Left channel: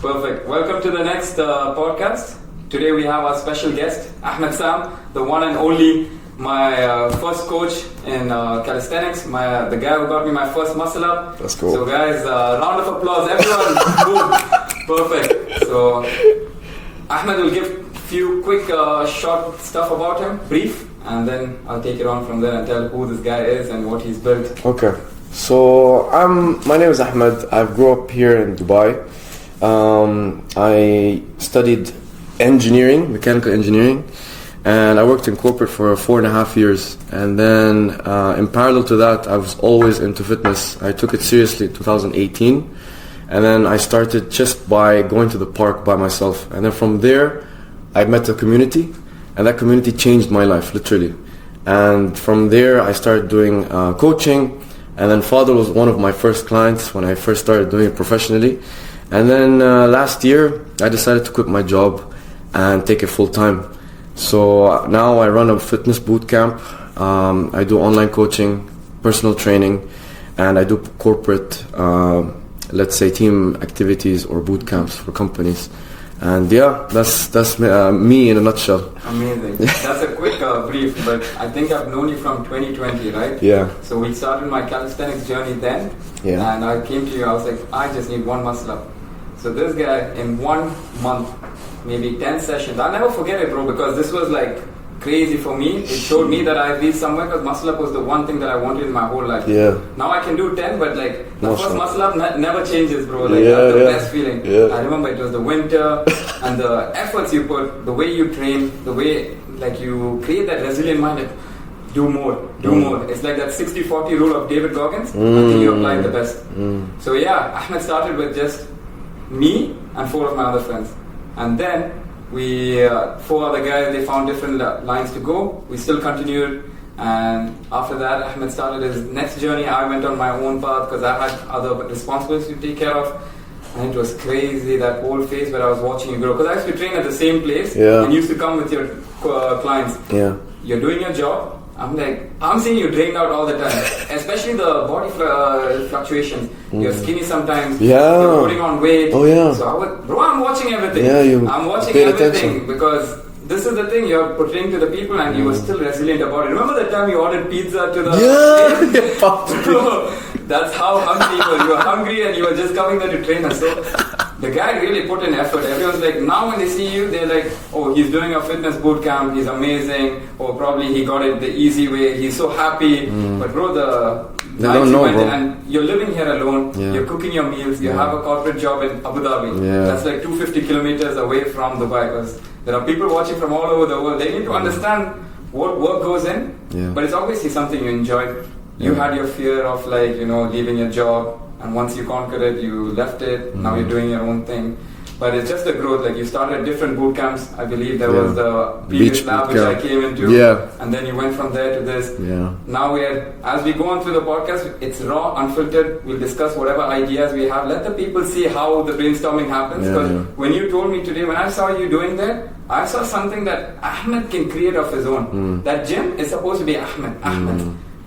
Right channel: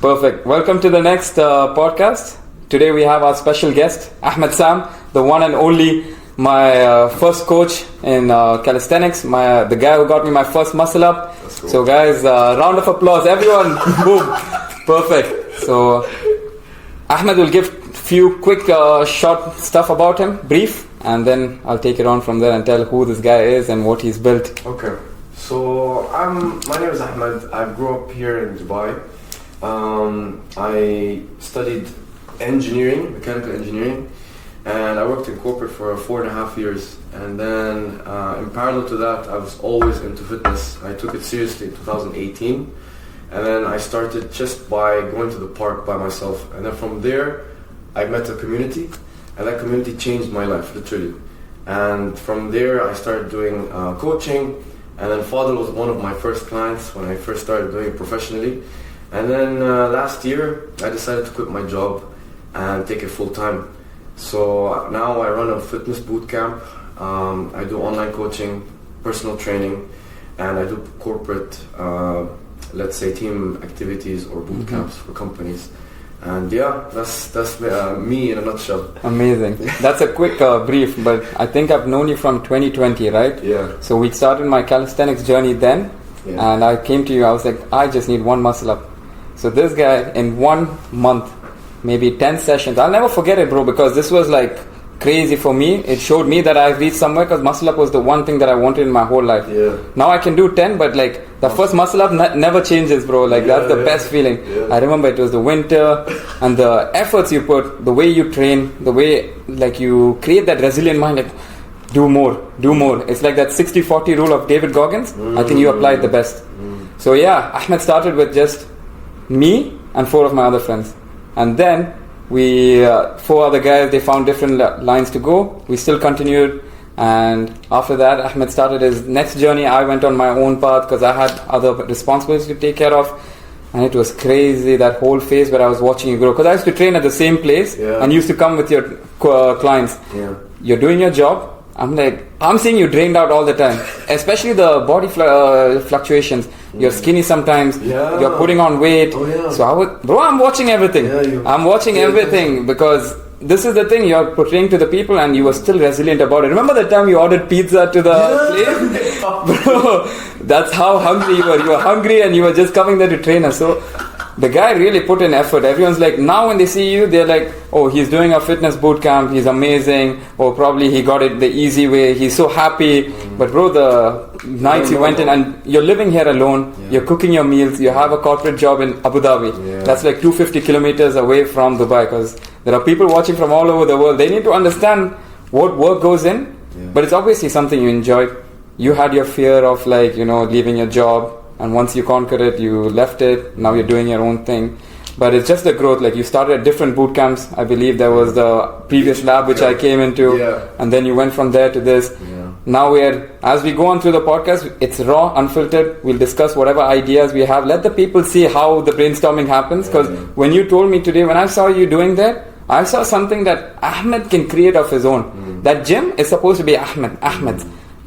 Perfect. Welcome to the next podcast. Today we have our special guest, Ahmed Sam, the one and only, my first coach in calisthenics, the guy who got me my first muscle up. That's cool. So guys, round of applause, everyone. Boom. Perfect. So Ahmed will give few quick short stuff about him, brief, and then I'll take it on from there and tell who this guy is and what he's built. Okay. So my name is Ahmed. I grew up here in Dubai. I studied engineering, mechanical engineering, and I worked in corporate for 4.5 years. And then in parallel to that, I was always into fitness. I took it seriously in 2018. And then I started just by going to the park by myself. And then from there, I met a community, and that community changed my life, literally. And from there, I started doing coaching. And then Fadl was one of my first clients when I first started doing it professionally. And then last year, I decided to quit my job and take it full time. So now I run a fitness bootcamp. I do online coaching, personal training, and I do corporate, let's say, team activities or bootcamps for companies. And yeah, that's me in a nutshell. Amazing. That's a quick brief, but I think I've known you from 2020, right? Yeah. So we started my calisthenics journey then, and I came to you, I was like, I just need one muscle up. So this guy, in 1 month, maybe 10 sessions, I'll never forget it, bro, because this was like crazy for me. It showed me that I reached somewhere, because muscle up was the one thing that I wanted in my whole life. Yeah. Now I can do 10, but like the first muscle up never changes, bro. Like that's the best feeling. Yeah. I remember it was the winter and the efforts you put, the way you train, the way like you create that resilient mind, like do more. It's like that 60-40 rule of David Goggins. I think you applied the best. So yeah, Ahmed started with just me and 4 of my other friends. And then we 4 other guys, they found different lines to go. We still continued, and after that Ahmed started his next journey. I went on my own path because I had other responsibilities to take care of, and it was crazy, that whole phase where I was watching you grow, because I used to train at the same place and used to come with your clients. You're doing your job. I'm seeing you drained out all the time, especially the body fluctuations. You're skinny sometimes. You're putting on weight. So I'm watching everything. I'm watching everything because this is the thing you're portraying to the people, and you were still resilient about it. Remember the time you ordered pizza to the place? Bro, that's how hungry you were. You were hungry and you were just coming there to train us. So the guy really put in effort. Everyone's like, now when they see you, they're like, oh, he's doing a fitness boot camp, he's amazing, or probably he got it the easy way, he's so happy. But bro, the nights you went in, and you're living here alone, you're cooking your meals, you have a corporate job in Abu Dhabi. That's like 250 kilometers away from Dubai, because there are people watching from all over the world. They need to understand what work goes in, but it's obviously something you enjoy. You had your fear of like, leaving your job, and once you conquered it, you left it. Now you're doing your own thing. But it's just the growth. Like you started at different boot camps. I believe there was the previous lab which I came into, and then you went from there to this. Now as we go on through the podcast, it's raw, unfiltered. We'll discuss whatever ideas we have. Let the people see how the brainstorming happens. Because when you told me today, when I saw you doing that, I saw something that Ahmed can create of his own. That gym is supposed to be Ahmed.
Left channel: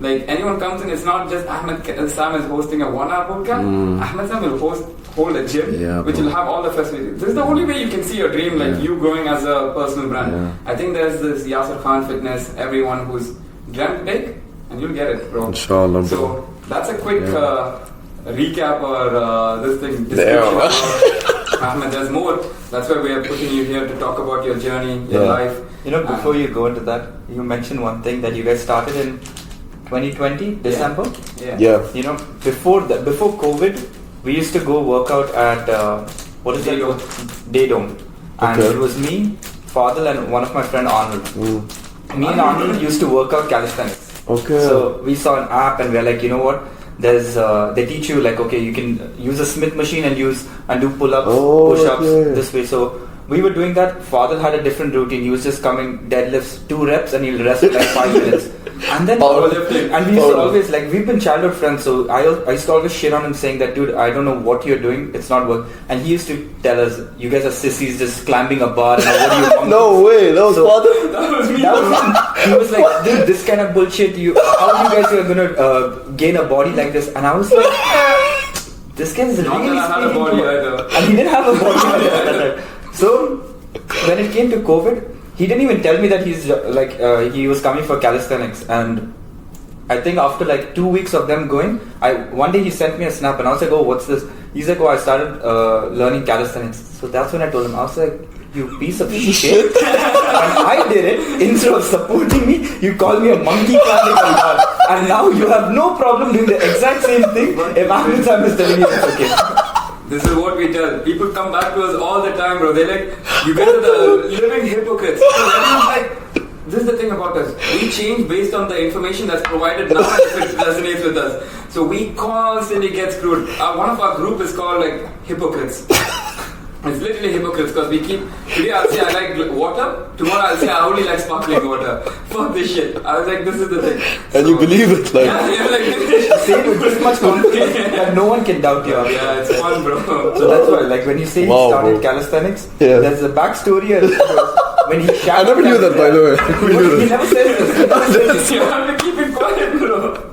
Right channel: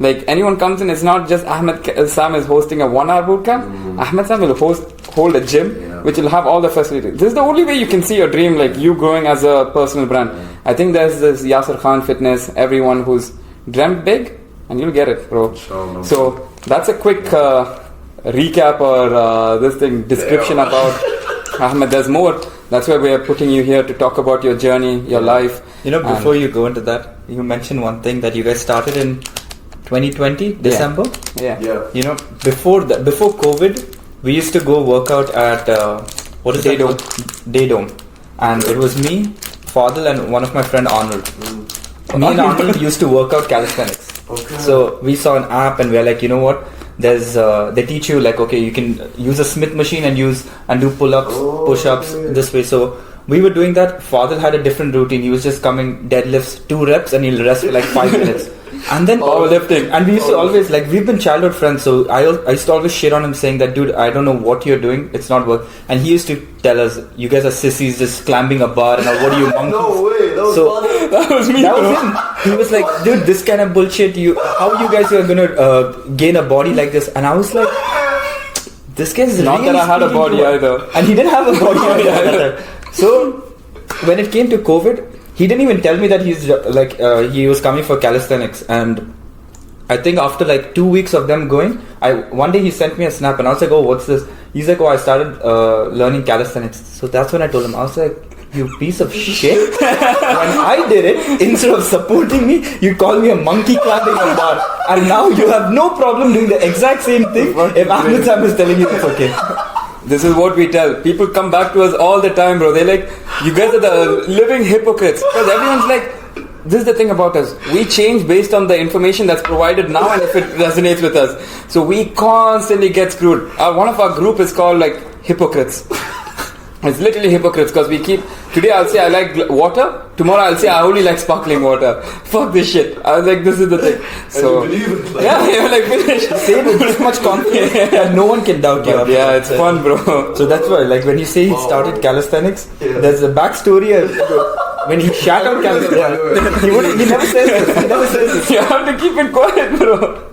Like anyone comes in, it's not just Ahmed Sam is hosting a 1-hour bootcamp. Ahmed Sam will hold a gym which will have all the facilities. This is the only way you can see your dream, like you growing as a personal brand. I think there's this Yasser Khan Fitness, everyone who's dreamt big, and you'll get it, bro. Inshallah. So that's a quick recap or description about Ahmed. There's more. That's why we are putting you here to talk about your journey, your life. Before you go into that, you mentioned one thing that you guys started in 2020 December. Before COVID, we used to go work out at Daydome, and it was me, Fadl, and one of my friend Arnold. Me and Arnold used to work out calisthenics. So we saw an app, and we're like, you know what? There's they teach you like, okay, you can use a Smith machine and do pull-ups, push-ups this way. So we were doing that. Fadl had a different routine. He was just coming deadlifts 2 reps, and he'll rest for like 5 minutes. And then powerlifting. And we used to always, like, we've been childhood friends, so I used to always shit on him saying that, dude, I don't know what you're doing, it's not work. And he used to tell us, you guys are sissies just climbing a bar, and what are you monkeys? No way, that was Fadl. That was me. That was him. He was like, dude, this kind of bullshit, how you guys are gonna gain a body like this? And I was like, this guy is Not really that I had a speaking body to us. either. And he didn't have a body either. So when it came to COVID, he didn't even tell me that he was coming for calisthenics. And I think after like 2 weeks of them going, one day he sent me a snap and I was like, oh, what's this? He's like, oh, I started learning calisthenics. So that's when I told him, I was like, you piece of shit. When I did it, instead of supporting me, you called me a monkey clapping like that. And now you have no problem doing the exact same thing if Ahmed Sam is telling you it's okay. This is what we tell. People come back to us all the time, bro. They're like, you guys are the living hypocrites. Because everyone's like, this is the thing about us. We change based on the information that's provided now and if it resonates with us. So we constantly get screwed. One of our group is called like hypocrites. It's literally hypocrites because we keep... Today I'll say I like water. Tomorrow I'll say I only like sparkling water. Fuck this shit. I was like, this is the thing. And you believe it. Like, yeah, you're like, say it with this much confidence that no one can doubt you. Yeah, it's fun, bro. So that's why, like when you say he started calisthenics, there's a backstory. When he shattered calisthenics, he never says this. He never says this. You have to keep it quiet, bro.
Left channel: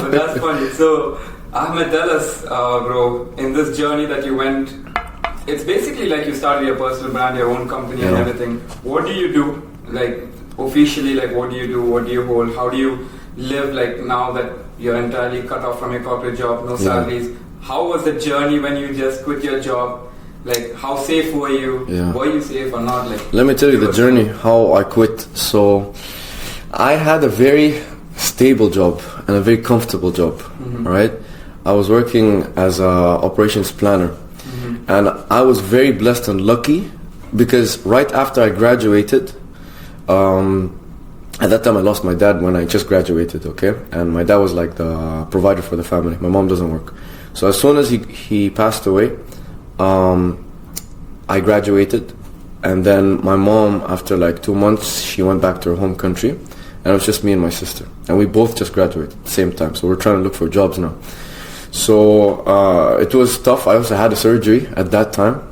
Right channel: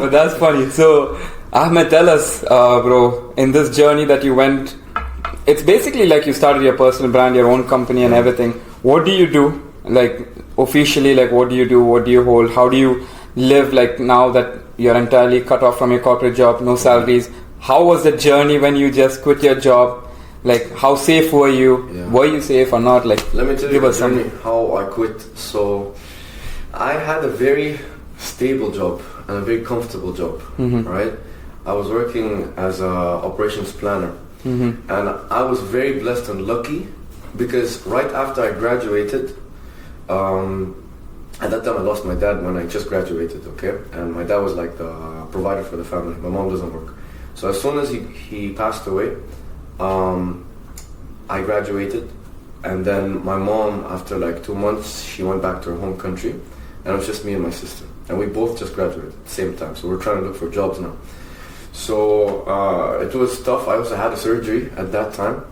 But that's funny. So, Ahmed, tell us, bro, in this journey that you went... It's basically like you started your personal brand, your own company and everything. What do you do? Like officially, like what do you do? What do you hold? How do you live like now that you're entirely cut off from your corporate job, no salaries? How was the journey when you just quit your job? Like how safe were you? Were you safe or not? Like let me tell you the journey, how I quit. So I had a very stable job and a very comfortable job, right? I was working as a operations planner. And I was very blessed and lucky because right after I graduated, at that time I lost my dad when I just graduated, okay? And my dad was like the provider for the family. My mom doesn't work. So as soon as he passed away, I graduated. And then my mom, after like 2 months, she went back to her home country. And it was just me and my sister. And we both just graduated at the same time. So we're trying to look for jobs now. So it was tough. I also had a surgery at that time.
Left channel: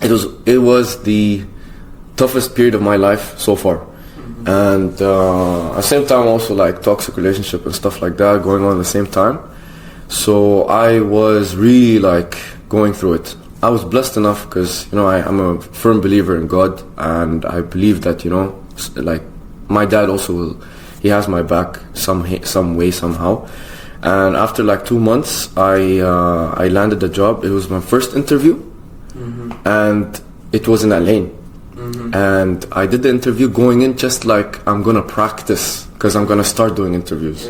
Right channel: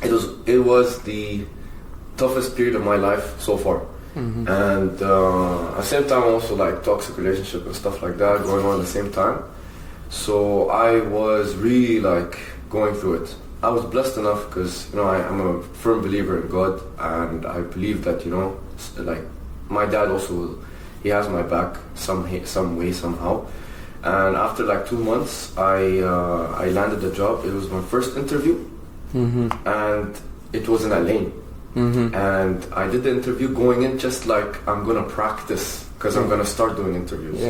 It was the toughest period of my life so far. And at the same time also like toxic relationship and stuff like that going on at the same time. So I was really like going through it. I was blessed enough because I'm a firm believer in God, and I believe that like my dad also he has my back some way somehow. And after like 2 months, I landed the job. It was my first interview, and it was in Al-Ain. And I did the interview going in just like I'm gonna practice because I'm gonna start doing interviews.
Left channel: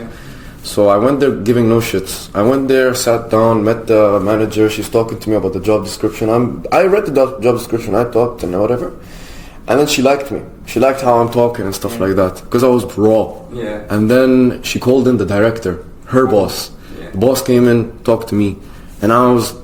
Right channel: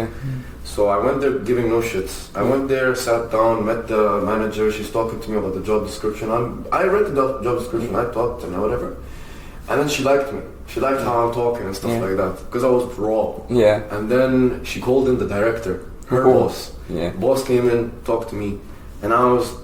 So I went there giving no shits. I went there, sat down, met the manager. She's talking to me about the job description. I read the job description. I talked and whatever. And then she liked me. She liked how I'm talking and stuff like that because I was raw. And then she called in the director. Her boss. The boss came in, talked to me, and I was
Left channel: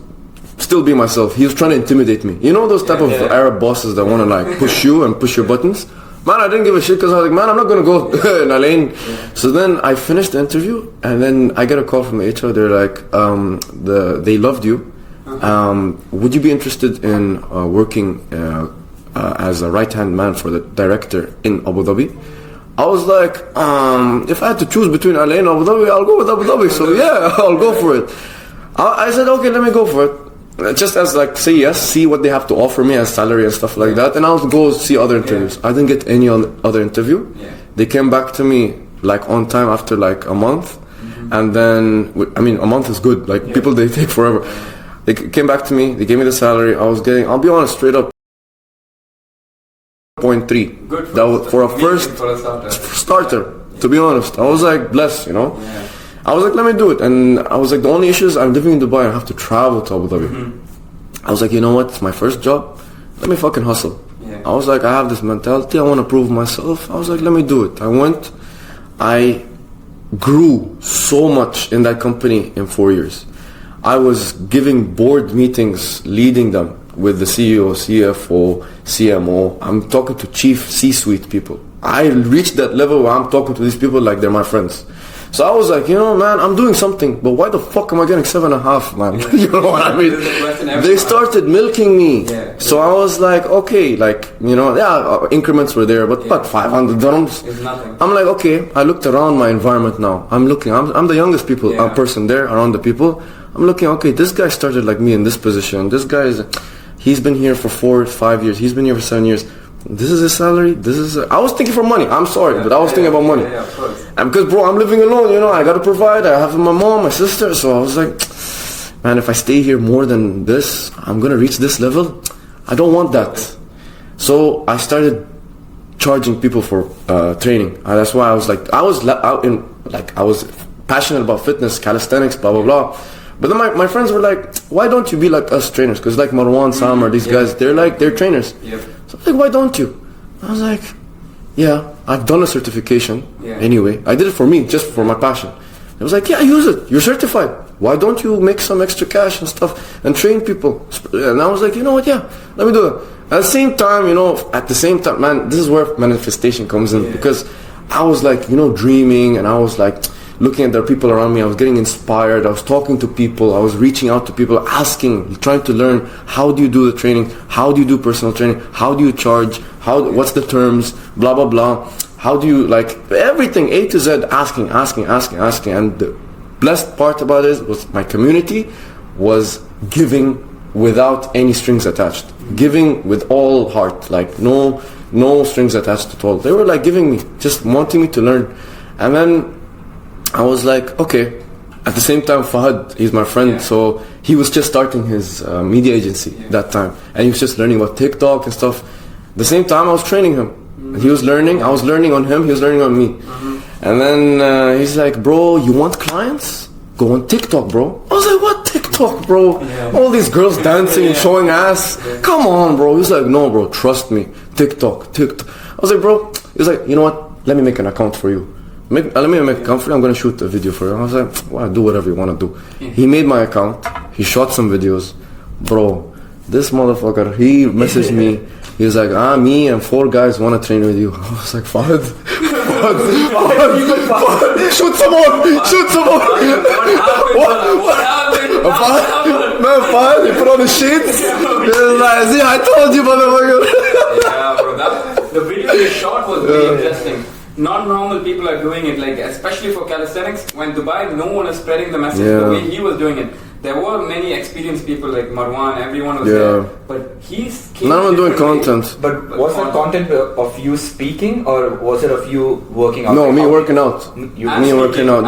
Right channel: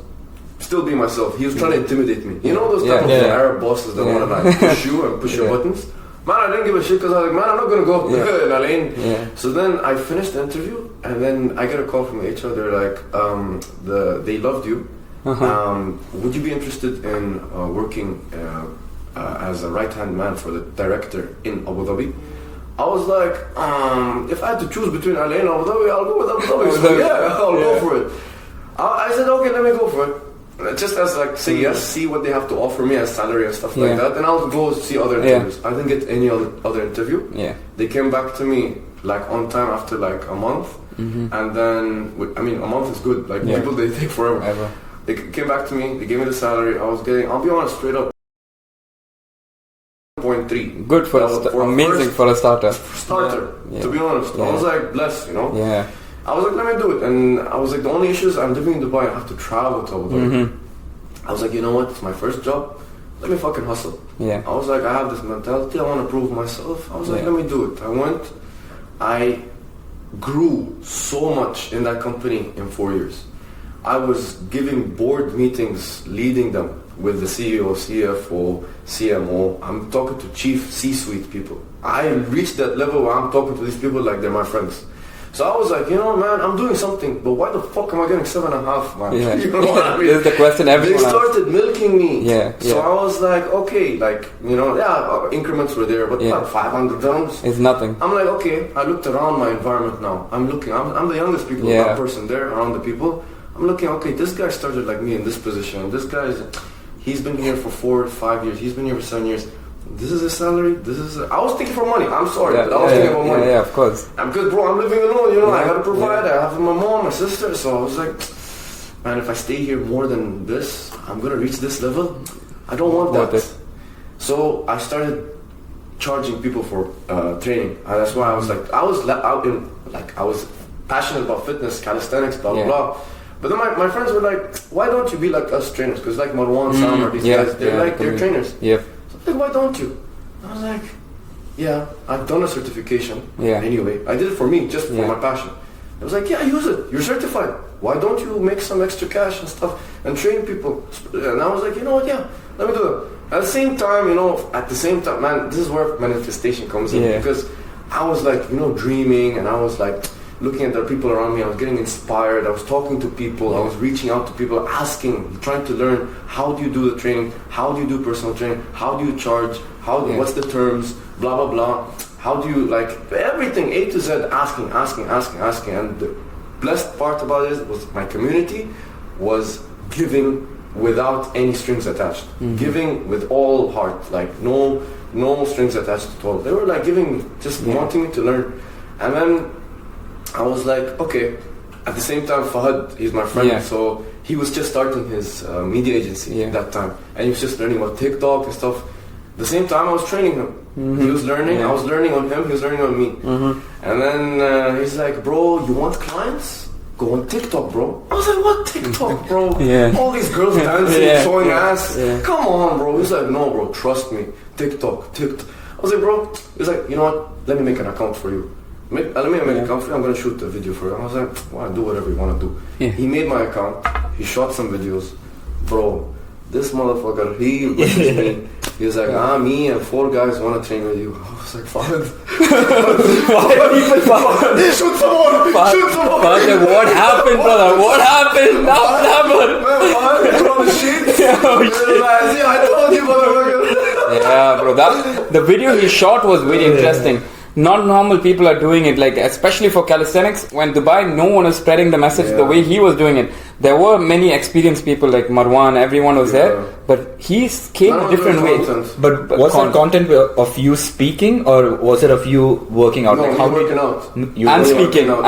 still being myself. He was trying to intimidate me. You know those type of Arab bosses that want to like push you and push your buttons? Man, I didn't give a shit because I was like, man, I'm not going to go in a lane. So then I finished the interview, and then I get a call from the HR. They're like, they loved you. Would you be interested in working as a right-hand man for the director in Abu Dhabi? I was like, if I had to choose between Al-Ain and Abu Dhabi, I'll go with Abu Dhabi. So yeah, I'll go for it. I said, okay, let me go for it. Just as like, say yes, see what they have to offer me as salary and stuff like that. And I'll go see other interviews. I didn't get any other interview. They came back to me like on time after like a month. And then, I mean, a month is good. Like people, they take forever. They came back to me, they gave me the salary. I was getting, I'll be honest, straight up, 0.3. Good for a starter. To be honest, I was like blessed, I was like, let me do it. And I was like, the only issue is I'm living in Dubai. I have to travel to Abu Dhabi. I was like, you know what? It's my first job. Let me fucking hustle. I was like, I have this mentality. I want to prove myself. I was like, let me do it. I went. I grew so much in that company in 4 years. I was giving board meetings, leading them with the CEO, CFO, CMO. I'm talking to chief C-suite people. I reached that level where I'm talking to these people like they're my friends. So I was like, you know, man, I'm doing something, but why the fuck am I getting 7.5, man? Yeah. You know what I mean? This is the question They everyone started milking me. Yeah. So I was like, okay, like, you know, increments were there, but what, 500 dirhams? It's nothing. I'm like, okay, I looked around my environment now. I'm the youngest person there around the people. I'm looking, okay, this guy started like me in this position. This guy he's been here for 4 to 5 years. He's been here for 7 years. This is his salary. I was thinking for money. I'm sorry, but I was thinking about money. Yeah, of course. And because, bro, I'm living alone, you know, I got to provide. I have my mom, my sister. So I was like, man, if I stay here more than this, I'm going to reach this level. I don't want that. So I started charging people for training. And that's why I was like, I was passionate about fitness, calisthenics, blah, blah, blah. But then my friends were like, why don't you be like us trainers? Because like Marwan, Sam, or these guys, they're trainers. Yeah. So I was like, why don't you? I was like, yeah, I've done a certification anyway. I did it for me, just for my passion. I was like, yeah, use it. You're certified. Why don't you make some extra cash and stuff and train people? And I was like, you know what, yeah, let me do it. At the same time, man, this is where manifestation comes in. Because I was like, you know, dreaming, and I was like, looking at the people around me, I was getting inspired, I was talking to people, I was reaching out to people, asking, trying to learn, how do you do the training, how do you do personal training, how do you charge, what's the terms, blah, blah, blah, how do you, like, everything, A to Z, asking, and the blessed part about it was my community was giving without any strings attached, giving with all heart, like, no strings attached at all. They were like giving me, just wanting me to learn. And then I was like, okay. At the same time, Fahad, he's my friend, so he was just starting his media agency that time, and he was just learning about TikTok and stuff. At the same time, I was training him. He was learning, I was learning on him, he was learning on me. And then he's like, bro, you want clients? Go on TikTok, bro. I was like, what TikTok, bro? All these girls dancing, showing ass. Come on, bro. He's like, no, bro, trust me. TikTok. I was like, bro, he's like, you know what? Let me make an account for you. Let me make an account for you. I'm going to shoot a video for you. I was like, well, do whatever you want to do. He made my account. He shot some videos. Bro, this motherfucker, he messaged me. He was like, me and 4 guys want to train with you. I was like, Fahad. Shoot someone. What happened, brother? What happened? Man, Fahad, put on the sheets. I told you, motherfucker. Yeah, bro. The video he shot was very interesting. Not normal people are doing it, like especially for calisthenics. When Dubai, no one is spreading the message the way he was doing it. There were many experienced people like Marwan, everyone was there, but he came a different way. Content. But was that content of you speaking, or was it of you working out? No, me working out. You working out.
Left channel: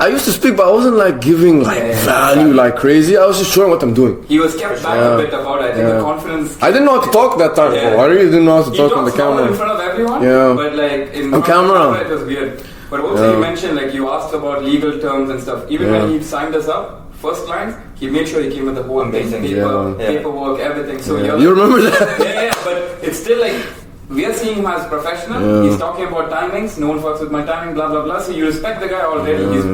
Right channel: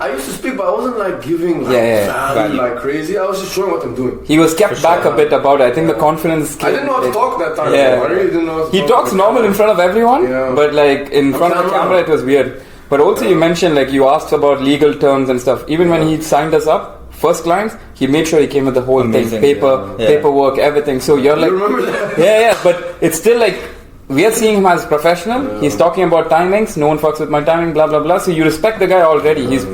I used to speak, but I wasn't like giving value like crazy. I was just showing what I'm doing. He was kept back a bit about it. I think the confidence. I didn't know how to talk that time. I really didn't know how to talk. He talks normal in front of everyone, but like in front of the camera it was weird. But also you mentioned, like, you asked about legal terms and stuff. Even when he signed us up, first clients, he made sure he came with the whole thing, paperwork, everything. So you're like, you remember that? But it's still like, we are seeing him as a professional. He's talking about timings. No one fucks with my timing, blah, blah, blah. So you respect the guy already. He's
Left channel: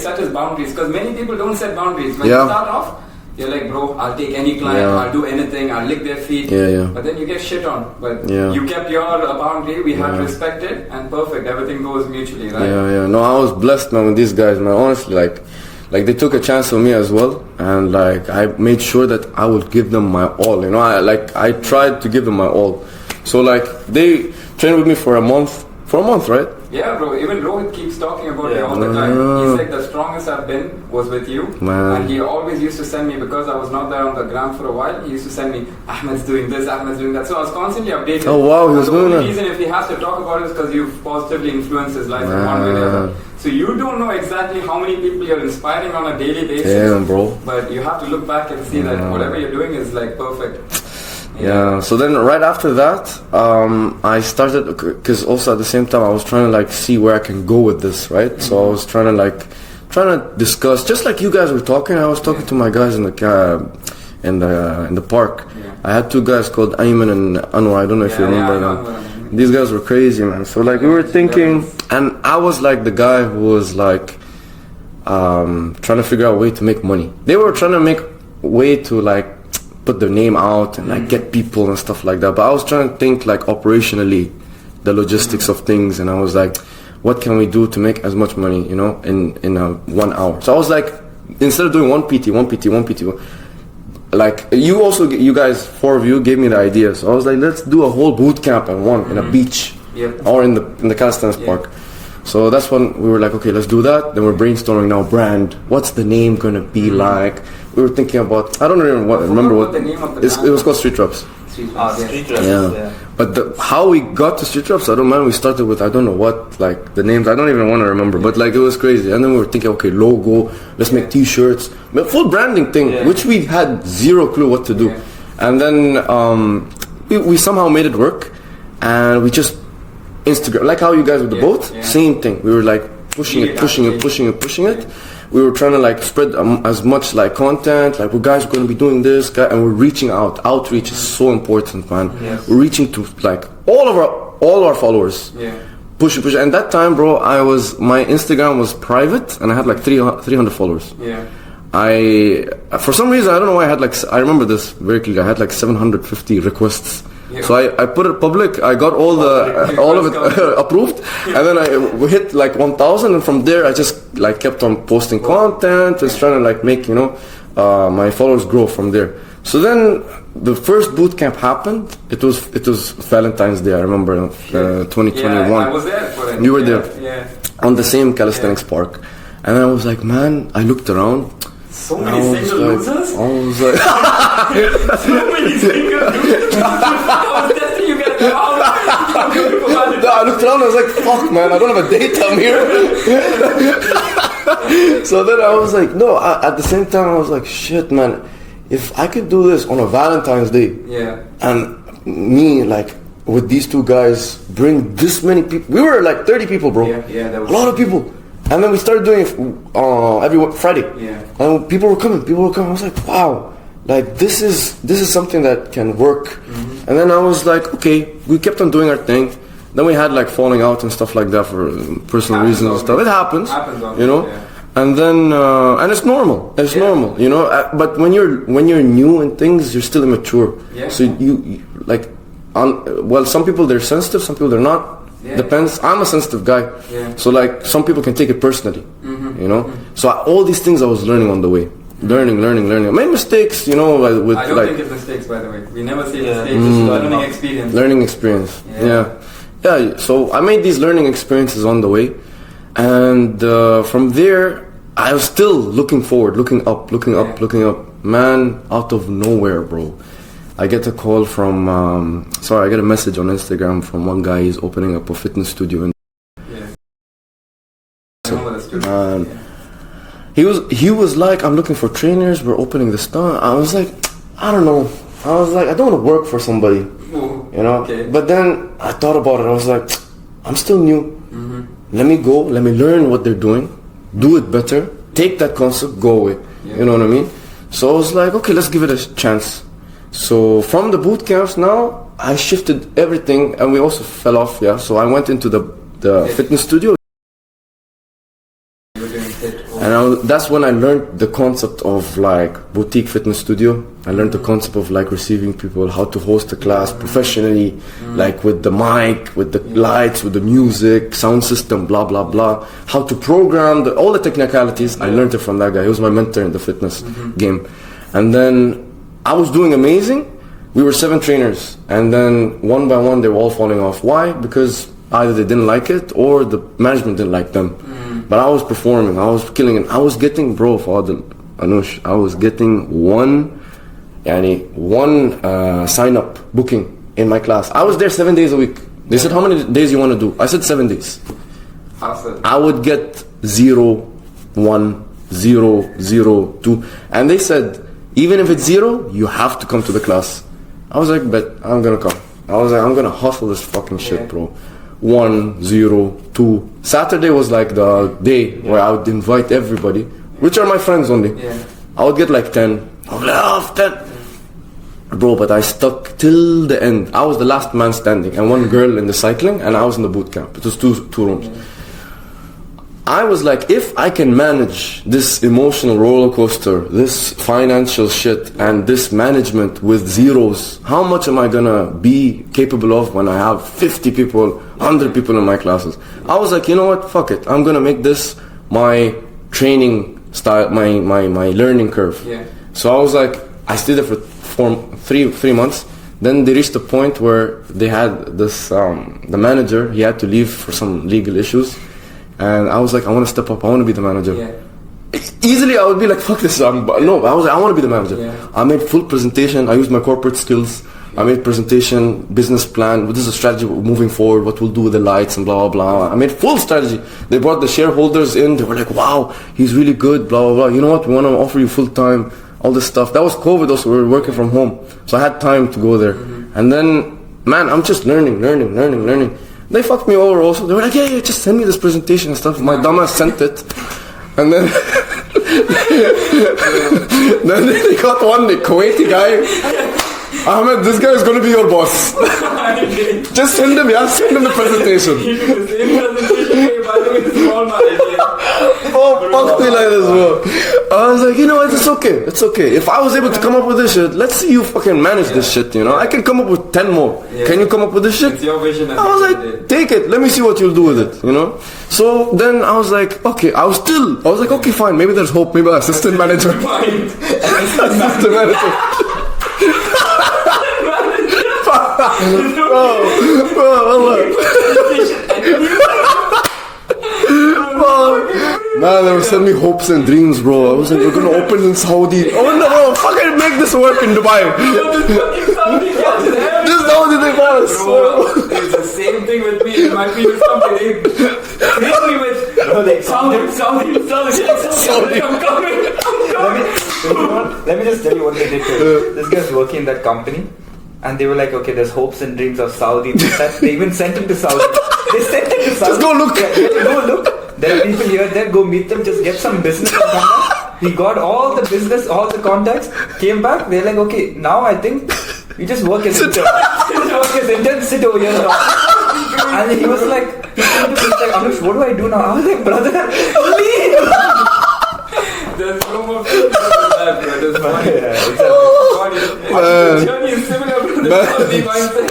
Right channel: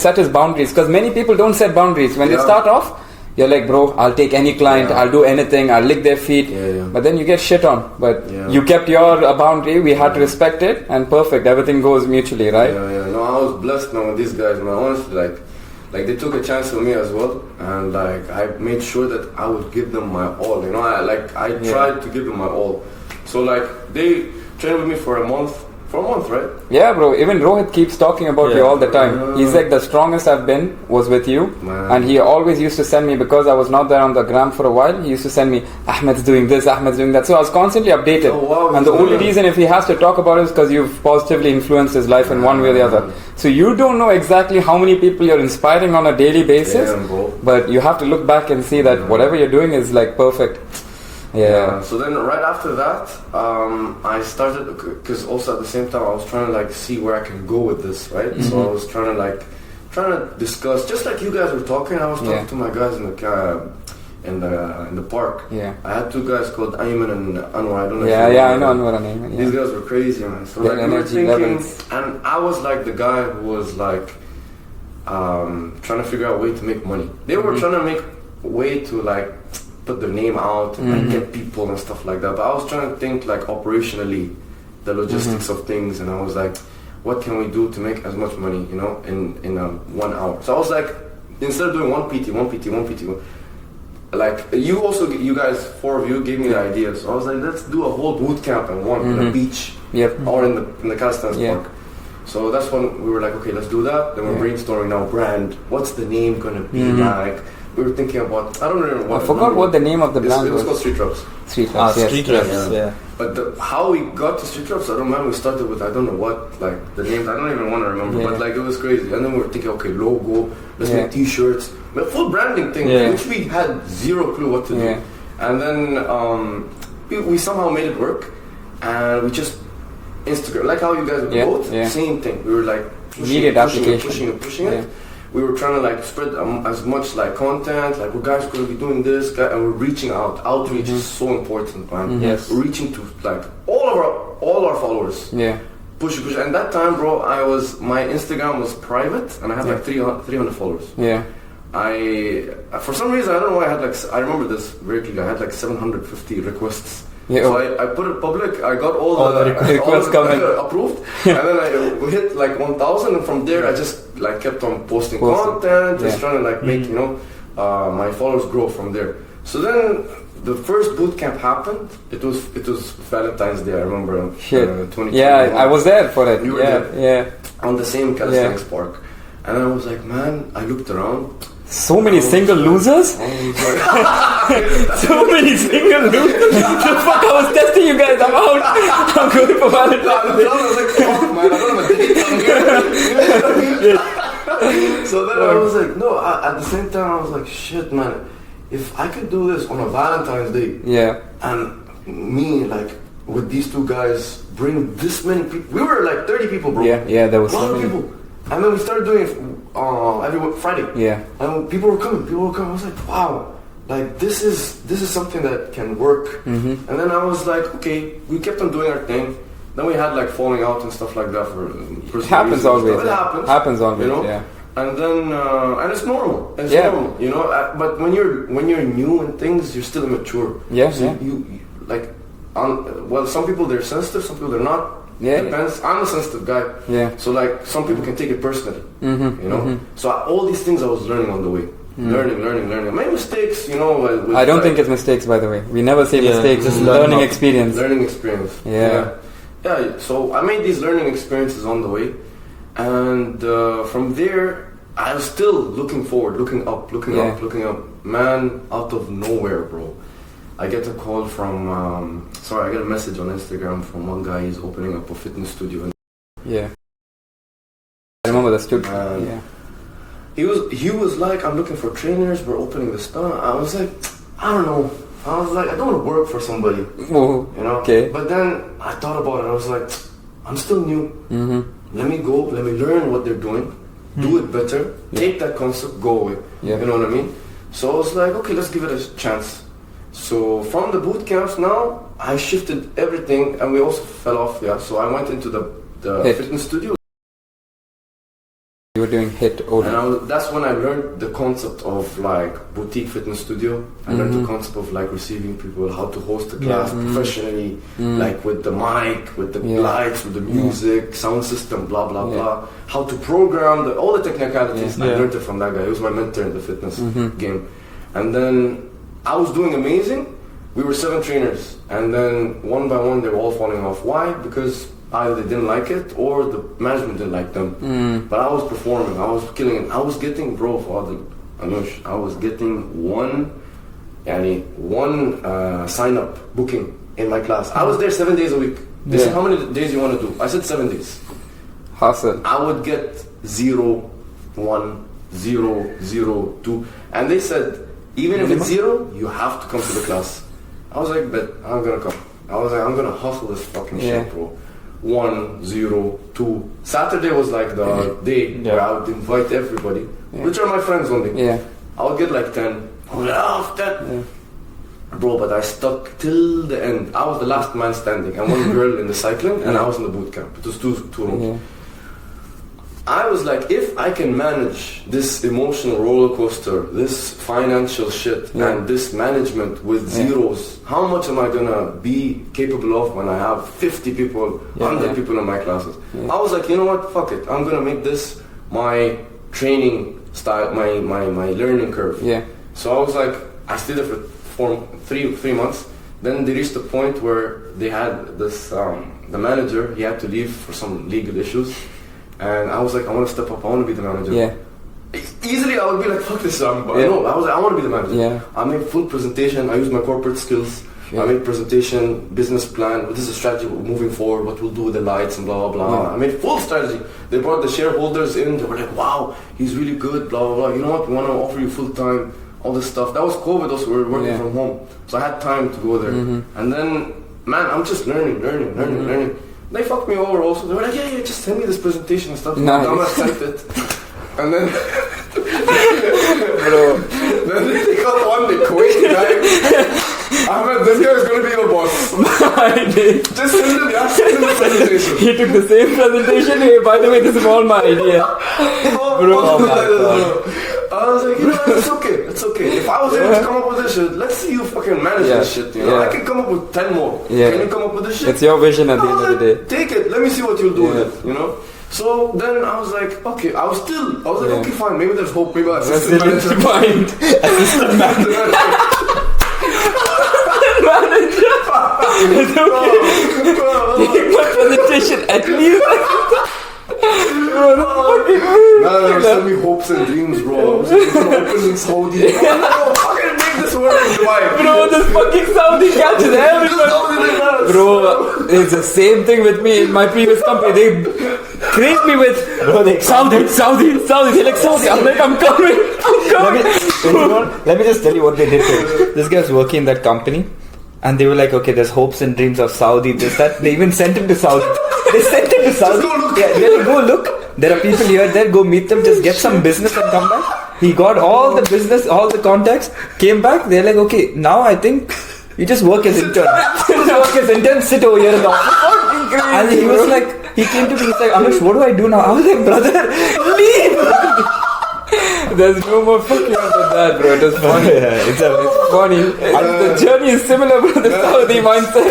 set his boundaries. Because many people don't set boundaries. When you start off, you're like, bro, I'll take any client. I'll do anything. I'll lick their feet. But then you get shit on. But you kept your boundary. We had to respect it. And perfect. Everything goes mutually, right? No, I was blessed, man, with these guys, man. Honestly, like they took a chance on me as well, and like I made sure that I would give them my all. You know, I tried to give them my all. So like they trained with me for a month, right? Yeah, bro. Even Rohit keeps talking about you all the time. He's like, the strongest I've been was with you, and he always used to send me, because I was not there on the gram for a while. He used to send me, Ahmed's doing this, Ahmed's doing that. So I was constantly updated. Oh wow! And the only reason if he has to talk about it is because you've positively influenced his life in one way or the other. So you don't know exactly how many people you're inspiring on a daily basis. Yeah, bro. But you have to look back and see that whatever you're doing is like perfect. Yeah. So then right after that, I started, because also at the same time I was trying to like see where I can go with this, right? So I was trying to discuss, just like you guys were talking. I was talking to my guys in the park. I had 2 guys called Ayman and Anwar. I don't know if you remember them. These guys were crazy, man. So like we were thinking, and I was like the guy who was like trying to figure out a way to make money. They were trying to make a way to like put their name out and like get people and stuff like that. But I was trying to think like operationally, the logistics of things, and I was like, what can we do to make as much money, you know, in a 1 hour. So I was like, instead of doing one PT, like you guys, 4 of you gave me the idea. So I was like, let's do a whole boot camp in one, in a beach, or in the calisthenics park. So that's when we were like, okay, let's do that. Then we're brainstorming now, brand. What's the name gonna be like? We were thinking about, I don't remember what the name of the brand it was called Street Reps. Street Reps, Street Reps, yeah. But how we got to Street Reps, I don't mind. We started with, I don't know what, like the names, I don't even want to remember, but like it was crazy. And then we were thinking, okay, logo, let's make t-shirts, full branding thing, which we had zero clue what to do. And then we somehow made it work, and we just Instagram, like how you guys with the boat, same thing. We were like pushing it. We were trying to like spread as much like content, like we guys are going to be doing this, and we're reaching out. Outreach is so important, man. We're reaching to like all our followers. Push. And that time, bro, my Instagram was private, and I had like 300 followers. For some reason, I don't know why, I remember this very clearly. I had like 750 requests. So I put it public. I got all of it approved, and then we hit like 1,000, and from there I just like kept on posting content, just trying to like make my followers grow from there. So then the first boot camp happened. It was Valentine's Day. I remember 2021. Yeah, I was there for it. You were there, on the same calisthenics park, and I was like, man, I looked around. So many single losers? I was like, so many single losers? I was testing you guys out. I'm going for Valentine's. I looked around, I was like, fuck man, I don't have a date down here. So then I was like, no, at the same time I was like, shit man, if I could do this on a Valentine's Day, and me like with these two guys bring this many people, we were like 30 people, bro. There was a lot of people. And then we started doing it every Friday. And people were coming. I was like, wow, like this is something that can work. And then I was like, okay, we kept on doing our thing. Then we had like falling out and stuff like that for personal reasons and stuff. It happens. You know. And then and it's normal. It's normal, you know. But when you're new in things, you're still immature. So you like, some people they're sensitive, some people they're not. Depends. I'm a sensitive guy. So like some people can take it personally. You know. So all these things I was learning on the way. Learning. I made mistakes, you know. I don't think it's mistakes, by the way. We never say mistakes. It's learning experience. Learning experience. So I made these learning experiences on the way, and from there I was still looking forward, looking up. Man, out of nowhere, bro, I get a call from, I get a message on Instagram from one guy. He's opening up a fitness studio. I remember that studio. He was like, I'm looking for trainers. We're opening this stuff. I was like, I don't know. I was like, I don't want to work for somebody. You know? But then I thought about it. I was like, I'm still new. Let me go. Let me learn what they're doing. Do it better. Take that concept. Go away. You know what I mean? So I was like, okay, let's give it a chance. So from the boot camps now, I shifted everything, and we also fell off. So I went into the fitness studio. You were doing HIIT. And that's when I learned the concept of like boutique fitness studio. I learned the concept of like receiving people, how to host a class professionally, like with the mic, with the lights, with the music, sound system, blah blah blah. How to program all the technicalities. I learned it from that guy. He was my mentor in the fitness game. And then I was doing amazing. We were 7 trainers, and then one by one they were all falling off. Why? Because either they didn't like it or the management didn't like them. But I was performing, I was killing it. I was getting, Anush, I was getting one sign up booking in my class. I was there 7 days a week. They said, how many days you want to do? I said 7 days. Awesome. I would get 0, 1, 0, 0, 2, and they said, even if it's 0, you have to come to the class. I was like, but I'm gonna come. I was like, I'm gonna hustle this fucking shit, bro. 1, 0, 2. Saturday was like the day where I would invite everybody, which are my friends only. I would get like 10. I would laugh 10. Bro, but I stuck till the end. I was the last man standing, and one girl in the cycling, and I was in the boot camp. It was two rooms. I was like, if I can manage this emotional roller coaster, this financial shit, and this management with zeros, how much am I gonna be capable of when I have 50 people, 100 people in my classes? I was like, you know what, fuck it. I'm gonna make this my training style, my learning curve. Yeah. So I was like, I stayed there for three months. Then they reached a point where they had this, the manager, he had to leave for some legal issues. And I was like, I want to step up. I want to be the manager. Yeah. Easily, I would be like, fuck this. No, I was like, I want to be the manager. Yeah. I made full presentation. I used my corporate skills. I made presentation, business plan. What is the strategy moving forward? What we'll do with the lights and blah, blah, blah. I made full strategy. They brought the shareholders in. They were like, wow, he's really good, blah, blah, blah. You know what? We want to offer you full time, all this stuff. That was COVID also. We were working from home. So I had time to go there. And then, man, I'm just learning. They fucked me over also. They were like, yeah, just send me this presentation and stuff. My dumbass sent it. And then then they got one, the Kuwaiti guy. Ahmed, this guy is going to be your boss. Just send him the presentation. He took the same presentation. Hey, by the way, this is all my idea. Fuck me like this, bro. I was like, you know what, it's okay. If I was able to come up with this shit, let's see you fucking manage this shit, you know. I can come up with 10 more. Can you come up with this shit? It's your vision at the I was end of the like, take it. Let me see what you'll do with it, you know. So then I was like, okay. I was like, okay, fine. Maybe there's hope. Maybe assistant manager. Fine. Assistant manager. Presentation at least. Man, they were sending me hopes and dreams, bro. I was like, we're gonna open in Saudi. Oh no, fucking make this work in Dubai. Bro, this fucking Saudi catches everyone. Bro, it's the same thing with me in my previous company. They treat me with Saudi. They're like, Saudi. I'm coming. Let me just tell you what they did to him. This guy's working in that company. And they were like, okay, there's hopes and dreams of Saudi. They even sent him to Saudi. They sent him to Saudi. Just go look. Yeah, go look. There are people here, there. Go meet them. Just get some business and come back. He got all the business, all the contacts. Came back. They're like, okay, now I think you just work as intern. Sit over here in the office. And he was like, he came to me. He's like, Anush, what do I do now? I was like, brother, leave. There's no more fucking than that, bro. It was funny. It's funny. The journey is similar to the Saudi mindset.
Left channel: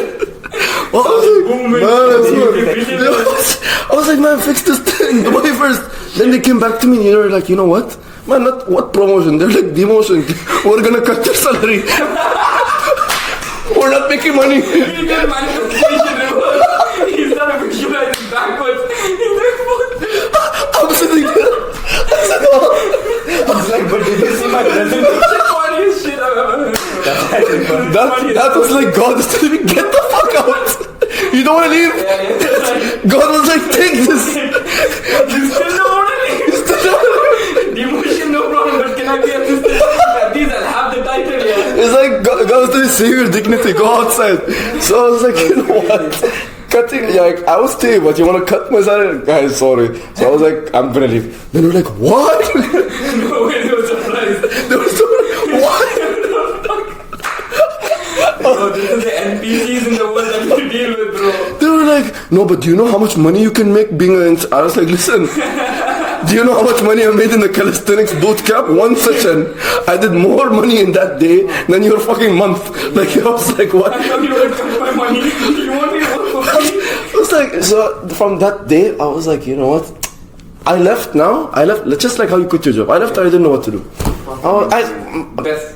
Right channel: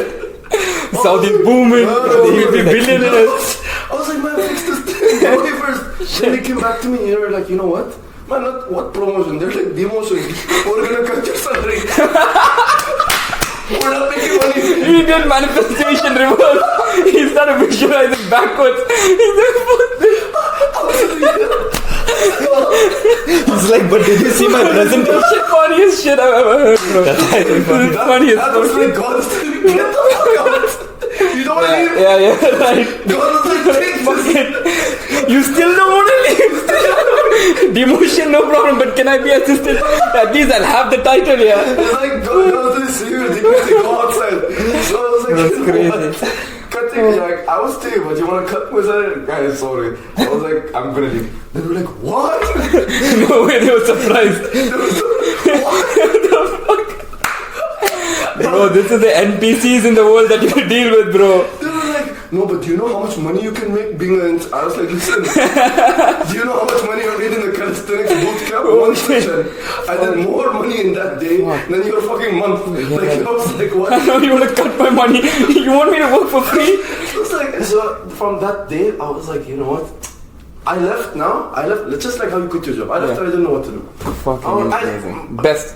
Saudi booming. You'll be billionaires. I was like, man, fix this thing. Dubai first. Then they came back to me and they were like, you know what? Man, not what promotion. They're like, demotion. We're gonna cut your salary. We're not making money. He got manifestation reverse. He started visualizing backwards. He's like, I'm sitting there. He's like, but did you see my presentation? That's the funniest shit I've ever heard, bro. That was like God is telling me, get the fuck out. You don't want to leave? Yeah, right. God was like, take this. You still don't want to leave? Demotion, no problem, but can I be assistant? At least I'll have the title, yeah. It's like, God was like, save your dignity, go outside. So I was like, you know what? Cutting, like, I will stay, but you want to cut my salary? Guys, sorry. So I was like, I'm gonna leave. Then we were like, what? No way, they were surprised. What? Bro, this is the NPCs in the world that you deal with, bro. They were like, no, but do you know how much money you can make being an... I was like, listen, do you know how much money I made in the calisthenics bootcamp? One session. I did more money in that day than your fucking month. Like, I was like, what? I know you want to cut my money. You want me to work for free? It was like, so from that day, I was like, you know what? I left, just like how you quit your job. I left, I didn't know what to do.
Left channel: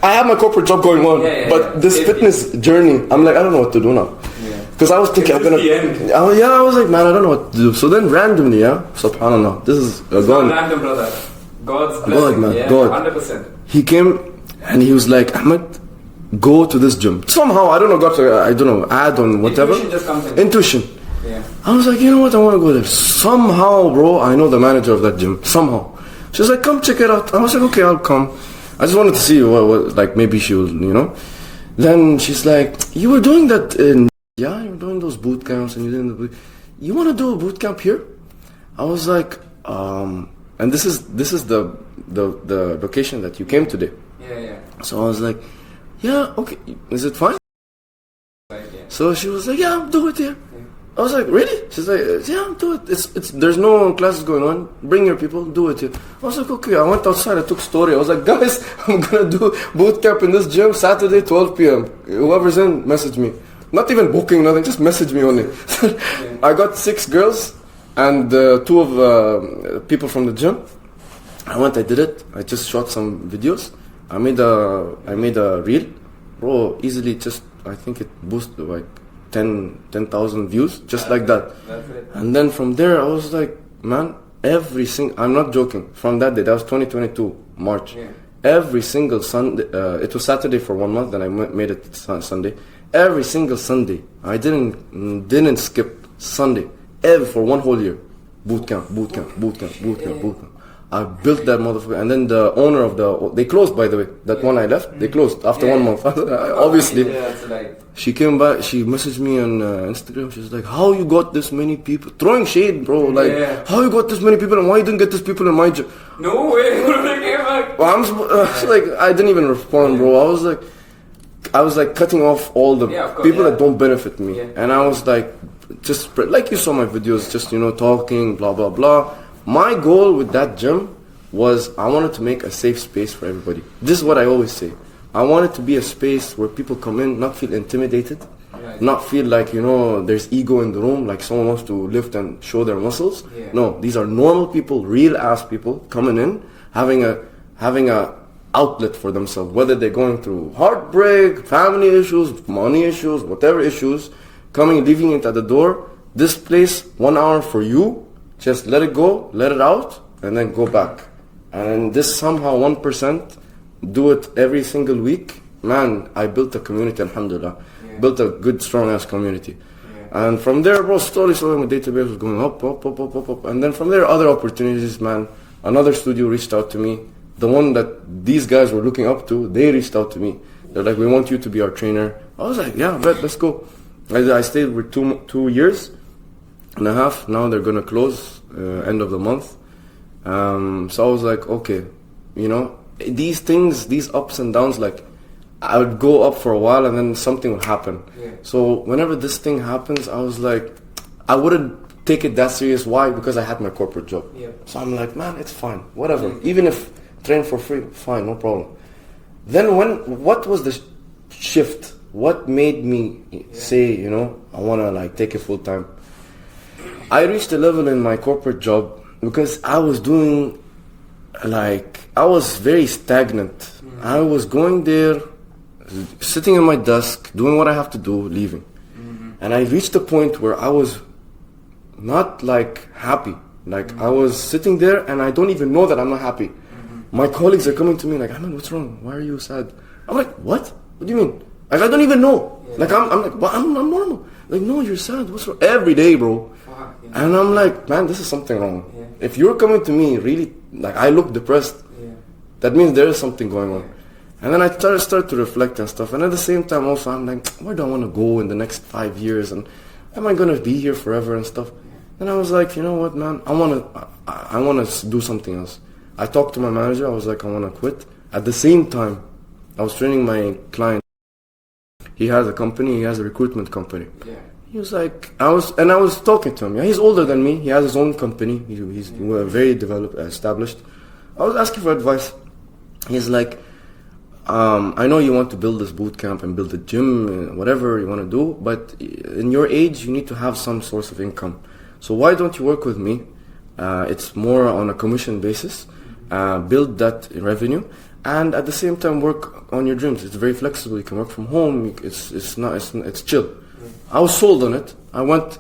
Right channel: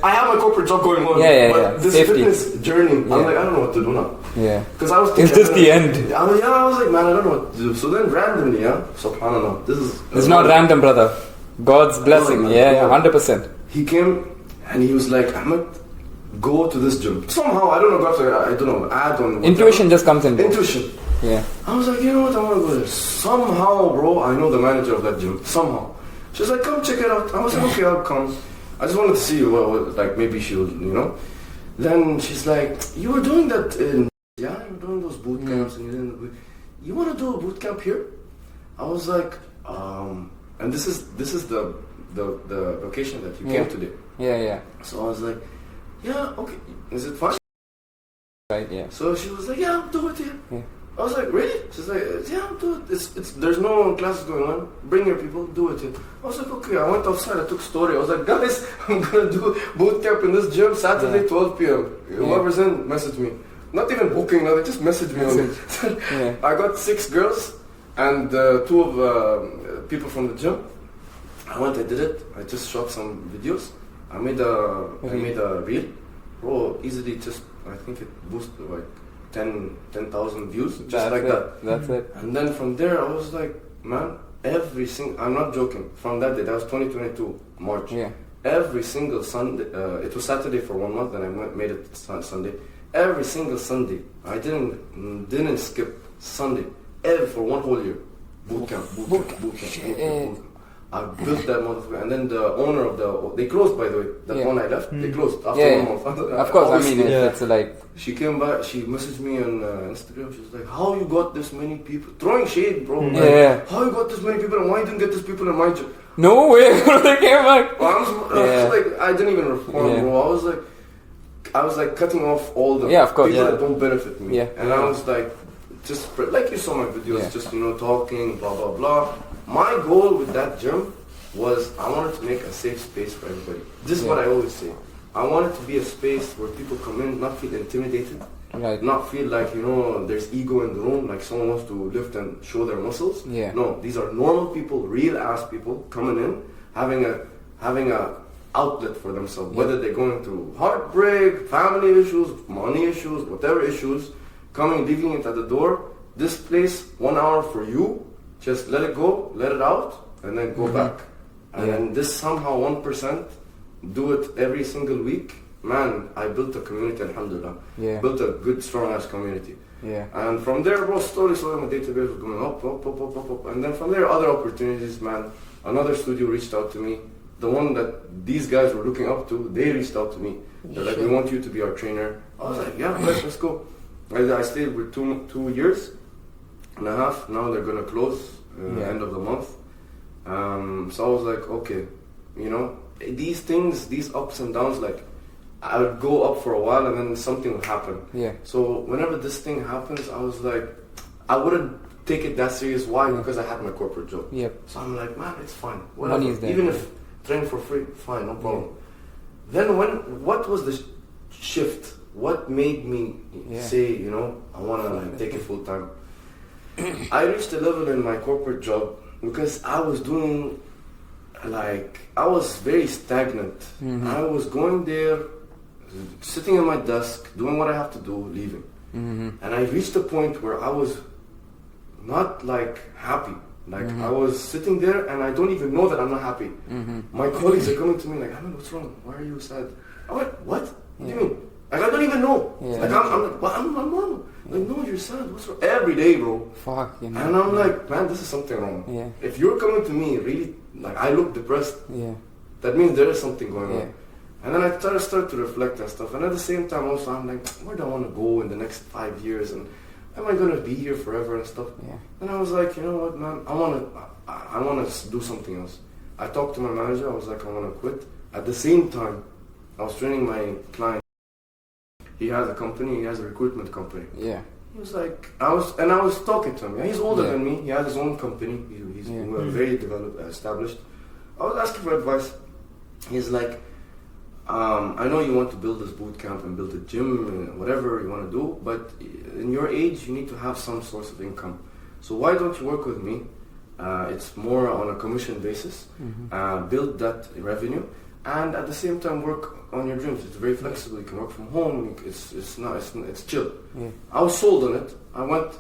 I have my corporate job going on, but this fitness journey, I'm like, I don't know what to do now. Yeah. Because I was thinking, is this the end? I was like, man, I don't know what to do. So then randomly, subhanAllah, this is... It's not random, brother. God's blessing, God, 100%. He came and he was like, Ahmed, go to this gym. Somehow, I don't know, add on whatever. Intuition just comes in. Intuition. Yeah. I was like, you know what, I want to go there. Somehow, bro, I know the manager of that gym. Somehow. She was like, come check it out. I was like, okay, I'll come. I just wanted to see what like maybe she will, you know. Then she's like, you were doing that in... Yeah, you were doing those boot camps and you want to do a boot camp here? I was like, and this is the location that you came today. Yeah. So I was like, yeah, okay, is it fine? Right, yeah. So she was like, yeah, do it here. Yeah. I was like, really? She's like, yeah, do it. It's there's no classes going on. Bring your people, do it. I was like, okay. I went outside. I took story. I was like, guys, I'm gonna do boot camp in this gym Saturday, 12 p.m. Whoever's in, message me. Not even booking, nothing. Just message me only. I got 6 girls and 2 of people from the gym. I went. I did it. I just shot some videos. I made a reel, bro. Easily, just I think it boosted like 10,000 views, just like that. That's it. And then from there, I was like, man, I'm not joking. From that day, that was 2022 March. Yeah. Every single Sunday, it was Saturday for 1 month, then I made it Sunday. Every single Sunday, I didn't skip Sunday for 1 whole year. Bootcamp. I built that motherfucker, and then the owner of they closed, by the way. That one I left, they closed after 1 month. Obviously, it's like she came back. She messaged me on Instagram. She's like, "How you got this many people?" Throwing shade, bro. Like, how you got this many people, and why you didn't get these people in my gym? no way, they came back. Well, like, I didn't even respond, bro. I was like cutting off all the people that don't benefit me, and I was like, just spread, like you saw my videos, just talking, blah blah blah. My goal with that gym was I wanted to make a safe space for everybody. This is what I always say. I wanted to be a space where people come in, not feel intimidated, not feel like, there's ego in the room, like someone wants to lift and show their muscles. No, these are normal people, real ass people coming in, having a outlet for themselves, whether they're going through heartbreak, family issues, money issues, whatever issues, leaving it at the door. This place, 1 hour for you. Just let it go, let it out, and then go back. And this somehow 1%, do it every single week. Man, I built a community, alhamdulillah. Built a good, strong-ass community. And from there, bro, slowly my database was going up. And then from there, other opportunities, man. Another studio reached out to me. The one that these guys were looking up to, they reached out to me. They're like, we want you to be our trainer. I was like, yeah, let's go. I stayed with 2 years and a half. Now they're gonna close end of the month. So I was like, okay, these things, these ups and downs, like I would go up for a while and then something would happen. So whenever this thing happens, I was like, I wouldn't take it that serious. Why? Because I had my corporate job. So I'm like, man, it's fine, whatever. Even if train for free, fine, no problem. Then what was the shift? What made me say, I wanna like take it full time? I reached a level in my corporate job because I was doing, I was very stagnant. I was going there, sitting at my desk, doing what I have to do, leaving. And I reached a point where I was not happy. I was sitting there and I don't even know that I'm not happy. My colleagues are coming to me like, Ahmed, what's wrong? Why are you sad? I'm like, what? What do you mean? I don't even know. I'm like, well, I'm normal. Like, no, you're sad. What's wrong? Every day, bro. Fuck, And I'm like, man, this is something wrong. If you're coming to me really, I look depressed, that means there is something going on. And then I start to reflect and stuff. And at the same time also, I'm like, where do I want to go in the next 5 years? And am I going to be here forever and stuff? And I was like, you know what, man, I want to do something else. I talked to my manager. I was like, I want to quit. At the same time, I was training my client. He has a company. He has a recruitment company. He was like, I was talking to him. He's older than me. He has his own company. He's very developed, established. I was asking for advice. He's like, I know you want to build this boot camp and build a gym, whatever you want to do, but in your age, you need to have some source of income. So why don't you work with me? It's more on a commission basis. Build that revenue, and at the same time work on your dreams. It's very flexible. You can work from home. It's chill. I was sold on it. I went.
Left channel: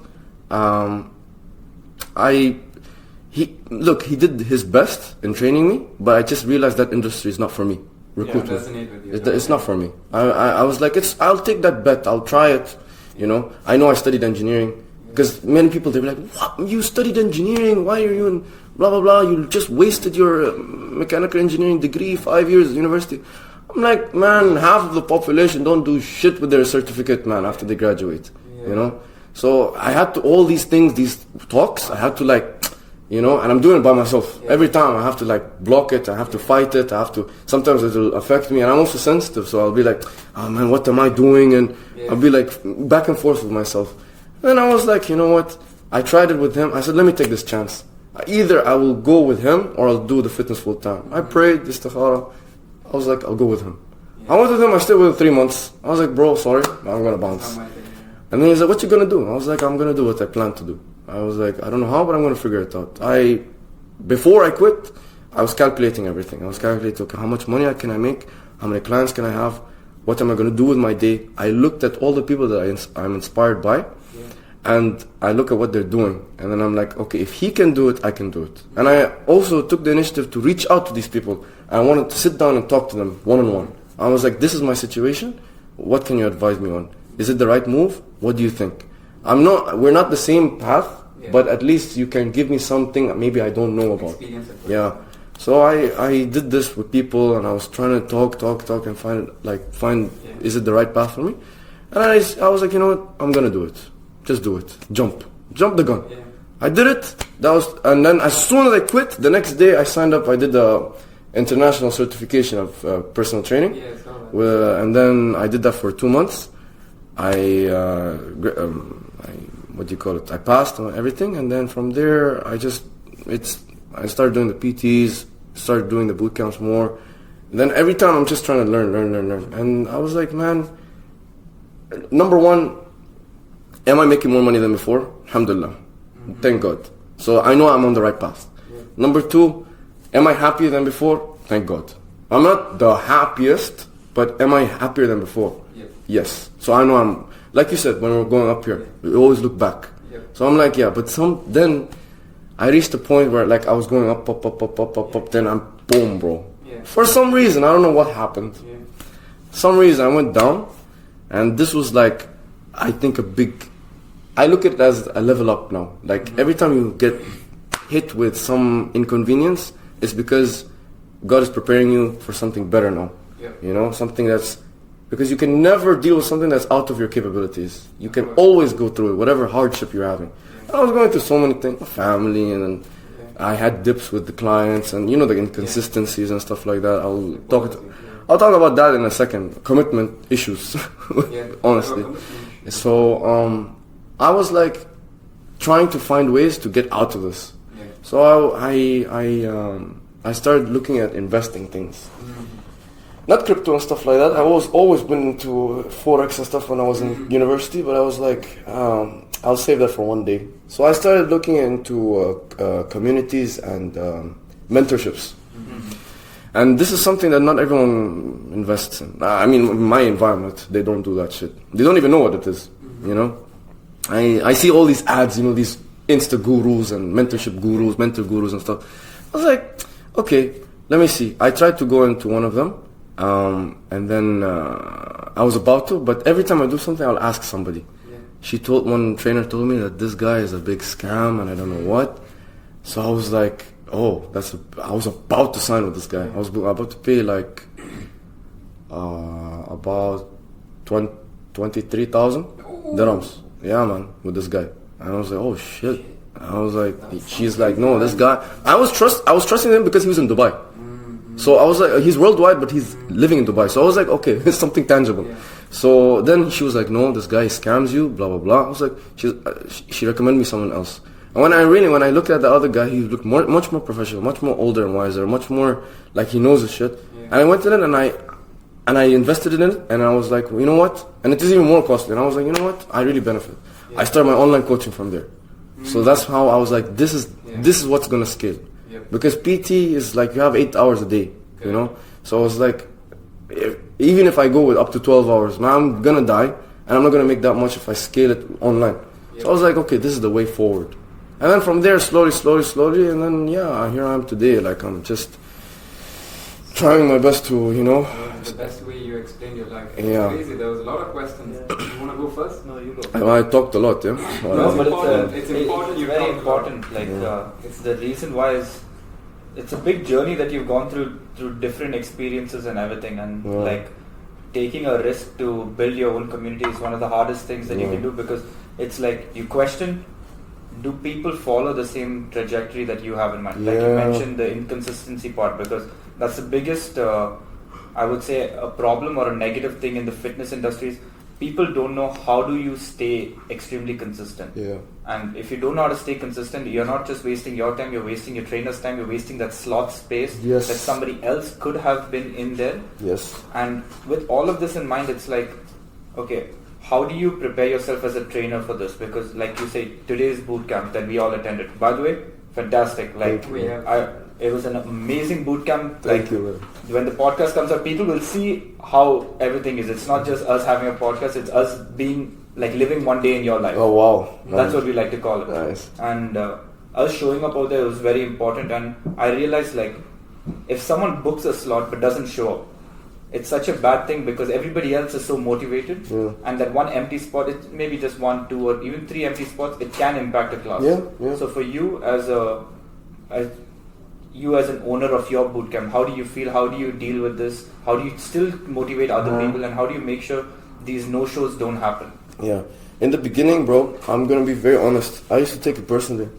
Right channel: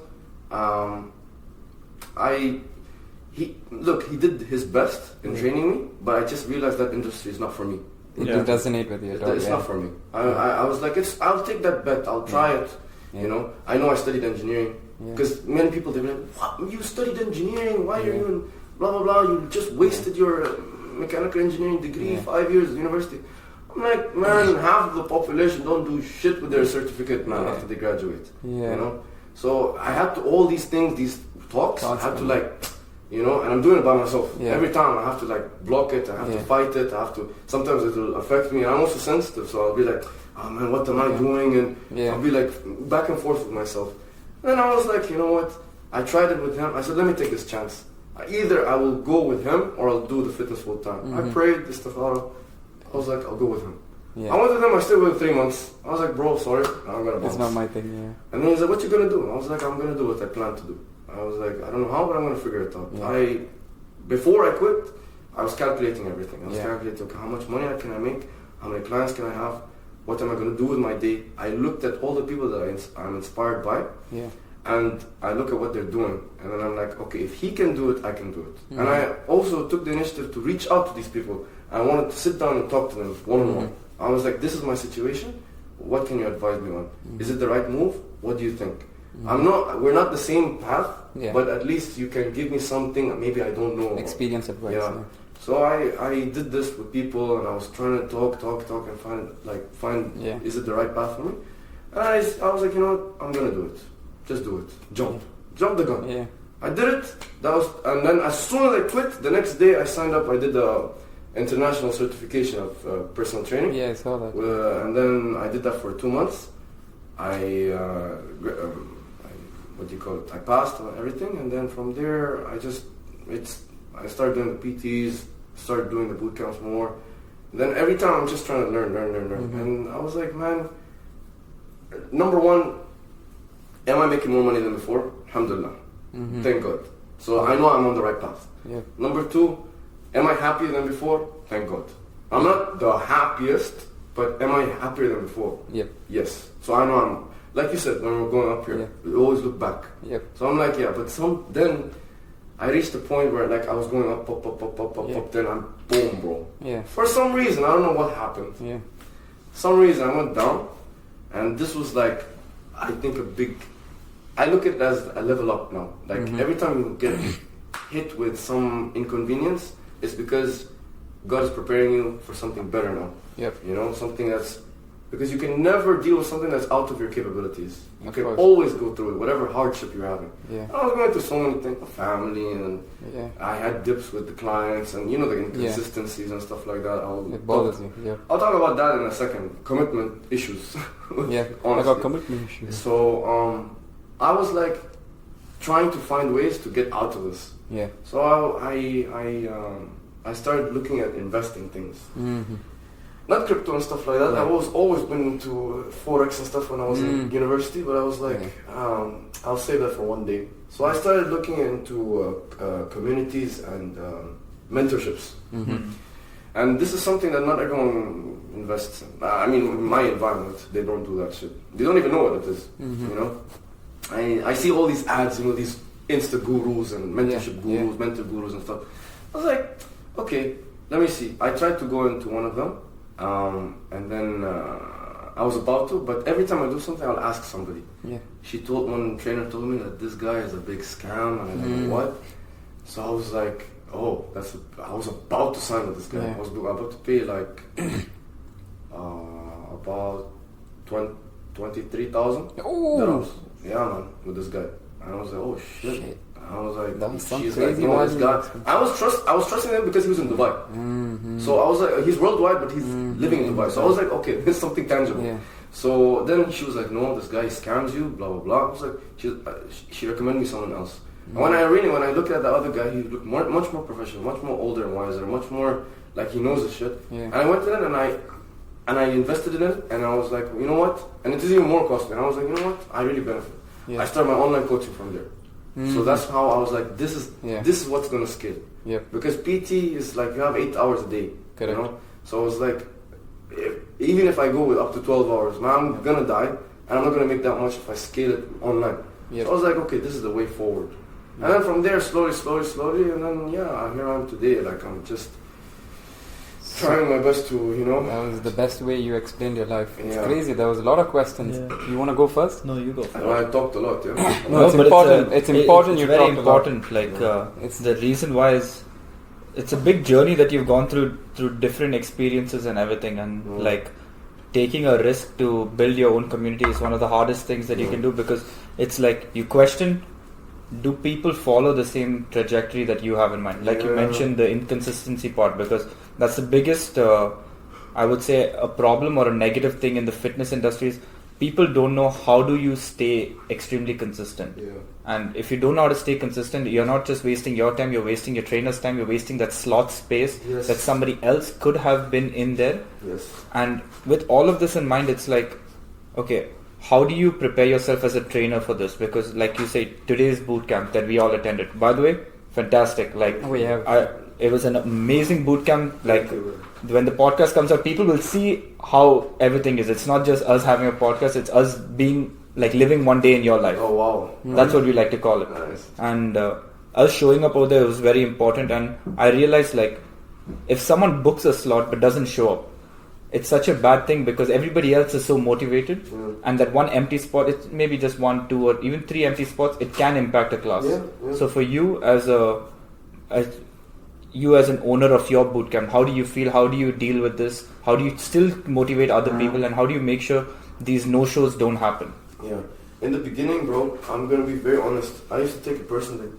He did his best in training me, but I just realized that industry is not for me. It doesn't need with you. It's not for me. I was like, I'll take that bet. I'll try it. I know I studied engineering. Because many people, they were like, what? You studied engineering? Why are you in blah, blah, blah? You just wasted your mechanical engineering degree, 5 years at university. I'm like, man, half of the population don't do shit with their certificate, man, after they graduate. So I had to, all these things, these talks, I had to and I'm doing it by myself. Every time I have to block it, I have to fight it, sometimes it will affect me, and I'm also sensitive, so I'll be like, oh man, what am I doing? And I'll be back and forth with myself. Then I was like, you know what? I tried it with him. I said, let me take this chance. Either I will go with him or I'll do the fitness full time. I prayed, istikhara. I was like, I'll go with him. I went with him. I stayed with him 3 months. I was like, bro, sorry, I'm gonna bounce. It's not my thing. Yeah. And then he's like, what you gonna do? I was like, I'm gonna do what I plan to do. I was like, I don't know how, but I'm gonna figure it out. Before I quit, I was calculating everything. I was calculating, okay, how much money can I make? How many clients can I have? What am I gonna do with my day? I looked at all the people that I'm inspired by. Yeah. And I look at what they're doing, and then I'm like, okay, if he can do it, I can do it. And I also took the initiative to reach out to these people. I wanted to sit down and talk to them one-on-one. I was like, this is my situation. What can you advise me on? Is it the right move? What do you think? We're not the same path, but at least you can give me something maybe I don't know about. Experience advice. Yeah. So I did this with people, and I was trying to talk and find is it the right path for me? And I was like, you know what? I'm gonna do it. Just do it. Jump the gun. Yeah. I did it. And then as soon as I quit, the next day I signed up. I did the international certification of personal training. Yeah, I saw that. And then I did that for 2 months. I passed on everything, and then from there I started doing the PTs, started doing the bootcamps more. And then every time I'm just trying to learn. And I was like, man, number one, am I making more money than before? Alhamdulillah. Thank God. So I know I'm on the right path. Yeah. Number two, am I happier than before? Thank God. I'm not the happiest, but am I happier than before? Yeah. Yes. So I know I'm, like you said, when we're going up here, we always look back. Yep. So I'm like, then I reached a point where like I was going up, then I'm boom, bro. Yeah. For some reason, I don't know what happened. Yeah. Some reason I went down, and this was like, I think I look at it as a level up now. Like every time you get hit with some inconvenience, it's because God is preparing you for something better now. Yep. You know, something that's, because you can never deal with something that's out of your capabilities. You can always go through it, whatever hardship you're having. Yeah. I was going through so many things, family, and I had dips with the clients, and you know, the inconsistencies and stuff like that. I'll talk about that in a second. Commitment issues. Honestly. About commitment issues. So I was like trying to find ways to get out of this. Yeah. So I started looking at investing things. Not crypto and stuff like that. I was always been into Forex and stuff when I was in university, but I was like, I'll save that for one day. So I started looking into communities and mentorships. And this is something that not everyone invests in. I mean, in my environment, they don't do that shit. They don't even know what it is, you know? I see all these ads, you know, these Insta gurus and mentorship gurus, mentor gurus and stuff. I was like, okay, let me see. I tried to go into one of them. And then I was about to, but every time I do something, I'll ask somebody. Yeah. One trainer told me that this guy is a big scam, and I don't know what. So I was like, oh, I was about to sign with this guy. Yeah. I was about to pay like about 23,000 dirhams. Yeah, man, with this guy. And I was like, oh shit. I was like, she's like, no, this guy. I was trusting him because he was in Dubai. So I was like, he's worldwide, but he's living in Dubai. So I was like, okay, it's something tangible. Yeah. So then she was like, no, this guy scams you, blah, blah, blah. I was like, she recommended me someone else. And when I looked at the other guy, he looked much more professional, much more older and wiser, much more like he knows his shit. Yeah. And I went to it and I invested in it, and I was like, well, you know what? And it is even more costly. And I was like, you know what? I really benefit. Yeah. I started my online coaching from there. So that's how I was like, this is what's gonna scale. Yeah. Because PT is like you have 8 hours a day, you know. So I was like, even if I go with up to 12 hours, man, I'm gonna die, and I'm not gonna make that much if I scale it online. Yep. So I was like, okay, this is the way forward. And then from there, slowly, and then here I am today. Like I'm just trying my best to, you know. That was the best way you explained your life. It's crazy. There was a lot of questions. Yeah. You want to go first? No, you go. I talked a lot, No, it's important. It's important. It's very important. Like it's the reason why it's a big journey that you've gone through different experiences and everything, and like taking a risk to build your own community is one of the hardest things that you can do, because it's like you question, do people follow the same trajectory that you have in mind? Like you mentioned the inconsistency part, because that's the biggest, I would say, a problem or a negative thing in the fitness industry is people don't know how do you stay extremely consistent. Yeah. And if you don't know how to stay consistent, you're not just wasting your time, you're wasting your trainer's time, you're wasting that slot space Yes. that somebody else could have been in there. Yes. And with all of this in mind, it's like, okay, how do you prepare yourself as a trainer for this? Because like you say, today's bootcamp that we all attended, by the way, fantastic. Like it was an amazing bootcamp. Thank you, when the podcast comes out, people will see how everything is. It's not just us having a podcast, it's us being like living one day in your life. Oh wow. That's what we like to call it. Nice. And us showing up over there was very important. And I realized like if someone books a slot but doesn't show up, it's such a bad thing because everybody else is so motivated, and that one empty spot, it's maybe just 1, 2 or even 3 empty spots, it can impact a class. So for you as an owner of your bootcamp, how do you feel? How do you deal with this? How do you still motivate other people, and how do you make sure these no-shows don't happen? Yeah. In the beginning, bro, I'm gonna be very honest. I used to take it personally,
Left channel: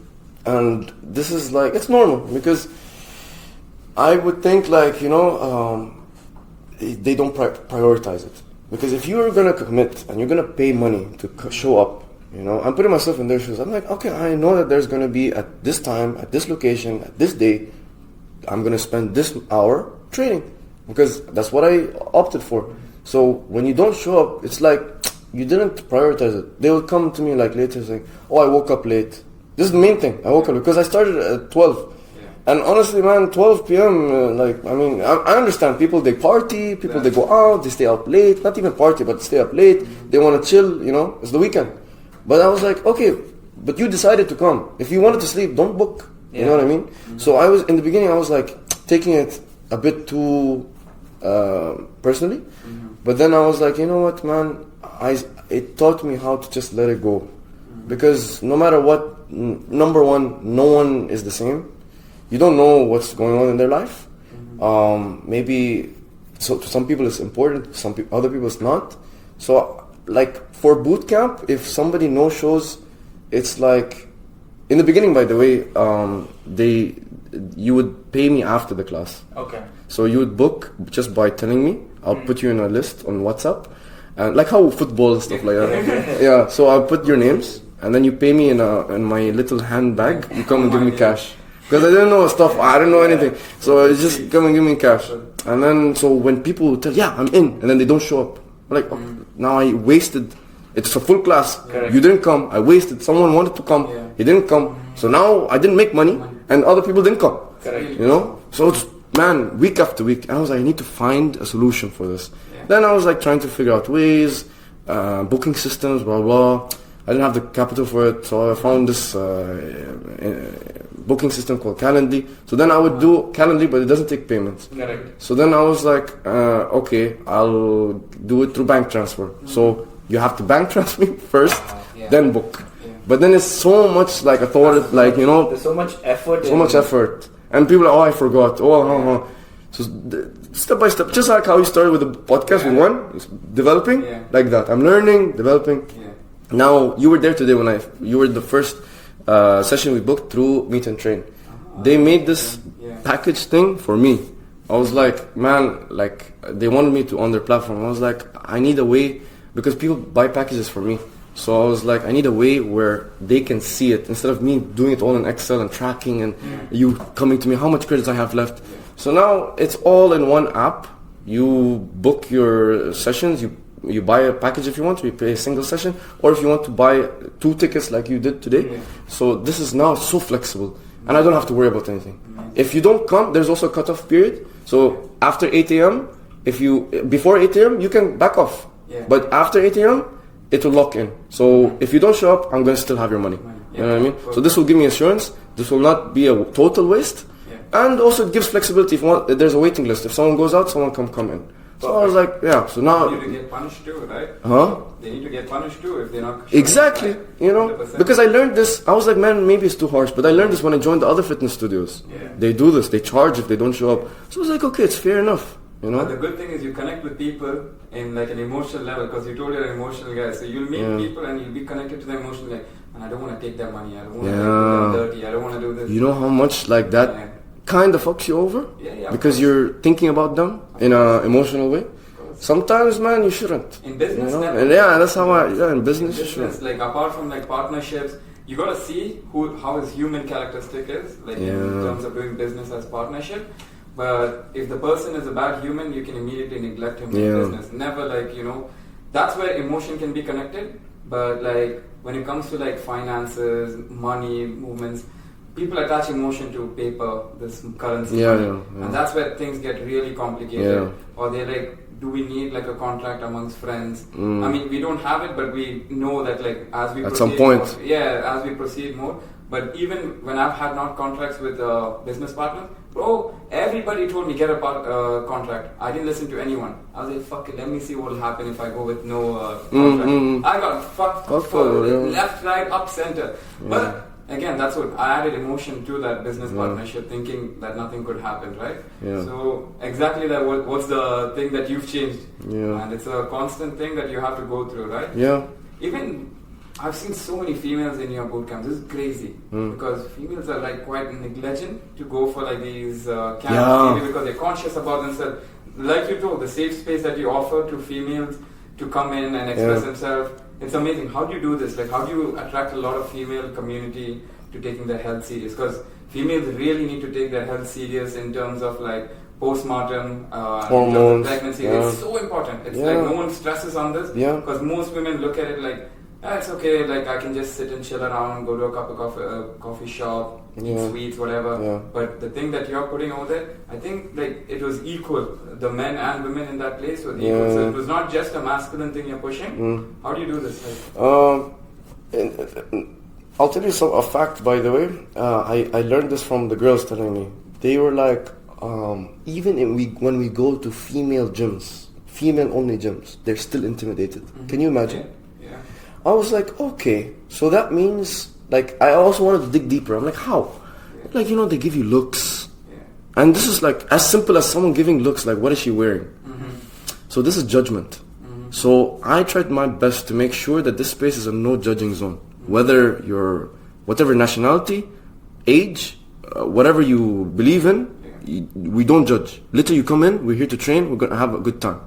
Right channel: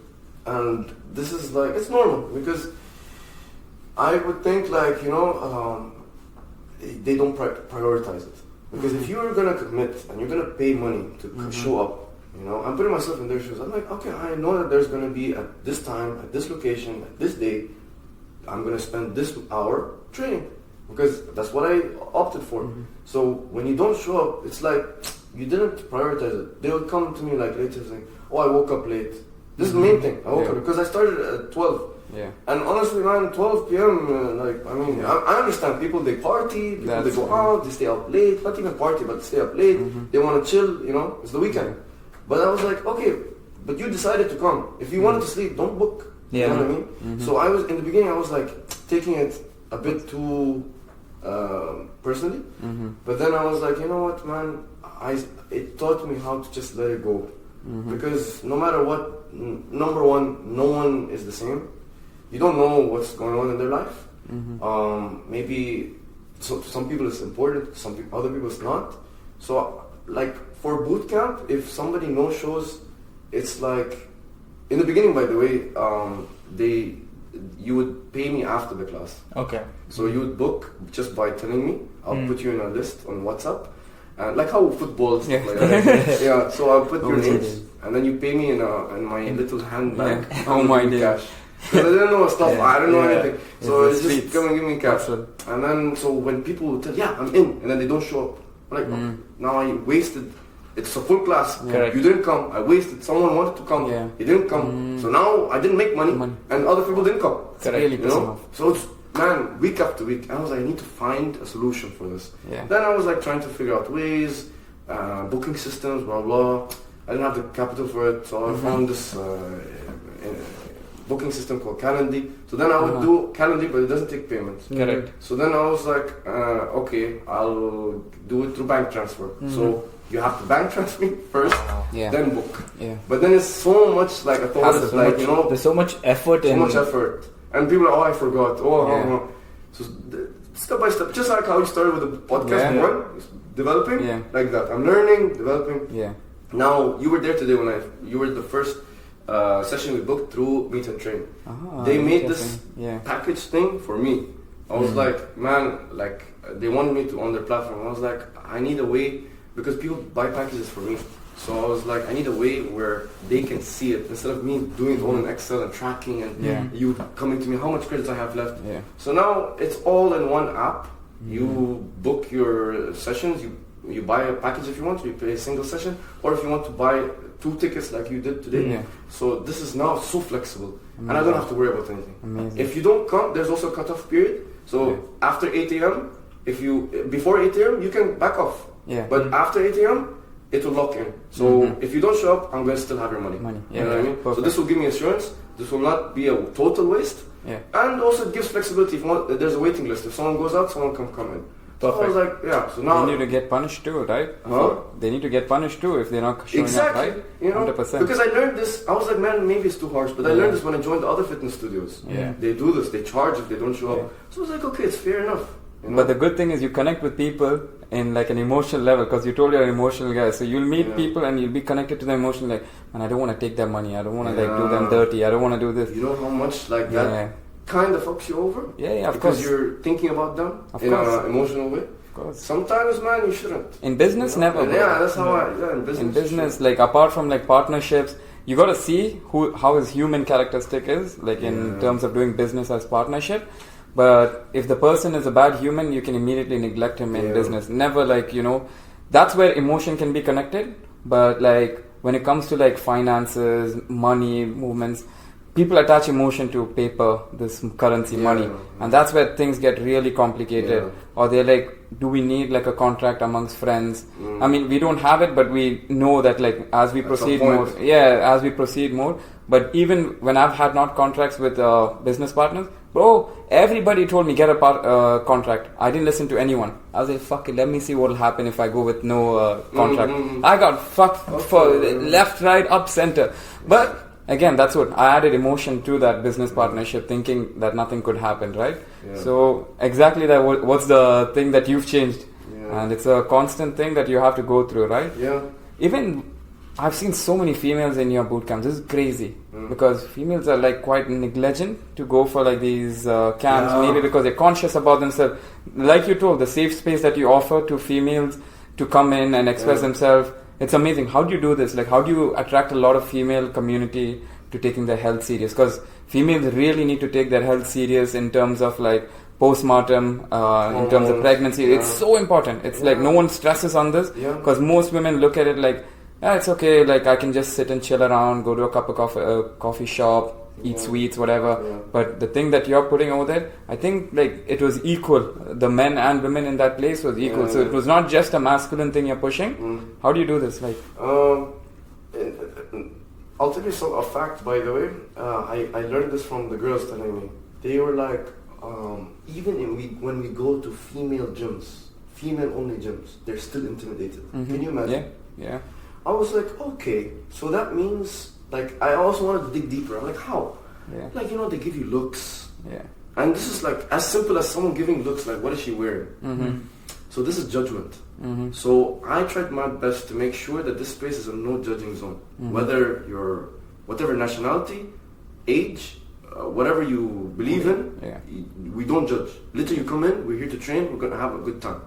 and this is like it's normal because I would think like they don't prioritize it. Because if you're gonna commit and you're gonna pay money to show up, I'm putting myself in their shoes. I'm like, okay, I know that there's gonna be at this time, at this location, at this day, I'm gonna spend this hour training because that's what I opted for. So when you don't show up, it's like you didn't prioritize it. They will come to me like later saying, "Oh, I woke up late." This is the main thing. I woke up because I started at 12. And honestly, man, 12 p.m. I understand people, they party, people they go out, they stay up late, not even party, but stay up late. They want to chill, it's the weekend. But I was like, okay, but you decided to come. If you wanted to sleep, don't book. You know what I mean? So I was in the beginning, I was like taking it a bit too personally. But then I was like, you know what, man, it taught me how to just let it go. Because no matter what, number one, no one is the same. You don't know what's going on in their life. Maybe to some people it's important, other people it's not. So like for boot camp, if somebody no shows, it's like in the beginning, by the way, you would pay me after the class. Okay. So you would book just by telling me. I'll put you in a list on WhatsApp, like how football and stuff like that. Yeah. So I'll put your names, and then you pay me in my little handbag. You come and give me cash. Because I didn't know stuff, I didn't know anything. So it's just come and give me cash. And then, so when people tell, yeah, I'm in, and then they don't show up. I'm like, now I wasted, it's a full class. You didn't come, I wasted, someone wanted to come, he didn't come. So now I didn't make money, and other people didn't come. So it's, man, week after week, I was like, I need to find a solution for this. Then I was like trying to figure out ways, booking systems, blah, blah. I didn't have the capital for it, so I found this booking system called Calendly. So then I would do Calendly, but it doesn't take payments. Correct. So then I was like, okay, I'll do it through bank transfer. So you have to bank transfer me first, then book. But then it's so much like I thought it's like, there's so much effort. Effort. And people are, I forgot. So step by step, just like how you started with the podcast one, developing, like that. I'm learning, developing. Now, you were there today when you were the first session we booked through Meet and Train. They made this package thing for me. I was like, man, like they wanted me to on their platform. I was like, I need a way, because people buy packages for me. So I was like, I need a way where they can see it instead of me doing it all in Excel and tracking and you coming to me, how much credits I have left. So now it's all in one app. You book your sessions, you buy a package if you want, you pay a single session, or if you want to buy 2 tickets like you did today. So this is now so flexible, and I don't have to worry about anything. If you don't come, there's also a cutoff period. So after 8 a.m., before 8 a.m., you can back off. But after 8 a.m., it will lock in. So if you don't show up, I'm going to still have your money. You know what I mean? Perfect. So this will give me assurance. This will not be a total waste. And also it gives flexibility. If there's a waiting list. If someone goes out, someone can come in. So I was like, so now they need to get punished too, right? They need to get punished too if they're not showing exactly, up, right? 100%. Because I learned this. I was like, man, maybe it's too harsh, but I learned this when I joined the other fitness studios. They do this. They charge if they don't show up. So I was like, okay, it's fair enough. But the good thing is you connect with people in like an emotional level, because you told you're an emotional guy. So you'll meet people and you'll be connected to the emotional, like, man, I don't want to take their money. I don't want to like do them dirty. I don't want to do this. You know how much like that kind of fucks you over? Because you're thinking about them in an emotional way. Sometimes, man, you shouldn't. In business, never. And yeah, that's how in business. In business, like apart from like partnerships, you gotta see how his human characteristic is, like in terms of doing business as partnership. But if the person is a bad human, you can immediately neglect him in business. Never like, that's where emotion can be connected. But like when it comes to like finances, money, movements, people attach emotion to paper, this currency, money. And that's where things get really complicated. Or they're like, do we need like a contract amongst friends? I mean, we don't have it, but we know that like as we proceed more. Yeah, as we proceed more. But even when I've had not contracts with business partners, bro, everybody told me get a contract. I didn't listen to anyone. I was like, fuck it, let me see what'll happen if I go with no contract. I got fucked for left, right, up, center. But again, that's what I added emotion to that business partnership, thinking that nothing could happen, right? So exactly that. What's the thing that you've changed? And it's a constant thing that you have to go through, right? Even I've seen so many females in your bootcamps. This is crazy because females are like quite negligent to go for like these camps, maybe because they're conscious about themselves. Like you told, the safe space that you offer to females to come in and express themselves. It's amazing. How do you do this? Like, how do you attract a lot of female community to taking their health serious? Because females really need to take their health serious in terms of like postpartum, in terms of pregnancy. It's so important. It's like no one stresses on this because most women look at it like, it's okay. Like I can just sit and chill around, go to a cup of coffee shop, eat sweets, whatever. But the thing that you're putting over there, I think like it was equal. The men and women in that place was equal. So it was not just a masculine thing you're pushing. How do you do this? Like, I'll tell you a fact, by the way. I learned this from the girls telling me. They were like, even when we go to female gyms, female only gyms, they're still intimidated. Can you imagine? Yeah. I was like, okay, so that means, like, I also wanted to dig deeper. I'm like, how? Like, they give you looks. And this is like as simple as someone giving looks, like, what is she wearing? So this is judgment. So I tried my best to make sure that this space is a no judging zone. Whether you're, whatever nationality, age, whatever you believe in, we don't judge. Literally, you come in, we're here to train, we're going to have a good time.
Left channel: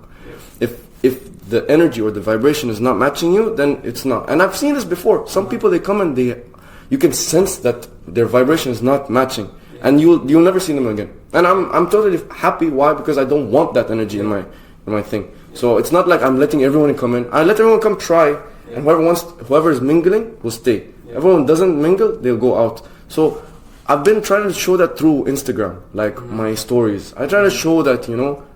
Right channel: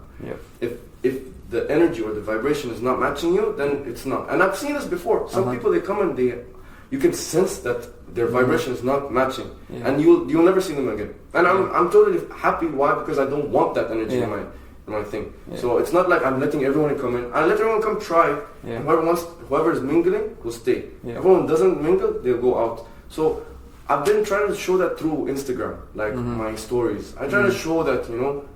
If the energy or the vibration is not matching you, then it's not. And I've seen this before. Some people, they come and you can sense that their vibration is not matching, and you'll never see them again. And I'm totally happy. Why? Because I don't want that energy in my thing. So it's not like I'm letting everyone come in. I let everyone come try, and whoever is mingling will stay. Everyone doesn't mingle, they'll go out. So I've been trying to show that through Instagram, like my stories. I try to show that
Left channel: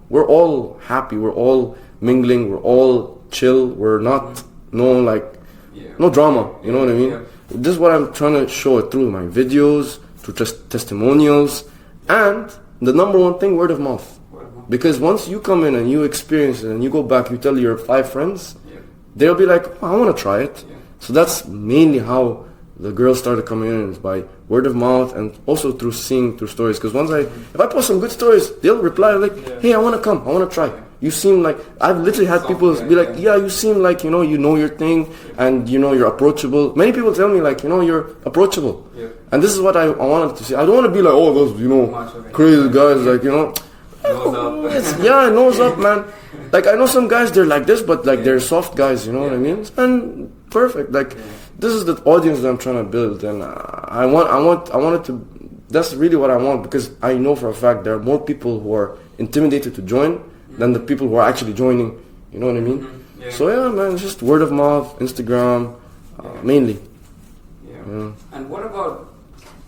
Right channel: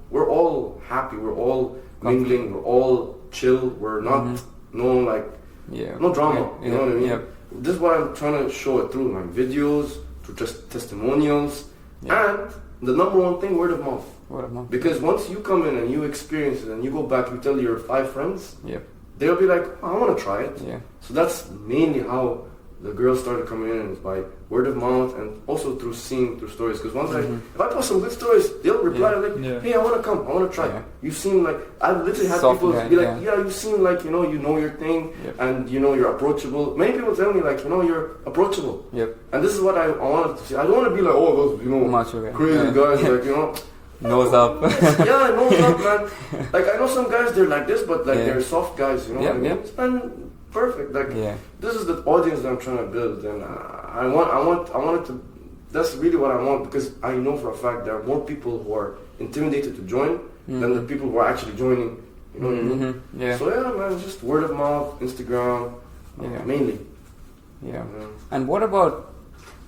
we're all happy, we're all mingling, we're all chill, we're not no drama, you know what I mean? This is what I'm trying to show it through my videos, through just testimonials, and the number one thing, word of mouth. Because once you come in and you experience it and you go back, you tell your 5 friends, they'll be like, I want to try it. So that's mainly how the girls started coming in, is by word of mouth and also through seeing through stories. Because once if I post some good stories, they'll reply like, hey, I want to come, I want to try. You seem like, I've literally had people be like, you seem like, you know your thing, and you're approachable. Many people tell me like, you're approachable. And this is what I wanted to see. I don't want to be like, those, crazy guys, like, nose up. Nose up, man. Like, I know some guys, they're like this, but like they're soft guys, you know what I mean? And perfect. Like, this is the audience that I'm trying to build, and I want it to. That's really what I want, because I know for a fact there are more people who are intimidated to join than the people who are actually joining. You know what I mean? So man, it's just word of mouth, Instagram, mainly. And what about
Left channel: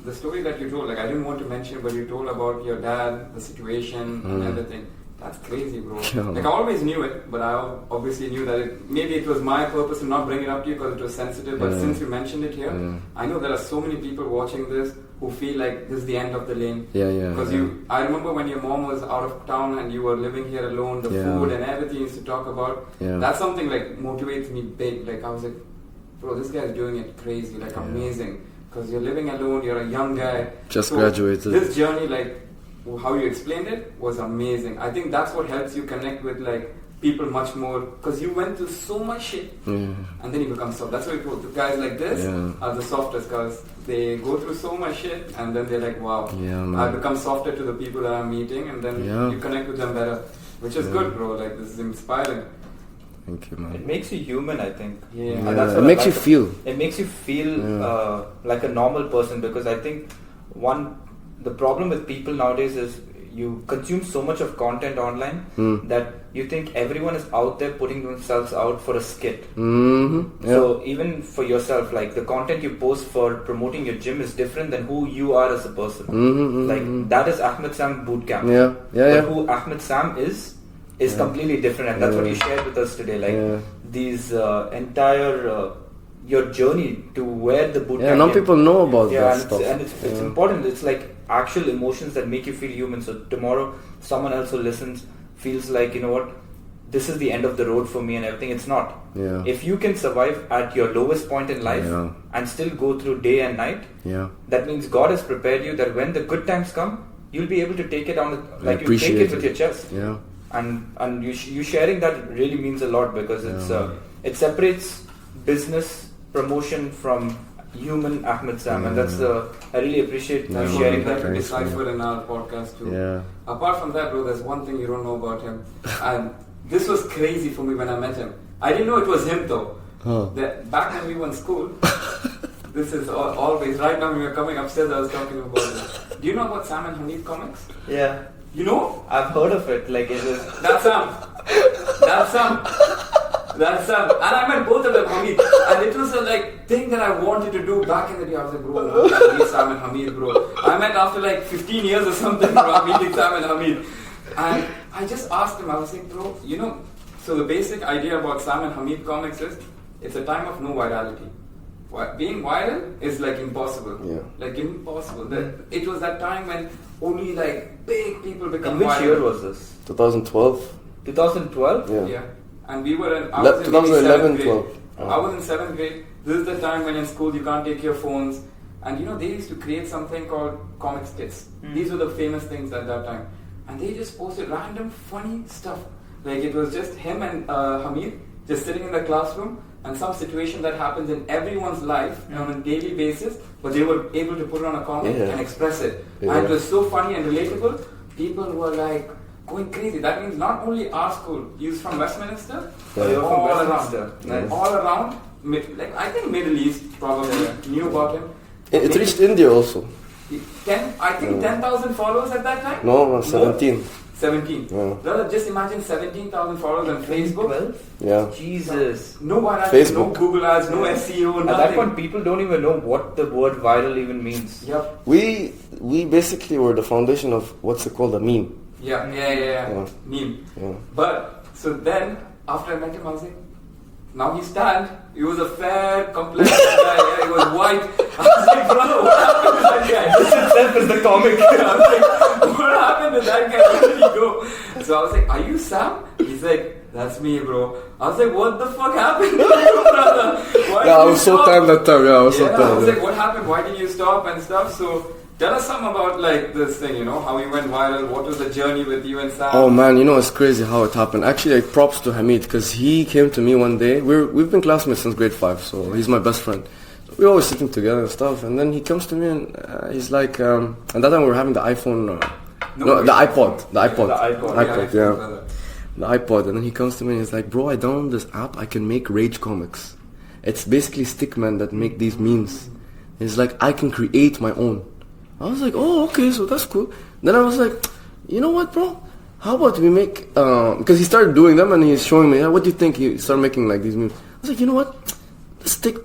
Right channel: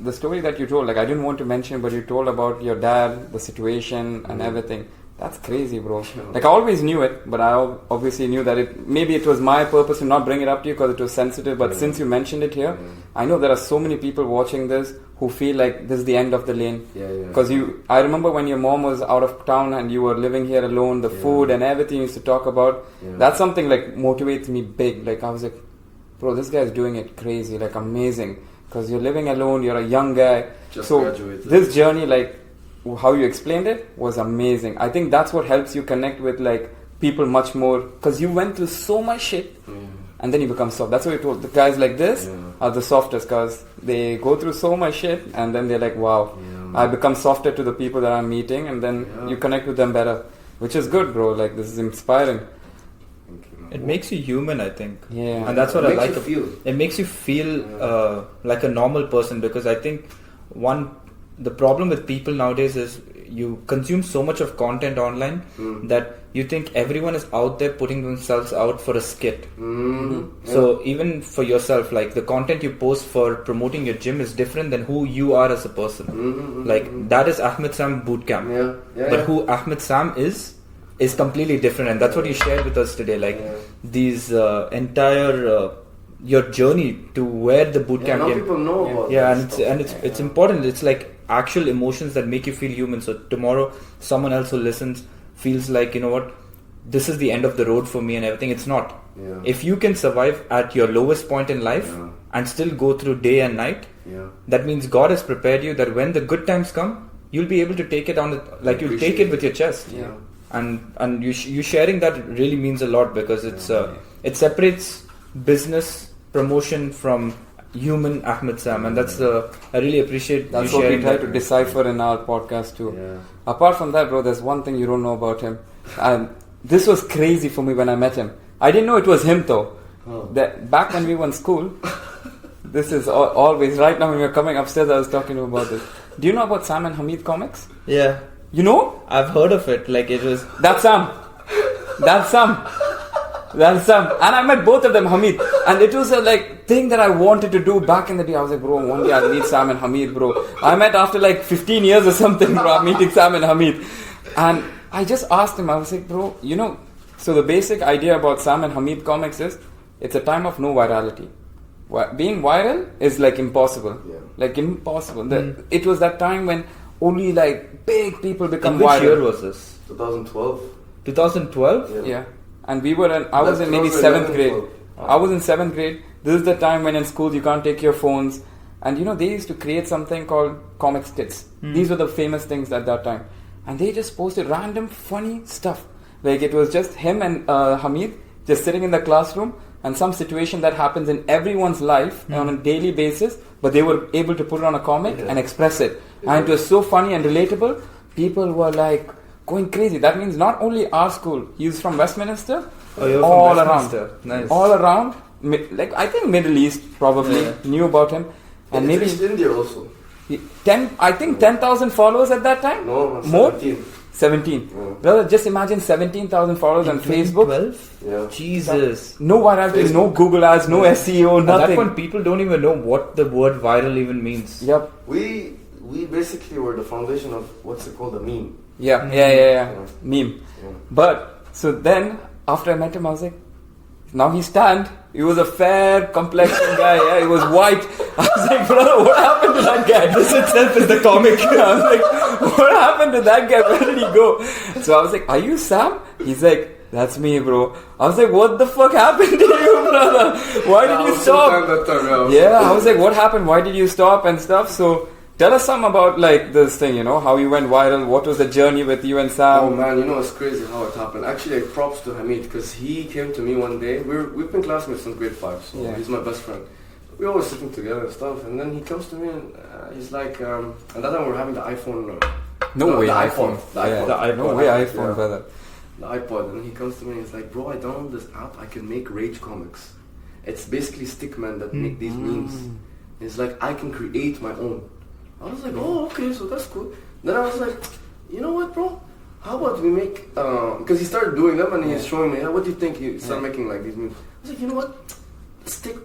the story that you told? Like, I didn't want to mention, but you told about your dad, the situation, and everything. That's crazy, bro. Like, I always knew it, but I obviously knew that maybe it was my purpose to not bring it up to you because it was sensitive. But since you mentioned it here, I know there are so many people watching this who feel like this is the end of the lane. Because I remember when your mom was out of town and you were living here alone, the food and everything you used to talk about. That's something like motivates me big. Like, I was like, bro, this guy's doing it crazy, like amazing. Because you're living alone, you're a young guy. Just graduated. This journey, like, how you explained it was amazing. I think that's what helps you connect with like people much more, because you went through so much shit and then you become soft. That's what you told. The guys like this are the softest, because they go through so much shit and then they're like, wow, I become softer to the people that I'm meeting, and then you connect with them better. which is good, bro. Like, this is inspiring. Thank you, man. It makes you human, I think. Yeah. And that's what it I makes like you feel. It makes you feel like a normal person, because I think the problem with people nowadays is you consume so much of content online that you think everyone is out there putting themselves out for a skit. So even for yourself, like the content you post for promoting your gym is different than who you are as a person. Like that is Ahmed Sam bootcamp. But who Ahmed Sam is completely different, and that's what you shared with us today. Like these entire your journey to where the bootcamp. Yeah, now people know about that stuff. And it's important. It's like actual emotions that make you feel human. So tomorrow, someone else who listens feels like, you know what, this is the end of the road for me and everything. It's not. If you can survive at your lowest point in life and still go through day and night, that means God has prepared you that when the good times come, you'll be able to take it on. Like you take it with your chest. And you sharing that really means a lot, because it separates business promotion from human Ahmed Sam, and that's I really appreciate that's you what sharing we try that. to decipher in our podcast too. Apart from that, bro, there's one thing you don't know about him, and this was crazy for me when I met him. I didn't know it was him though. That back when we were in school, this is always right now when we were coming upstairs, I was talking to him about this. Do you know about Sam and Hamid comics? Yeah, you know? I've heard of it. Like it was that's Sam. And I met both of them, Hamid. And it was a like thing that I wanted to do back in the day. I was like, bro, one day I'll meet Sam and Hamid, bro. I met after like 15 years or something, bro, I'm meeting Sam and Hamid. And I just asked him, I was like, bro, you know, so the basic idea about Sam and Hamid comics is, it's a time of no virality. Being viral is like impossible. Like impossible. It was that time when only like big people become viral. Which year was this? 2012. 2012? Yeah. And we were I was in maybe 7th grade. I was in 7th grade. This is the time when in school you can't take your phones. And you know, they used to create something called comic skits. These were the famous things at that time. And they just posted random funny stuff. Like it was just him and Hamid just sitting in the classroom, and some situation that happens in everyone's life on a daily basis, but they were able to put it on a comic and express it. And it was so funny and relatable. People were like going crazy. That means not only our school, he was from Westminster, all around. Nice. All around, like I think Middle East probably knew about him. And it reached India also. 10,000 followers at that time? No, 17. More? 17. Well, just imagine 17,000 followers on Facebook. 12? Yeah. Jesus. No virality, no Google ads, no SEO, nothing. At that point, people don't even know what the word viral even means. Yep. We basically were the foundation of what's it called, a meme. Yeah. Meme. Yeah. But, so then, after I met him, I was like, now he's tanned. He was a fair complexion guy. Yeah, he was white. I was like, bro, what happened to that guy? This itself is the comic. I was like, what happened to that guy? Where did he go? So I was like, are you Sam? He's like, that's me, bro. I was like, what the fuck happened to you, brother? Why did you stop? I was so tanned that time. I was like, what happened? Why did you stop and stuff? So tell us some about like this thing, you know, how you went viral. What was the journey with you and Sam? Oh man, you know, it's crazy how it happened. Actually, like, props to Hamid, because he came to me one day. We've been classmates since grade 5, so he's my best friend. We're always sitting together and stuff. And then he comes to me and he's like, and that time we were having the iPhone. The iPod. The iPod, brother. The iPod. And then he comes to me and he's like, bro, I downloaded this app. I can make rage comics. It's basically stickmen that make these memes. It's like, I can create my own. I was like, oh, okay, so that's cool. Then I was like, you know what, bro? How about we make, because he started doing them and he's showing me, what do you think? He started making like these memes. I was like, you know what? Let's take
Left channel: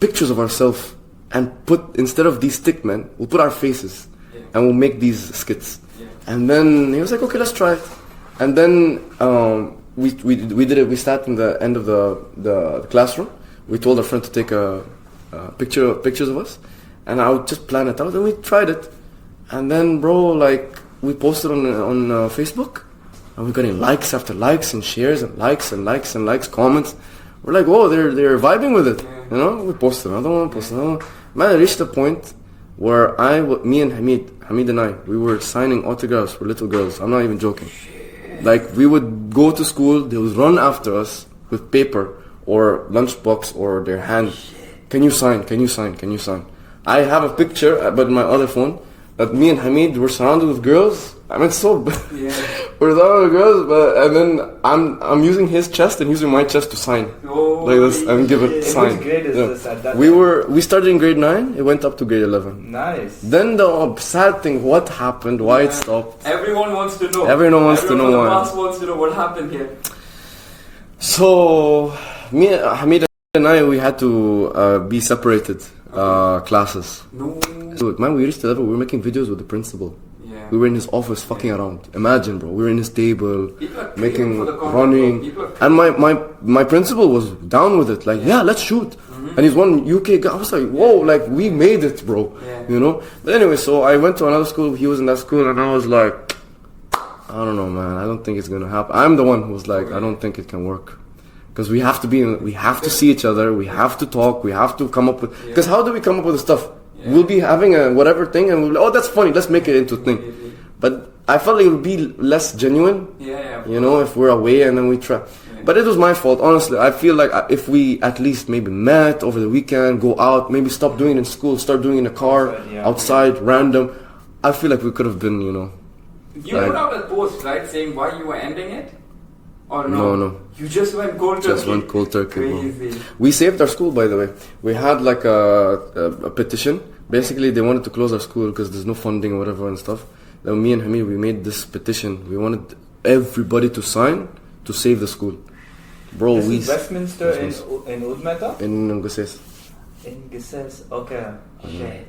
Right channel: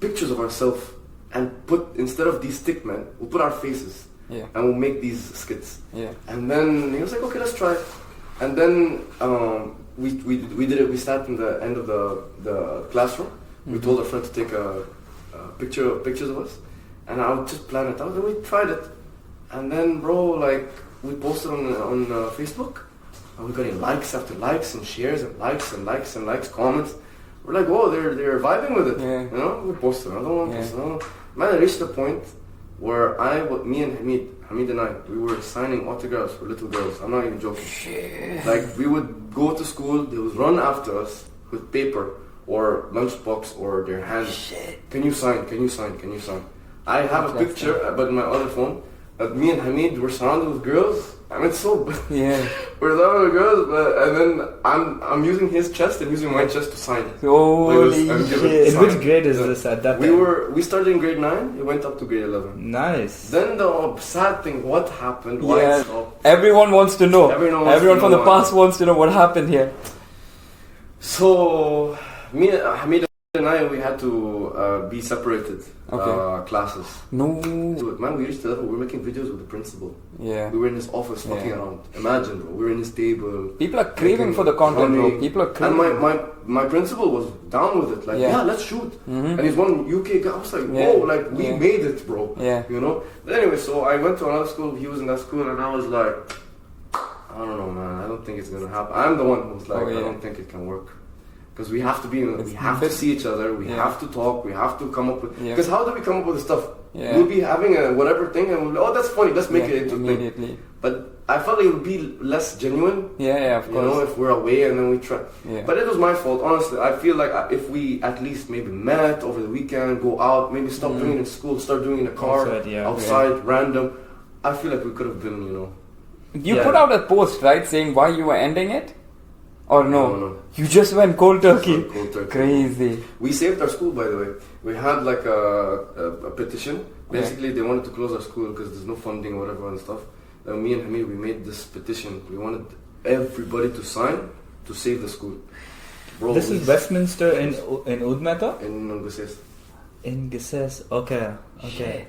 pictures of ourselves and put, instead of these stick men, we'll put our faces and we'll make these skits. And then he was like, okay, let's try it. And then we did it. We sat in the end of the classroom. We told our friend to take a pictures of us. And I would just plan it out, and we tried it. And then, bro, like, we posted on Facebook, and we're getting likes after likes and shares and likes and likes and likes, comments. We're like, whoa, they're vibing with it. You know, we posted another one, posted another one. Man, I reached a point where me and Hamid and I, we were signing autographs for little girls. I'm not even joking. Shit. Like, we would go to school, they would run after us with paper or lunchbox or their hand. Can you sign? Can you sign? Can you sign? I have a picture, but in my other phone, that me and Hamid were surrounded with girls I mean, so Yeah. we're talking to girls, and then I'm using his chest and using my chest to sign like this and give it In sign. which grade is this at that We time? we started in grade 9. It went up to grade 11. Nice. Then the sad thing, what happened? Why it stopped? Everyone wants to know. Everyone wants to know from the why. past wants to know what happened here. So me, Hamid, and I, we had to be separated classes. No. Dude, man, we reached the level we were making videos with the principal. Yeah. We were in his office fucking around. Imagine, bro. We were in his table. People are craving for the content, running. bro. People are And craving. my principal was down with it. Like, yeah, let's shoot. And he's one UK guy. I was like, whoa, like we made it, bro. Yeah. You know. But anyway, so I went to another school. He was in that school, and I was like, I don't know, man. I don't think it's gonna happen. I'm the one who was like, I don't think it can work. Because we have to be, we have to see each other, we have to talk, we have to come up with. Because how do we come up with the stuff? Yeah. We'll be having a whatever thing, and we'll be, oh, that's funny. Let's make it into a thing. But I felt it would be less genuine. Yeah, you know, if we're away and then we try. Yeah. But it was my fault, honestly. I feel like if we at least maybe met over the weekend, go out, maybe stop doing it in school, start doing it in a car, outside, random. I feel like we could have been, you know. You put out a post, right, saying why you were ending it? Or no? No. You just went cold turkey. Just went cold turkey. Crazy. We saved our school, by the way. We had like a petition. Basically, they wanted to close our school because there's no funding or whatever and stuff. Then me and Hamid, we made this petition. We wanted everybody to sign to save the school. Bro, this is Westminster in Udmeta? In Nguses. In Gises. Okay.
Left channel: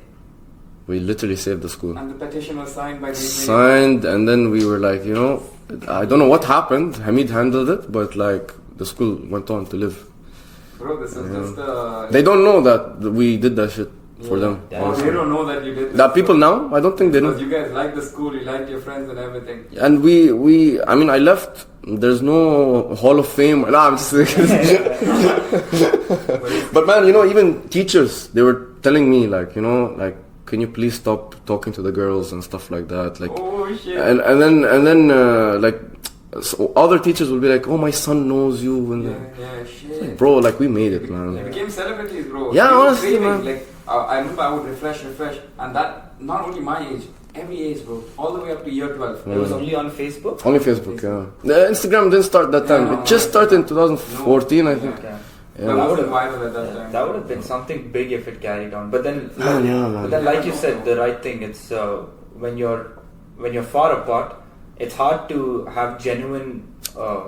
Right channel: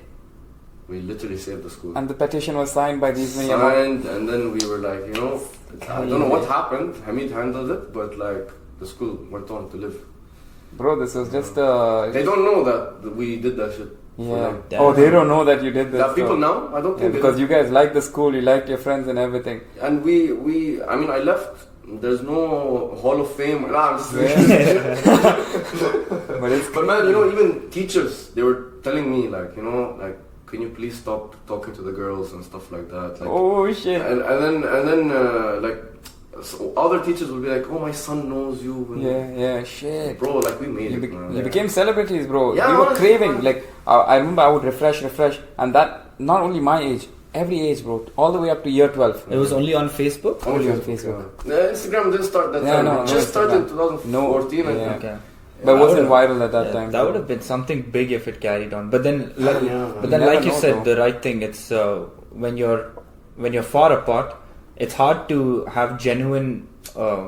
We literally saved the school. And the petition was signed by these Signed, and then we were like, you know, I don't know what happened. Hamid handled it, but like the school went on to live. Bro, this was just They don't know that we did that shit for them. Oh, they don't know that you did this. That people now, I don't think they know. Because you guys liked the school, you liked your friends and everything. And I mean, I left. There's no Hall of Fame. Nah, I'm just But man, you know, even teachers, they were telling me like, you know, like, can you please stop talking to the girls and stuff like that? Like, oh shit. And then like, so other teachers will be like, oh, my son knows you. And shit. Bro, like we made it, man. You became celebrities, bro. Yeah, you were honestly, craving. man. Like I remember, I would refresh, and that not only my age, every age, bro, all the way up to year 12. It was only on Facebook. Only Facebook. Yeah. The Instagram didn't start that time. It just started in 2014, I think. Okay. But it wasn't viral at that time. That would have been something big if it carried on. But then, You like you never said, know. the right thing. It's when you're far apart, it's hard to have genuine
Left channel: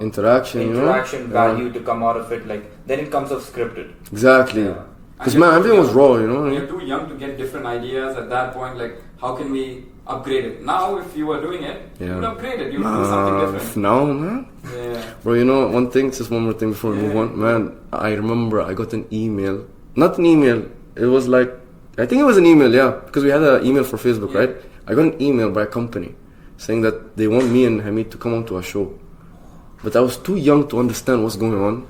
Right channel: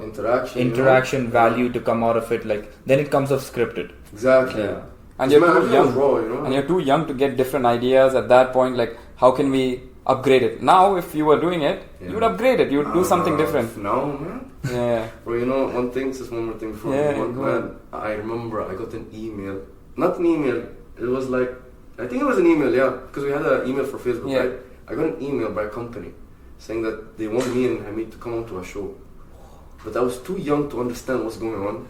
interaction, value to come out of it. Like then it comes off scripted. Exactly. Yeah. Because man, everything was raw, you know. And you're too young to get different ideas at that point. Like, how can we upgrade it? Now, if you were doing it, you would upgrade it. You would do something different. Now, man. Yeah. Bro, you know one thing, just one more thing before we move on. Man, I remember I got an email. Not an email. It was like, I think it was an email, yeah. Because we had an email for Facebook, right? I got an email by a company saying that they want me and Hamid to come on to a show. But I was too young to understand what's going on.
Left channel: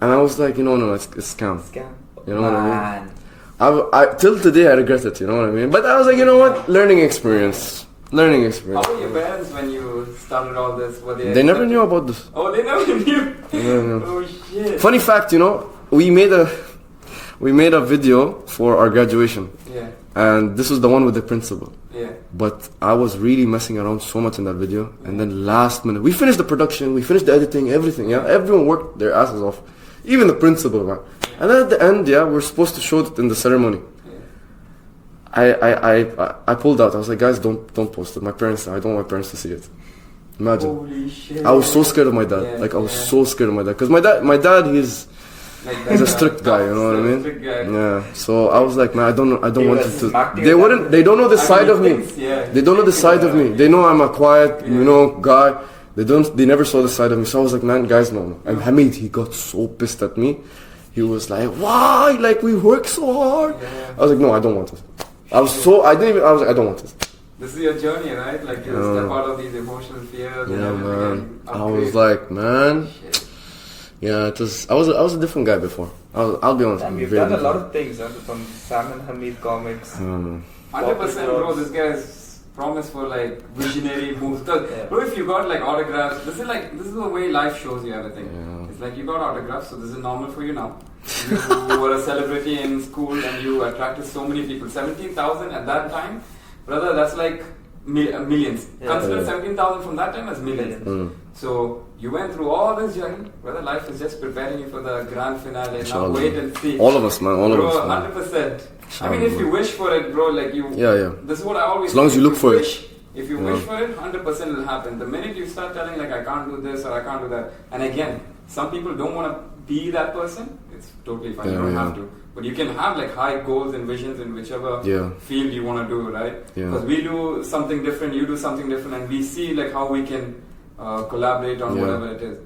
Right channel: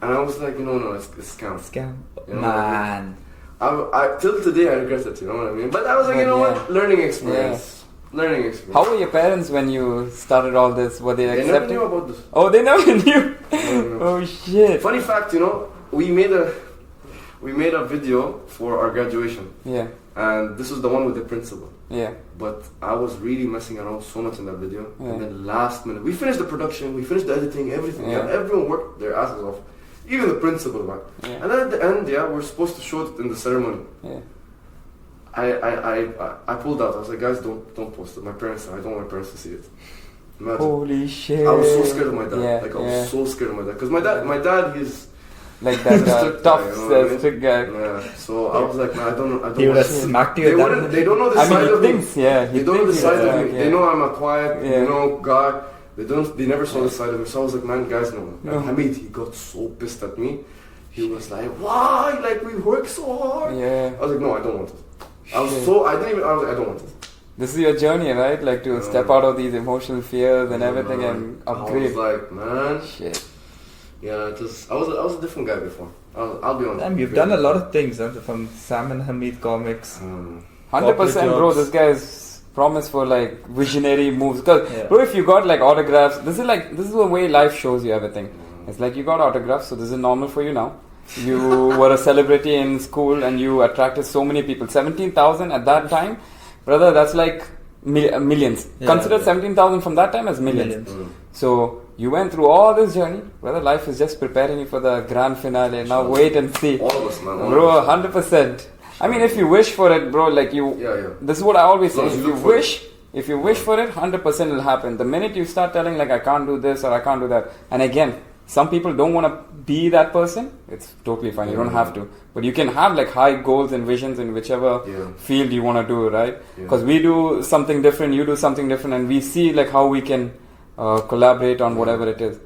And I was like, no, it's scam. Scam. You know Man. what I mean? I till today I regret it, you know what I mean? But I was like, you know what? Learning experience. Learning experience. How were your parents when you started all this? Were they They never accepting? knew about this. Oh, they never knew? No. Oh, shit. Funny fact, you know, we made a video for our graduation. Yeah. And this was the one with the principal. Yeah. But I was really messing around so much in that video. And then last minute, we finished the production, we finished the editing, everything. Yeah. Everyone worked their asses off. Even the principal, man. Yeah. And then at the end, we're supposed to show it in the ceremony. Yeah. I pulled out. I was like, guys, don't post it. I don't want my parents to see it. Imagine. Holy shit. I was so scared of my dad. Yeah, I was so scared of my dad. Because my dad, he's a strict guy, you know what I mean? Strict guy. Yeah. So I was like, man, I don't want this to. You They don't know the side of me. Yeah. They don't know the side of me. Yeah. They know I'm a quiet, guy. They never saw the side of me. So I was like, man, guys, no. And Hamid, he got so pissed at me. He was like, why? Like, we work so hard. Yeah. I was like, no, I don't want this. I was like, I don't want this. This is your journey, right? Like to step out of these emotional fears and everything and upgrade. I was like, man. Shit. Yeah, I was a different guy before. I'll be honest. You've done a lot of things, from Sam and Hamid comics. 100%, bro. This guy's promise for like visionary moves. Because bro, if you got like autographs, this is the way life shows you everything. Yeah. It's like you got autographs, so this is normal for you now. You were a celebrity in school and you attracted so many people. 17,000 at that time, brother. That's like millions. Consider 17,000 from that time as millions. So you went through all this journey. Whether life is just preparing you for the grand finale. Now wait and see. All of us, man. All bro, of us, 100%. I mean, if you wish for it, bro, like you. This is what I always say. As long as you look for it. If you wish for it, 100% will happen. The minute you start telling like I can't do this or I can't do that, and again, some people don't want to be that person. It's totally fine. You don't have to, but you can have like high goals and visions in whichever field you want to do, right? Because we do something different, you do something different, and we see like how we can collaborate on whatever it is.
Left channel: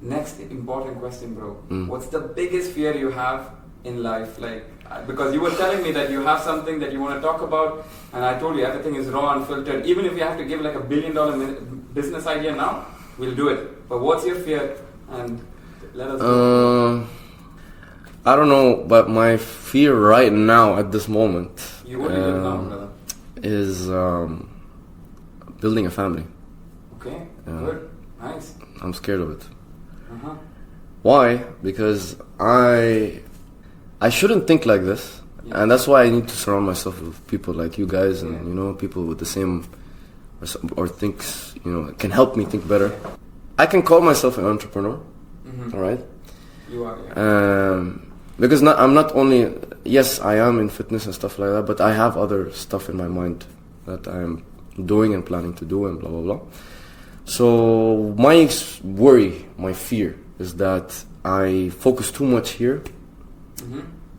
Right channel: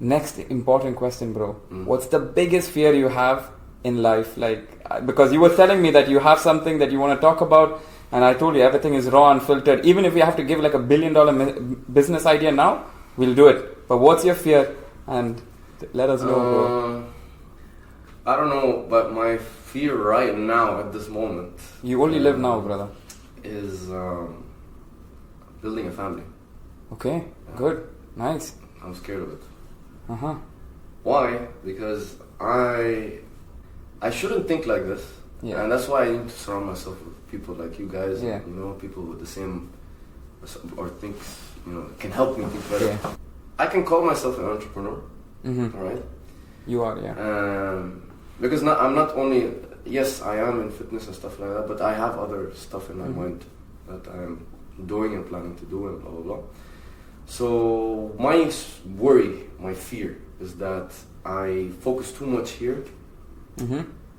Next important question, bro. What's the biggest fear you have in life? Like, because you were telling me that you have something that you want to talk about. And I told you everything is raw and filtered. Even if we have to give like $1 billion business idea now, we'll do it. But what's your fear? And let us know. I don't know, but my fear right now at this moment. You only live now, brother. Is building a family. Okay, good, nice. I'm scared of it. Why? Because I shouldn't think like this. And that's why I need to surround myself with people like you guys and people with the same or thinks can help me think better. I can call myself an entrepreneur, all right? You are, because I'm not only I am in fitness and stuff like that, but I have other stuff in my mind that I'm doing and planning to do and blah blah blah. So my worry, my fear is that I focus too much here.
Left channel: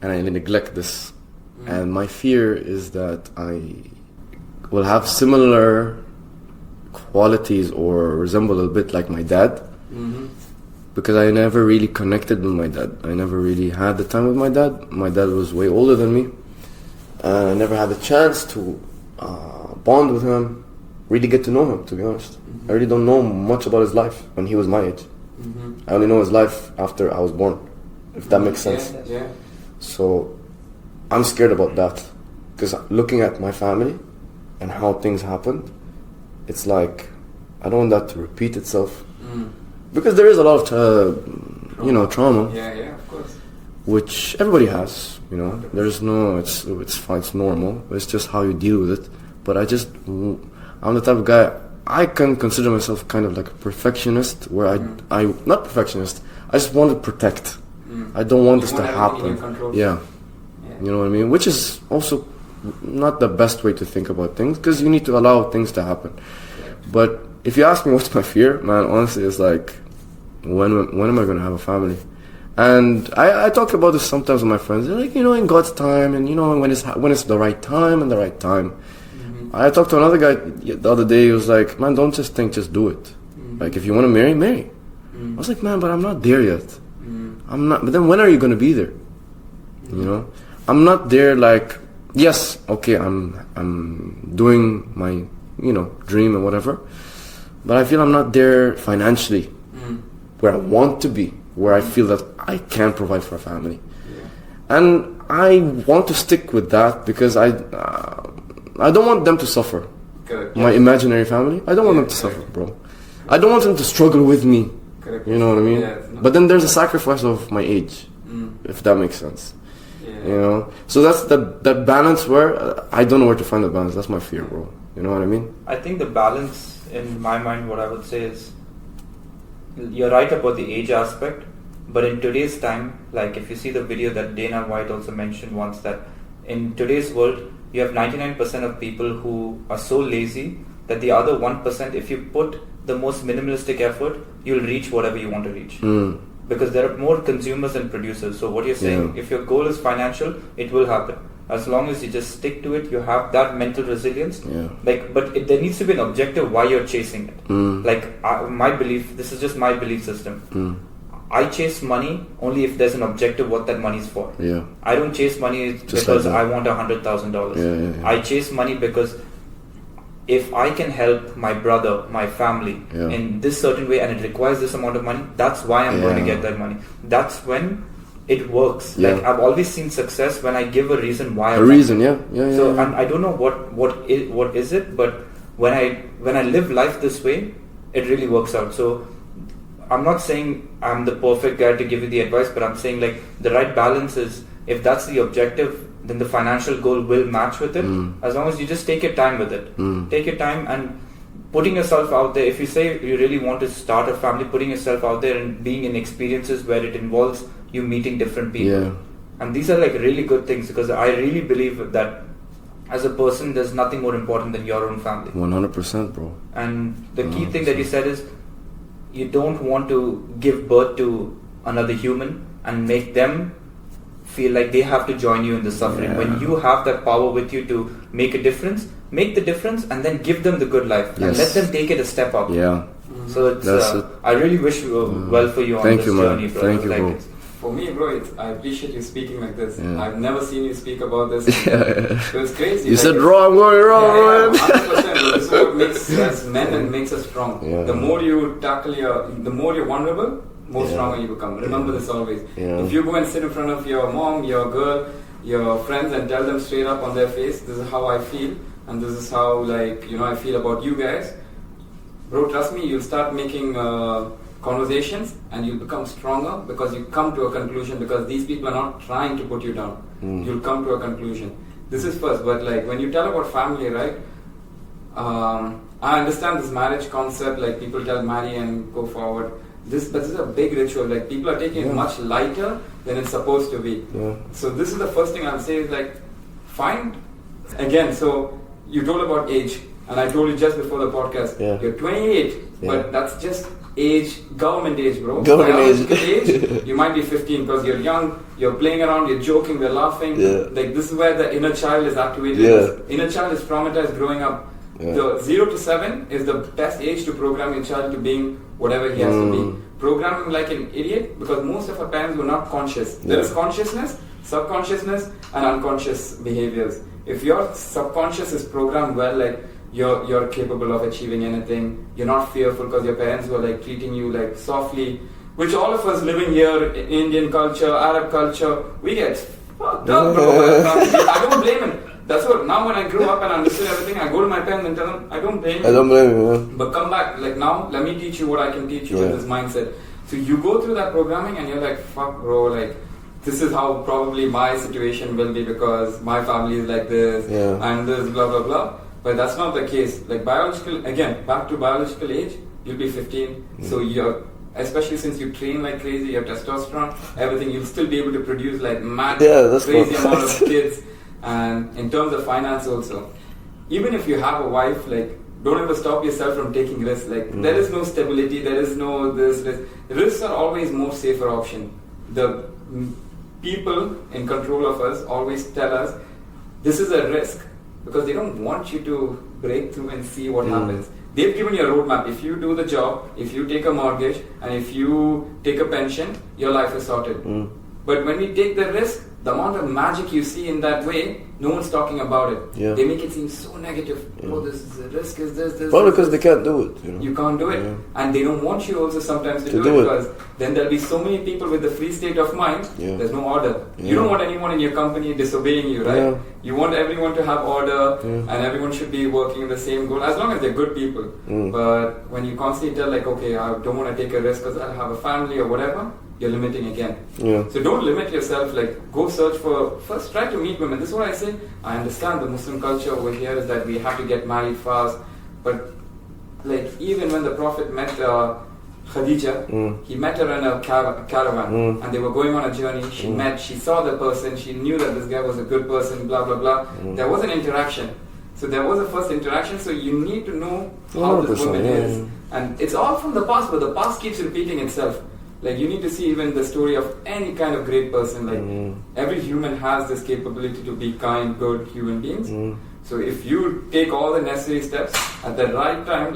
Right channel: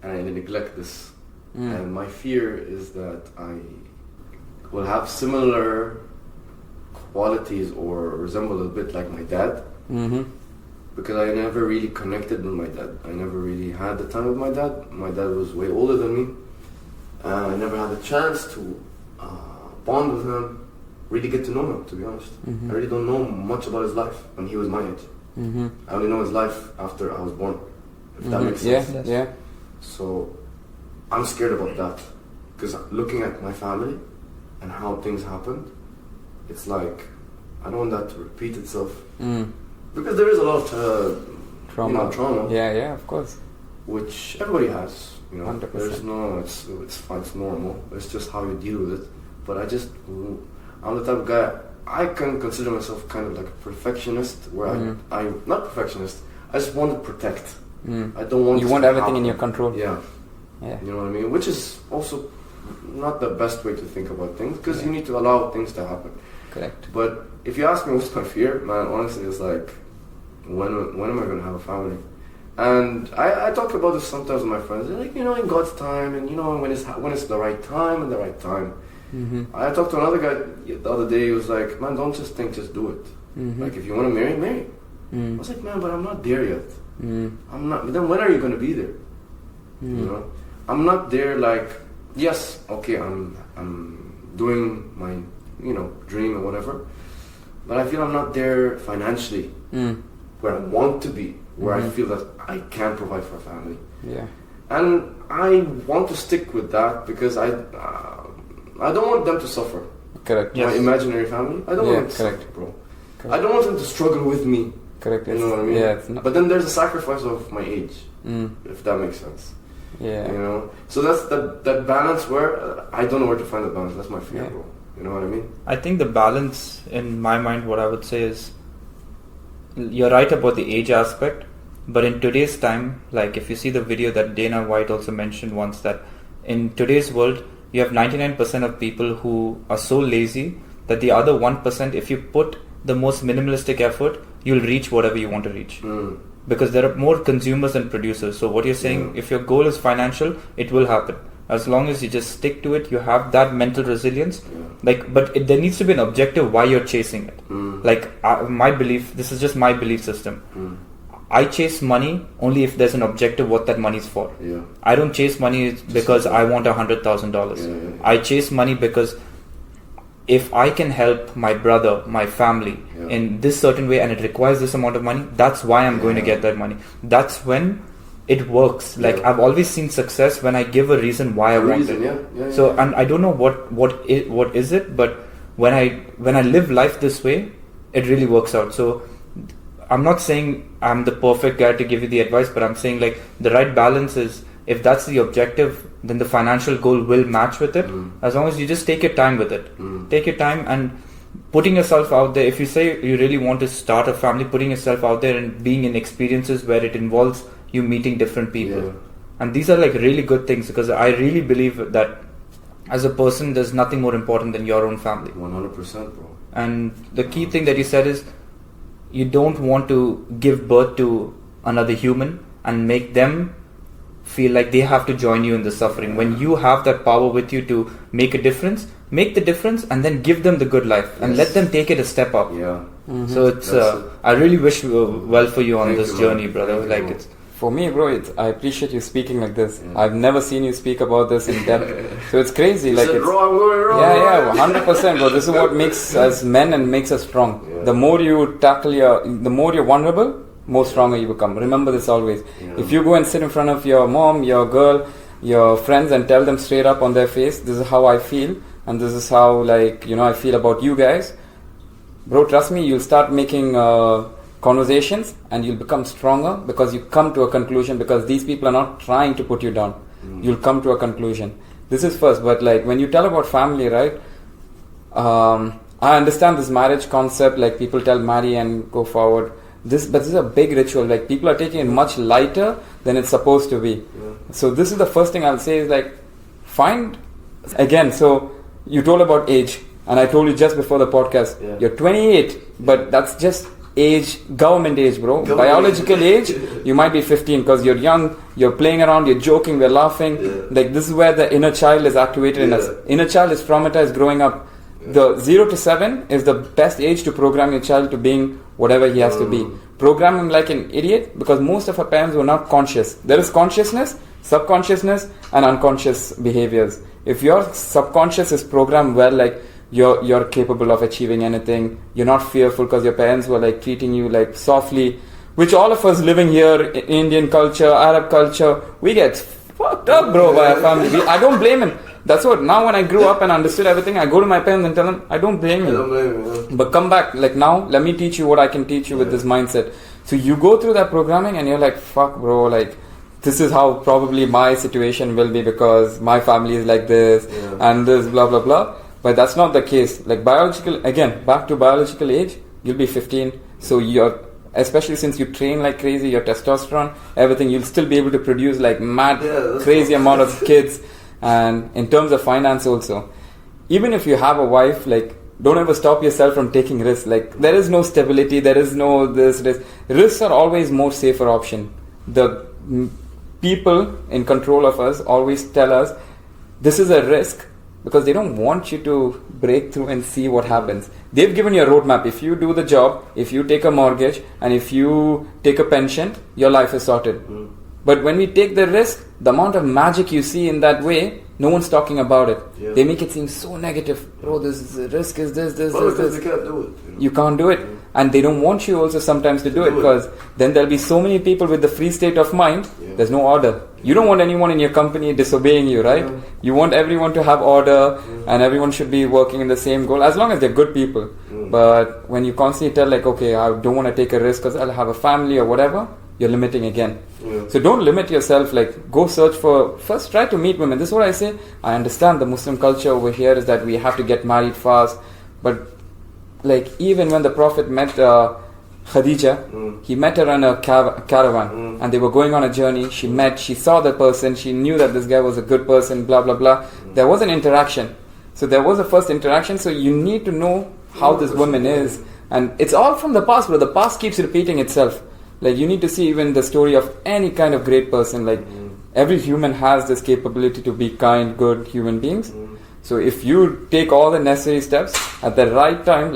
And I neglect this. And my fear is that I will have similar qualities or resemble a bit like my dad. Because I never really connected with my dad. I never really had the time with my dad. My dad was way older than me. And I never had the chance to bond with him, really get to know him, to be honest. I really don't know much about his life when he was my age. I only know his life after I was born, if that makes sense. So I'm scared about that because looking at my family and how things happened, it's like I don't want that to repeat itself because there is a lot of trauma. Yeah, of course. Which everybody has, 100%. There's no, it's fine, it's normal. It's just how you deal with it. But I'm the type of guy. I can consider myself kind of like a perfectionist, where I not perfectionist. I just want to protect. I don't want this to happen. You want everything in your control. Yeah. You know what I mean? Which is also not the best way to think about things because you need to allow things to happen. Correct. But if you ask me what's my fear, man, honestly, it's like when am I going to have a family? And I talk about this sometimes with my friends. They're like, in God's time, and when it's the right time and the right time. I talked to another guy the other day. He was like, man, don't just think, just do it. Like if you want to marry, marry. I was like, man, but I'm not there yet. I'm not. But then when are you going to be there? I'm not there. Like, yes, okay, I'm doing my dream and whatever, but I feel I'm not there financially where I want to be, where I feel that I can provide for a family. And I want to stick with that because I don't want them to suffer. Correct. My imaginary family, I don't want them to suffer, bro. Correct. I don't want them to struggle with me. Correct. You know what I mean? Yeah, but then there's a sacrifice of my age, if that makes sense. So that's that balance where I don't know where to find the balance. That's my fear, bro. You know what I mean? I think the balance in my mind, what I would say is, you're right about the age aspect, but in today's time, like if you see the video that Dana White also mentioned once, that in today's world you have 99% of people who are so lazy that the other 1%, if you put the most minimalistic effort, you'll reach whatever you want to reach. Because there are more consumers than producers. So what you're saying, if your goal is financial, it will happen. As long as you just stick to it, you have that mental resilience. But there needs to be an objective why you're chasing it. My belief, this is just my belief system. I chase money only if there's an objective what that money is for. I don't chase money because I want $100,000. I chase money because if I can help my brother, my family in this certain way and it requires this amount of money, that's why I'm going to get that money. That's when it works. Like I've always seen success when I give a reason why I want it. So and I don't know what is it, but when I live life this way, it really works out. So I'm not saying I'm the perfect guy to give you the advice, but I'm saying like the right balance is if that's the objective, then the financial goal will match with it. As long as you just take your time with it. Take your time and putting yourself out there. If you say you really want to start a family, putting yourself out there and being in experiences where it involves you meeting different people. Yeah. And these are like really good things, because I really believe that as a person, there's nothing more important than your own family. 100%, bro. And the key thing that you said is, you don't want to give birth to another human and make them feel like they have to join you in the suffering. When you have that power with you to make a difference, make the difference and then give them the good life and let them take it a step up. Yeah. So it's I really wish well for you on this journey, brother. Thank you, like bro. it's For me, bro, I appreciate you speaking like this. I've never seen you speak about this in depth. So it's crazy. You like said wrong, Yeah, 100%, bro. This is what makes us men and makes us strong. Yeah. The more you tackle the more you're vulnerable, more stronger you become. Remember this always. Yeah. If you go and sit in front of your mom, your girl, your friends and tell them straight up on their face, this is how I feel and this is how I feel about you guys. Bro, trust me, you'll start making conversations and you'll become stronger because you come to a conclusion, because these people are not trying to put you down. You'll come to a conclusion. This is first, but when you tell about family, right? I understand this marriage concept, people tell marry and go forward. But this is a big ritual. People are taking it much lighter than it's supposed to be. Yeah. So this is the first thing I'll say is find again. So you told about age, and I told you just before the podcast. Yeah. You're 28, but that's just age, government age, bro. Government Biological age, you might be 15 because you're young. You're playing around. You're joking. We're laughing. Yeah. This is where the inner child is activated. Yeah. In us. Inner child is traumatized growing up. Yeah. The 0 to 7 is the best age to program your child to being whatever he has to be. Program him like an idiot, because most of our parents were not conscious. There is consciousness, subconsciousness, and unconscious behaviors. If your subconscious is programmed well, you're capable of achieving anything, you're not fearful because your parents were treating you softly, which all of us living here, Indian culture, Arab culture, we get fucked up, bro, by our family. I don't blame him. That's what, now when I grew up and understood everything, I go to my parents and tell them, I don't blame you. I don't blame you. But come back, now, let me teach you what I can teach you with this mindset. So you go through that programming and you're like, fuck, bro, this is how probably my situation will be because my family is like this and this, blah, blah, blah. But that's not the case. Biological, again, back to biological age, you'll be 15. So you're, especially since you train like crazy, your testosterone, everything, you'll still be able to produce mad, crazy amount of kids. And in terms of finance also, even if you have a wife, don't ever stop yourself from taking risks. There is no stability, there is no this. Risks are always more safer option. The people in control of us always tell us this is a risk because they don't want you to break through and see what happens. They've given you a roadmap. If you do the job, if you take a mortgage, and if you take a pension, your life is sorted. But when we take the risk, the amount of magic you see in that way, no one's talking about it. Yeah. They make it seem so negative. Oh, this is the risk is this. Well, this, because this. they can't do it. You can't do it. And they don't want you also sometimes to do it because then there'll be so many people with the free state of mind, there's no order. You don't want anyone in your company disobeying you, right? Yeah. You want everyone to have order and everyone should be working in the same goal as long as they're good people. But when you constantly tell okay, I don't want to take a risk because I'll have a family or whatever, you're limiting again. So don't limit yourself. Go search for, first try to meet women. This is what I say. I understand the Muslim culture over here is that we have to get married fast, but even when the Prophet met Khadija, he met her on a caravan and they were going on a journey. She saw the person, she knew that this guy was a good person, blah blah blah. There was an interaction. So there was a first interaction, so you need to know how this woman is. And it's all from the past, but the past keeps repeating itself. You need to see even the story of any kind of great person. Every human has this capability to be kind, good human beings. So if you take all the necessary steps at the right time,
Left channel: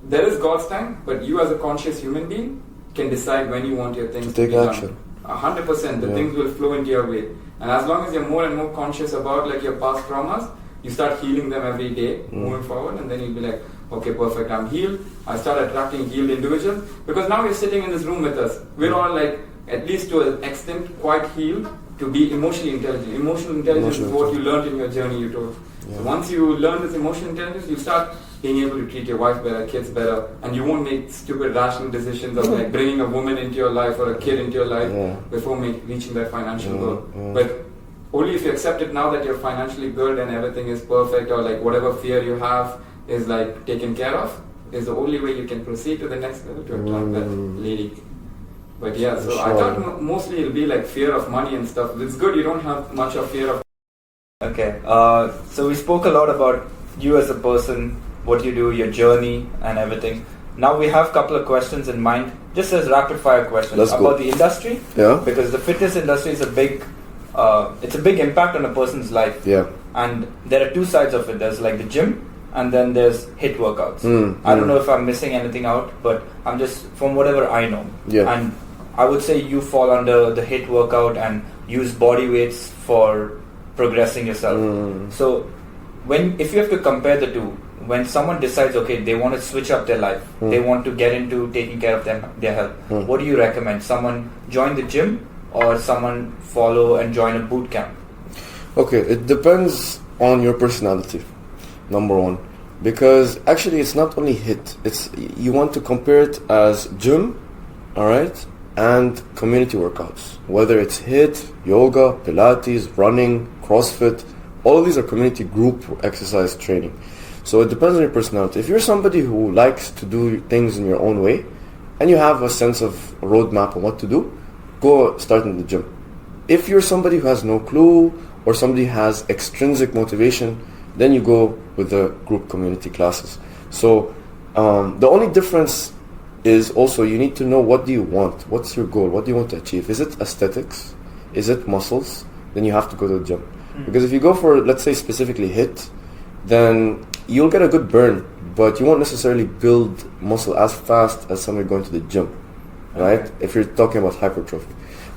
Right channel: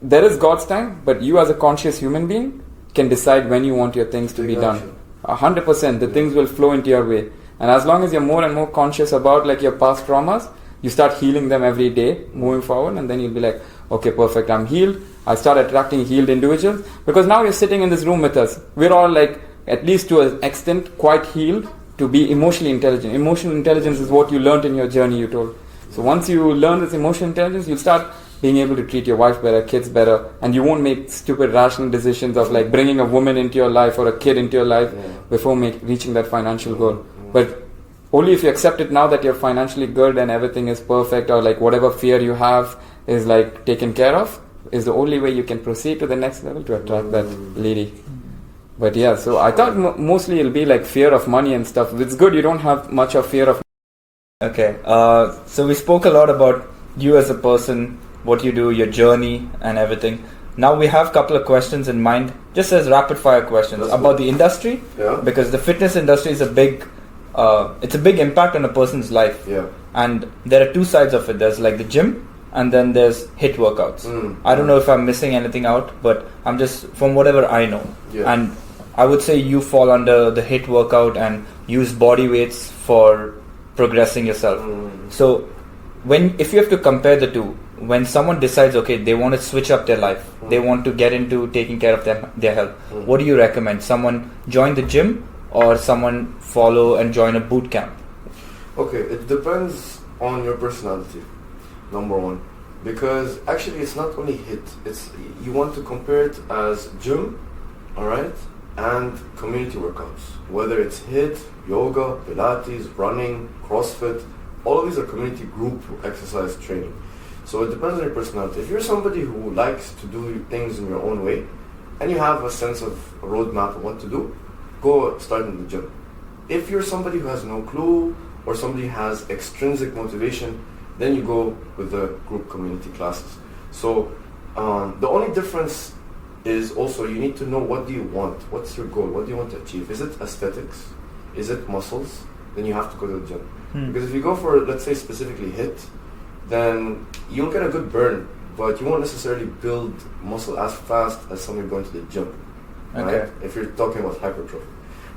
there is God's time, but you as a conscious human being can decide when you want your things to be done. 100%, the things will flow into your way. And as long as you're more and more conscious about your past traumas, you start healing them every day, moving forward, and then you'll be like, okay, perfect, I'm healed. I start attracting healed individuals because now you're sitting in this room with us. We're all at least to an extent, quite healed to be emotionally intelligent. Emotional intelligence is what you learned in your journey, you told. So once you learn this emotional intelligence, you'll start being able to treat your wife better, kids better, and you won't make stupid rational decisions of like bringing a woman into your life or a kid into your life before reaching that financial goal. But only if you accept it now that you're financially good and everything is perfect, or like whatever fear you have is like taken care of, is the only way you can proceed to the next level to attract that lady. But yeah, so I thought mostly it'll be like fear of money and stuff. It's good you don't have much of fear of. Okay, so we spoke a lot about you as a person, what you do, your journey and everything. Now we have a couple of questions in mind, just as rapid fire questions about the industry. Yeah. Because the fitness industry is it's a big impact on a person's life. Yeah. And there are two sides of it. There's like the gym, and then there's HIIT workouts. I don't know if I'm missing anything out, but I'm just from whatever I know. Yeah. And I would say you fall under the HIIT workout and use body weights for progressing yourself. So if you have to compare the two, when someone decides, okay, they want to switch up their life, they want to get into taking care of their health, what do you recommend? Someone join the gym or someone follow and join a boot camp? Okay, it depends on your personality, number one. Because actually it's not only HIIT, you want to compare it as gym, alright, and community workouts. Whether it's HIIT, yoga, Pilates, running, CrossFit, all of these are community group exercise training. So it depends on your personality. If you're somebody who likes to do things in your own way, and you have a sense of a roadmap on what to do, go start in the gym. If you're somebody who has no clue, or somebody has extrinsic motivation, then you go with the group community classes. So the only difference is also you need to know what do you want, what's your goal, what do you want to achieve. Is it aesthetics? Is it muscles? Then you have to go to the gym. Because if you go for, let's say, specifically HIIT, then you'll get a good burn, but you won't necessarily build muscle as fast as somebody going to the gym, right? If you're talking about hypertrophy.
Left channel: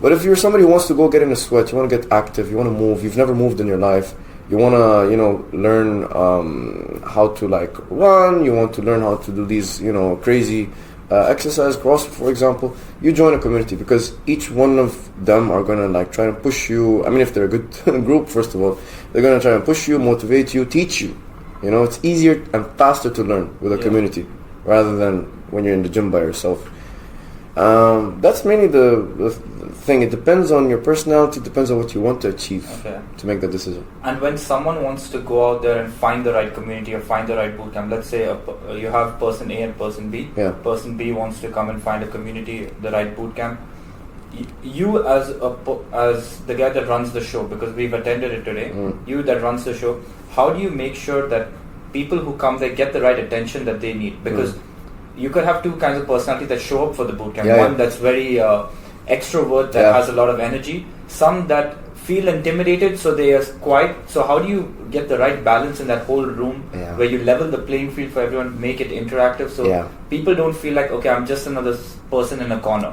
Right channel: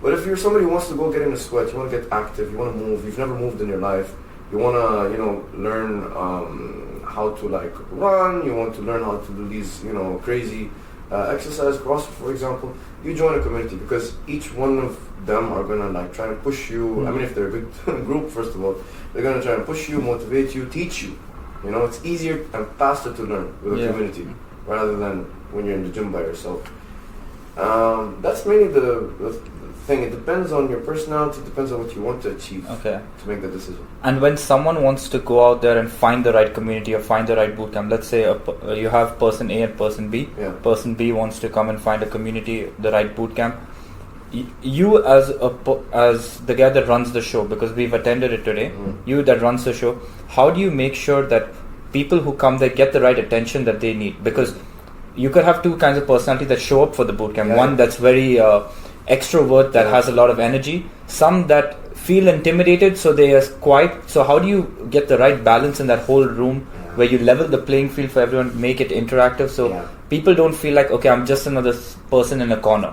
But if you're somebody who wants to go get in a sweat, you want to get active, you want to move, you've never moved in your life, you want to, learn how to like run, you want to learn how to do these, crazy exercise, CrossFit, for example, you join a community because each one of them are going to like try to push you. I mean, if they're a good group, first of all, they're going to try and push you, motivate you, teach you. It's easier and faster to learn with a community rather than when you're in the gym by yourself. That's mainly the thing. It depends on your personality, depends on what you want to achieve to make that decision. And when someone wants to go out there and find the right community or find the right bootcamp, let's say you have person A and person B. Person B wants to come and find a community, the right bootcamp. You as the guy that runs the show, because we've attended it today, you that runs the show, how do you make sure that people who come there get the right attention that they need? Because you could have two kinds of personality that show up for the bootcamp. One that's very extrovert, that has a lot of energy. Some that feel intimidated, so they are quiet. So how do you get the right balance in that whole room where you level the playing field for everyone, make it interactive, so people don't feel like, okay, I'm just another person in a corner?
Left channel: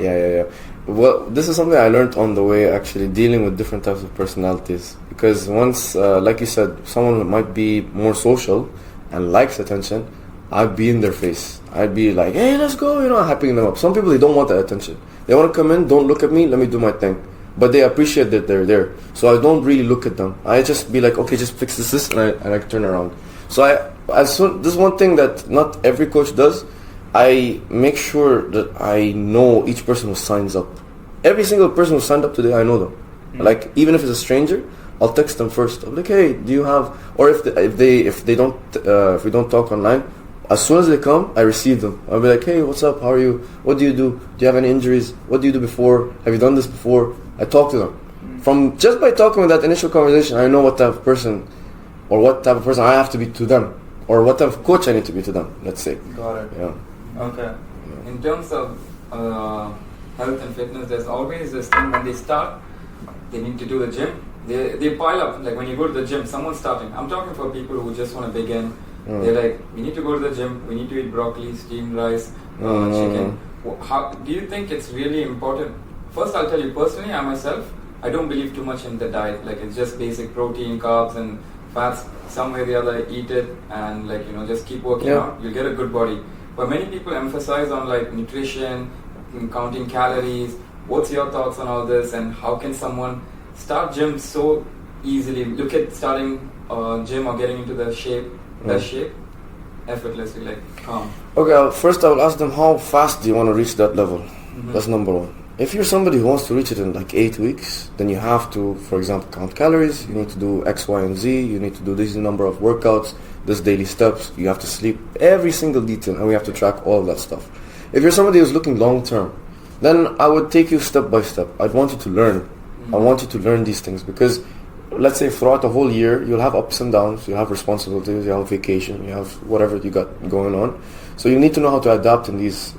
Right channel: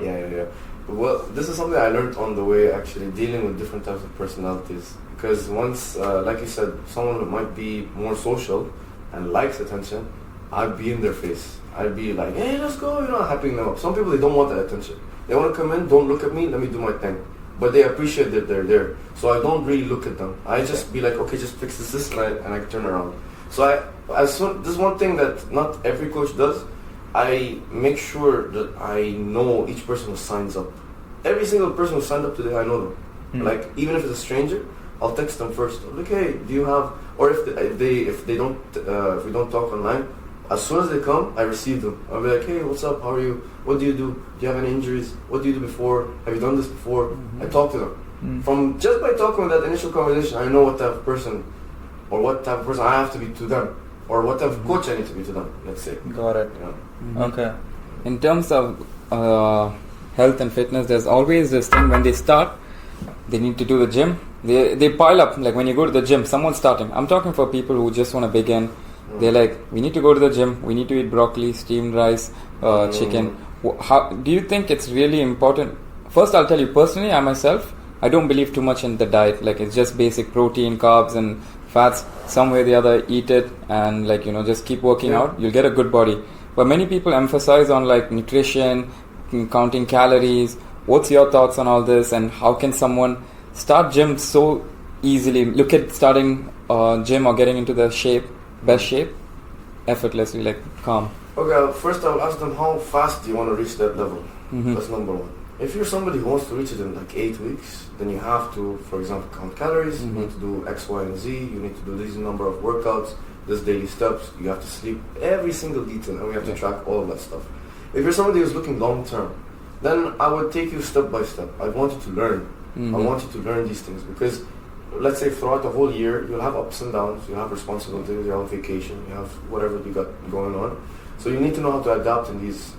Well, this is something I learned on the way, actually, dealing with different types of personalities. Because once, like you said, someone might be more social and likes attention, I'd be in their face. I'd be like, hey, let's go, hyping them up. Some people, they don't want that attention. They want to come in, don't look at me, let me do my thing. But they appreciate that they're there. So I don't really look at them. I just be like, okay, just fix this, and I turn around. So this is one thing that not every coach does. I make sure that I know each person who signs up. Every single person who signed up today, I know them. Like, even if it's a stranger, I'll text them first. I'm like, hey, do you have? Or if we don't talk online, as soon as they come, I receive them. I'll be like, hey, what's up? How are you? What do you do? Do you have any injuries? What do you do before? Have you done this before? I talk to them. From just by talking with that initial conversation, I know what type of person, or what type of person I have to be to them, or what type of coach I need to be to them. Let's say. Got it. Yeah. Okay. In terms of health and fitness, there's always this thing when they start, they need to do the gym. They pile up. Like when you go to the gym, someone's starting. I'm talking for people who just want to begin. They're like, we need to go to the gym. We need to eat broccoli, steamed rice, chicken. How do you think it's really important? First, I'll tell you personally, I myself, I don't believe too much in the diet. Like, it's just basic protein, carbs, and fats. Some way or the other, eat it and just keep working out. You'll get a good body. But many people emphasize on like nutrition, counting calories. What's your thoughts on all this, and how can someone start gym so easily look at starting gym or getting into the best shape, effortlessly, like calm? Okay, first I will ask them, how fast do you want to reach that level? That's number one. If you're somebody who wants to reach it in like 8 weeks, then you have to, for example, count calories. You need to do X, Y, and Z. You need to do this number of workouts, this daily steps. You have to sleep, every single detail, and we have to track all of that stuff. If you're somebody who's looking long term, then I would take you step by step. I'd want you to learn. I want you to learn these things because, let's say, throughout the whole year, you'll have ups and downs. You have responsibilities. You have vacation. You have whatever you got going on. So you need to know how to adapt in these,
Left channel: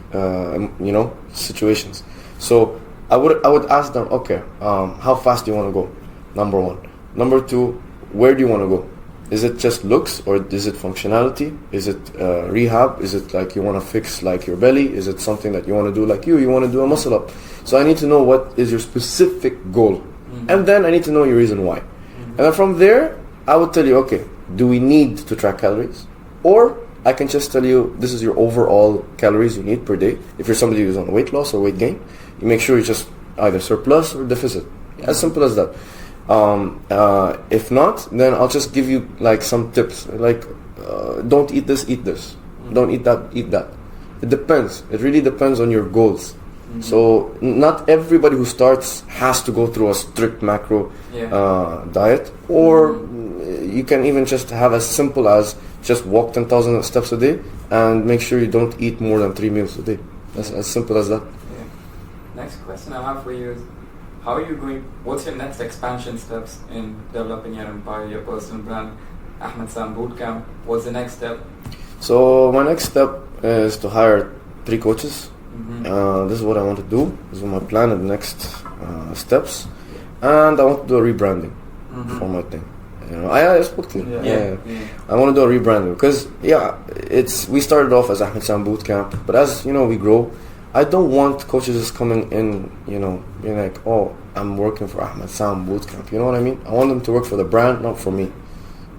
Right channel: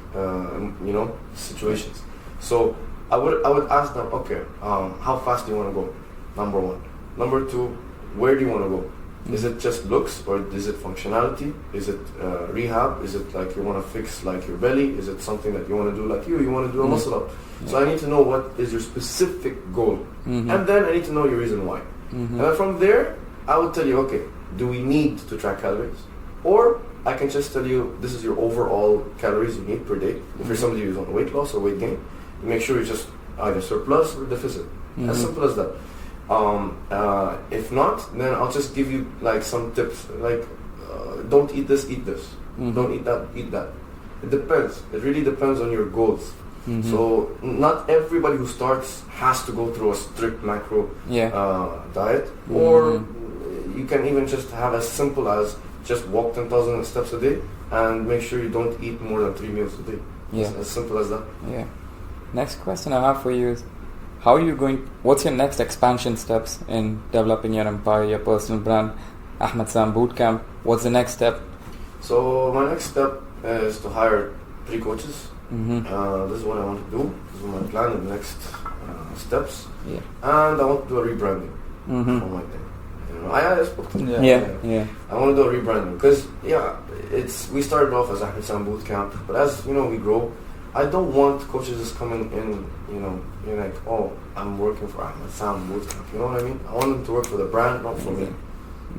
situations. So I would ask them, okay, how fast do you want to go? Number one. Number two, where do you want to go? Is it just looks, or is it functionality? Is it rehab? Is it like you want to fix like your belly? Is it something that you want to do like you want to do a muscle up? So I need to know what is your specific goal, and then I need to know your reason why. And then from there, I would tell you, okay, do we need to track calories? Or I can just tell you, this is your overall calories you need per day. If you're somebody who's on weight loss or weight gain, you make sure you just either surplus or deficit. As simple as that. If not, then I'll just give you like some tips. Like, don't eat this, eat this. Don't eat that, eat that. It depends. It really depends on your goals. So not everybody who starts has to go through a strict macro diet, or you can even just have as simple as just walk 10,000 steps a day and make sure you don't eat more than 3 meals a day. As simple as that. Yeah. Next question I have for you is, what's your next expansion steps in developing your empire, your personal brand, Ahmed Sam Bootcamp? What's the next step? So my next step is to hire 3 coaches. This is what I want to do. This is my plan in the next steps. And I want to do a rebranding for my thing. I spoke to him. I want to do a rebranding because we started off as Ahmed Sam Bootcamp, but as we grow, I don't want coaches just coming in, being like, oh, I'm working for Ahmed Sam Bootcamp. You know what I mean? I want them to work for the brand, not for me.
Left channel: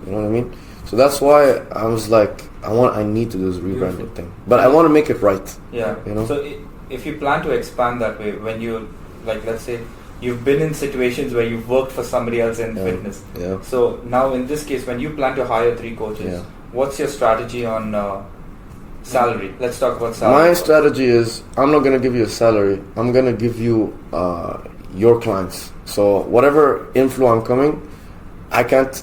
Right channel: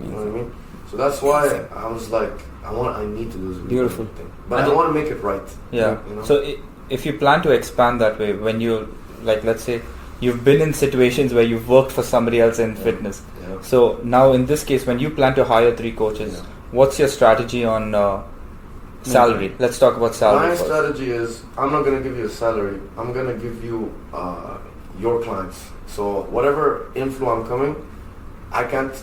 You know what I mean? So that's why I was like, I need to do this rebranding thing, but I want to make it right. Yeah. So if you plan to expand that way, when you let's say you've been in situations where you've worked for somebody else in fitness. Yeah. So now in this case, when you plan to hire 3 coaches, what's your strategy on salary? Let's talk about salary. My strategy is, I'm not going to give you a salary. I'm going to give you your clients. So whatever inflow I'm coming, I can't,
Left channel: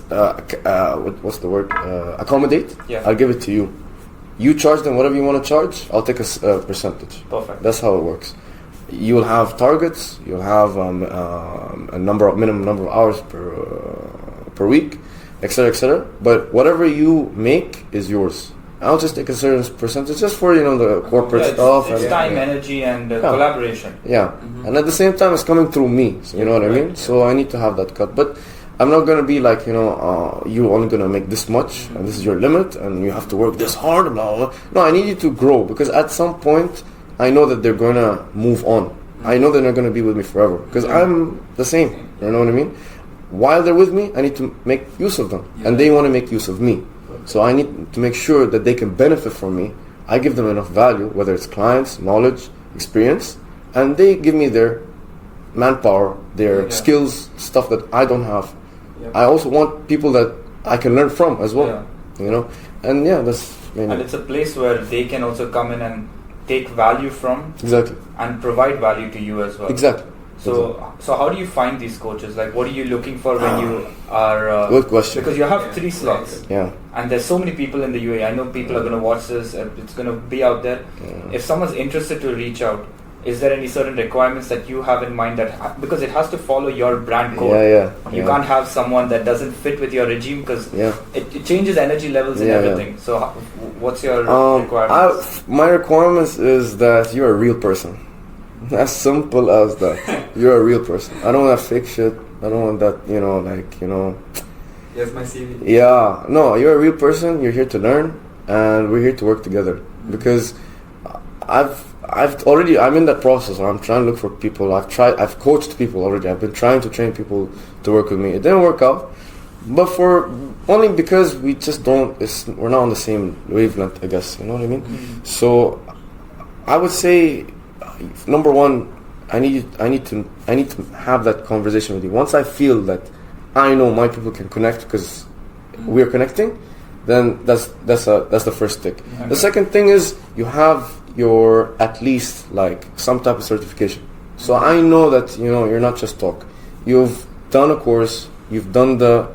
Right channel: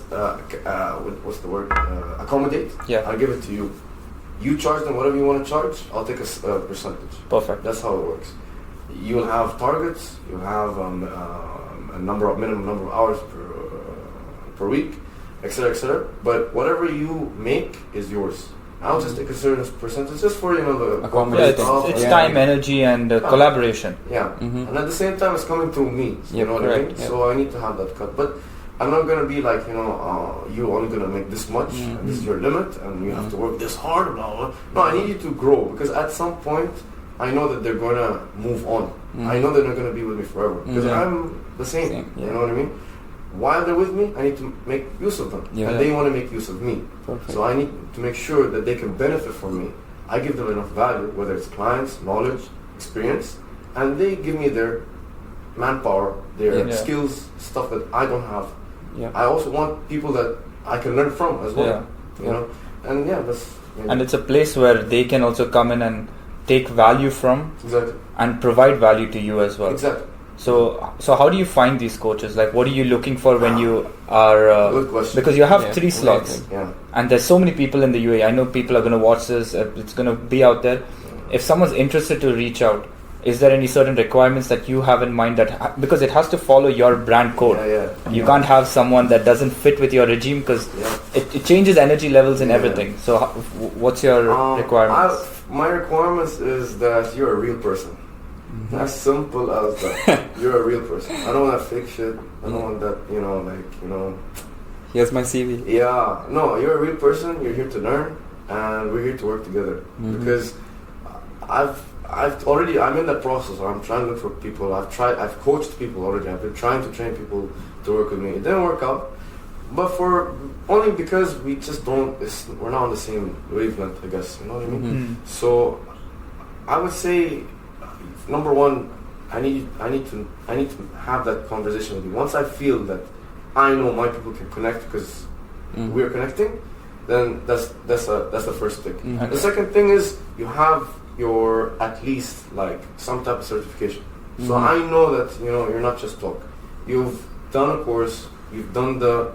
what's the word? Accommodate. Yeah. I'll give it to you. You charge them whatever you want to charge. I'll take a percentage. Perfect. That's how it works. You will have targets. You'll have a minimum number of hours per week, etc., etc. But whatever you make is yours. I'll just take a certain percentage just for the corporate stuff. It's time, energy, and collaboration. Yeah, and at the same time, it's coming through me. So you know what I mean? Yeah. So I need to have that cut. But I'm not gonna be like you're only gonna make this much, and this is your limit, and you have to work this hard. Blah, blah. No, I need you to grow, because at some point, I know that they're gonna move on. I know they're not gonna be with me forever, because I'm the same. You know what I mean? While they're with me, I need to make use of them, and they want to make use of me. Perfect. So I need to make sure that they can benefit from me. I give them enough value, whether it's clients, knowledge, experience, and they give me their manpower, their skills, stuff that I don't have. I also want people that I can learn from as well. And that's and it's a place where they can also come in and take value from, exactly, and provide value to you as well. Exactly. So how do you find these coaches? Like, what are you looking for when you are... Good question. Because you have 3 slots. Yeah. And there's so many people in the UAE. I know people are going to watch this. It's going to be out there. Yeah. If someone's interested to reach out, is there any certain requirements that you have in mind because it has to follow your brand code? You can't have someone that doesn't fit with your regime, because it changes energy levels and everything. So what's your requirements? My requirements is that you're a real person. As simple as that. You're a real person. I don't want that fake shit. I don't want that, Here's my CV. Yeah. No, you're a real person. You're here to learn, and we're here to work together. Because I'm in that process where I'm trying to look for people. I've coached people already. I've been trying to train people to work with me. It didn't work out, but only because we just we're not on the same wavelength, I guess. You know what I mean? So I would say, number one, I need to have that conversation with you. Once I feel that I know my people can connect because we're connecting, then that's the first tick. The second thing is you have your at least like some type of certification. So I know that you're not just talk. You've done a course, you've done the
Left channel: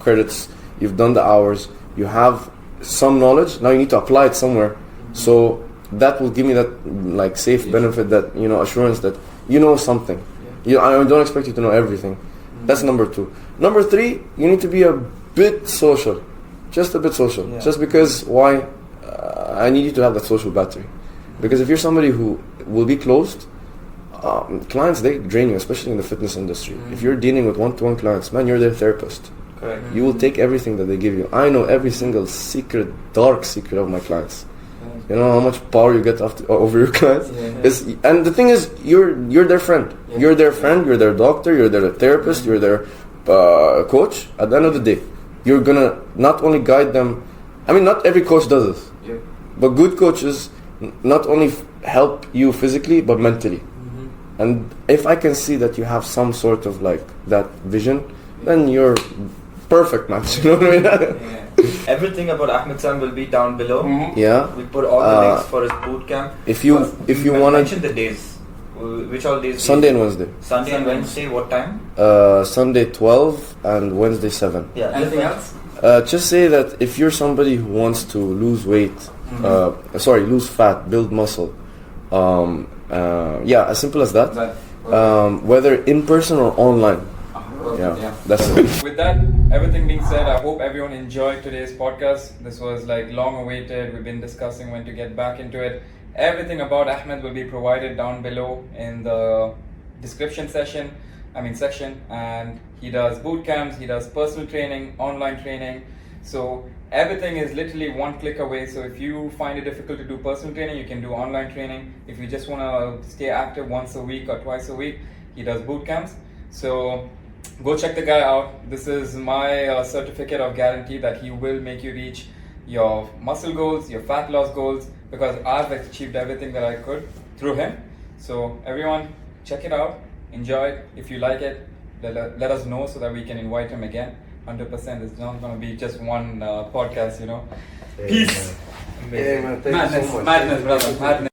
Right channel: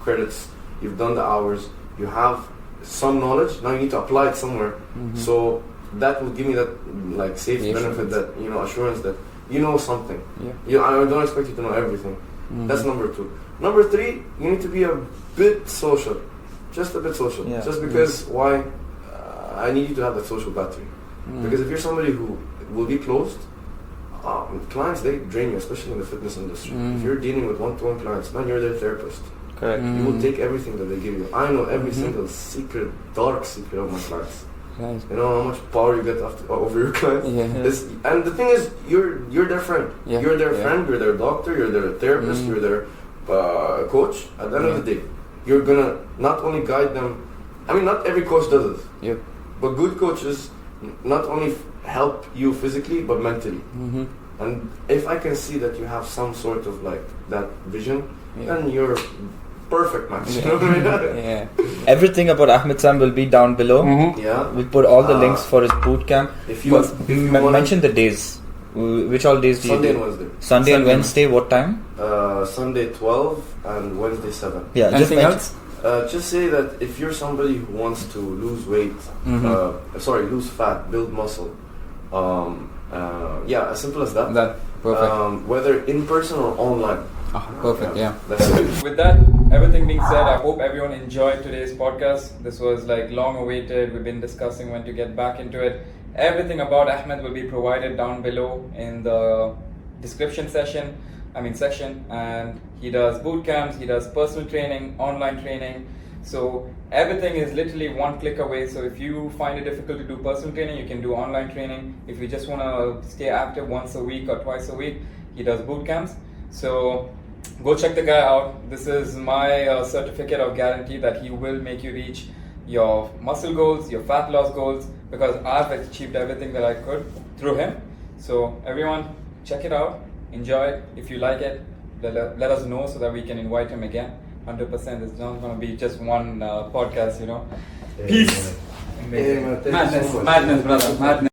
credits, you've done the hours, you have some knowledge. Now you need to apply it somewhere. So that will give me that like safe benefit, that assurance that you know something. I don't expect you to know everything. That's number 2. Number 3, you need to be a bit social, just a bit social. Just because why? I need you to have that social battery. Because if you're somebody who will be closed, clients, they drain you, especially in the fitness industry. If you're dealing with one-to-one clients, man, you're their therapist. Correct. You will take everything that they give you. I know every single dark secret of my clients. You know how much power you get over your clients. And the thing is, you're their friend. You're their friend. You're their doctor. You're their therapist. You're their coach. At the end of the day, you're gonna not only guide them. I mean, not every coach does this. But good coaches not only help you physically but mentally. And if I can see that you have some sort of like that vision, then you're perfect match. You know what I mean? Everything about Ahmed Sam will be down below. We put all the links for his bootcamp. If you want to mention the days, which all days? Sunday and Wednesday. Sunday and Wednesday. What time? Sunday 12 and Wednesday 7. Anything else? Just say that if you're somebody who wants to lose weight, lose fat, build muscle, as simple as that. Whether in person or online. Perfect. That's it. With that, everything being said, I hope everyone enjoyed today's podcast. This was like long awaited. We've been discussing when to get back into it. Everything about Ahmed will be provided down below in the description section. And he does boot camps, he does personal training, online training. So everything is literally one click away. So if you find it difficult to do personal training, you can do online training. If you just want to stay active once a week or twice a week, he does boot camps. So go check the guy out. This is my certificate of guarantee that he will make you reach your muscle goals, your fat loss goals, because I've achieved everything that I could through him. So everyone, check it out. Enjoy it. If you like it, let us know so that we can invite him again. 100%. It's not going to be just one podcast, Peace. Amazing. Madness, brother. Madness.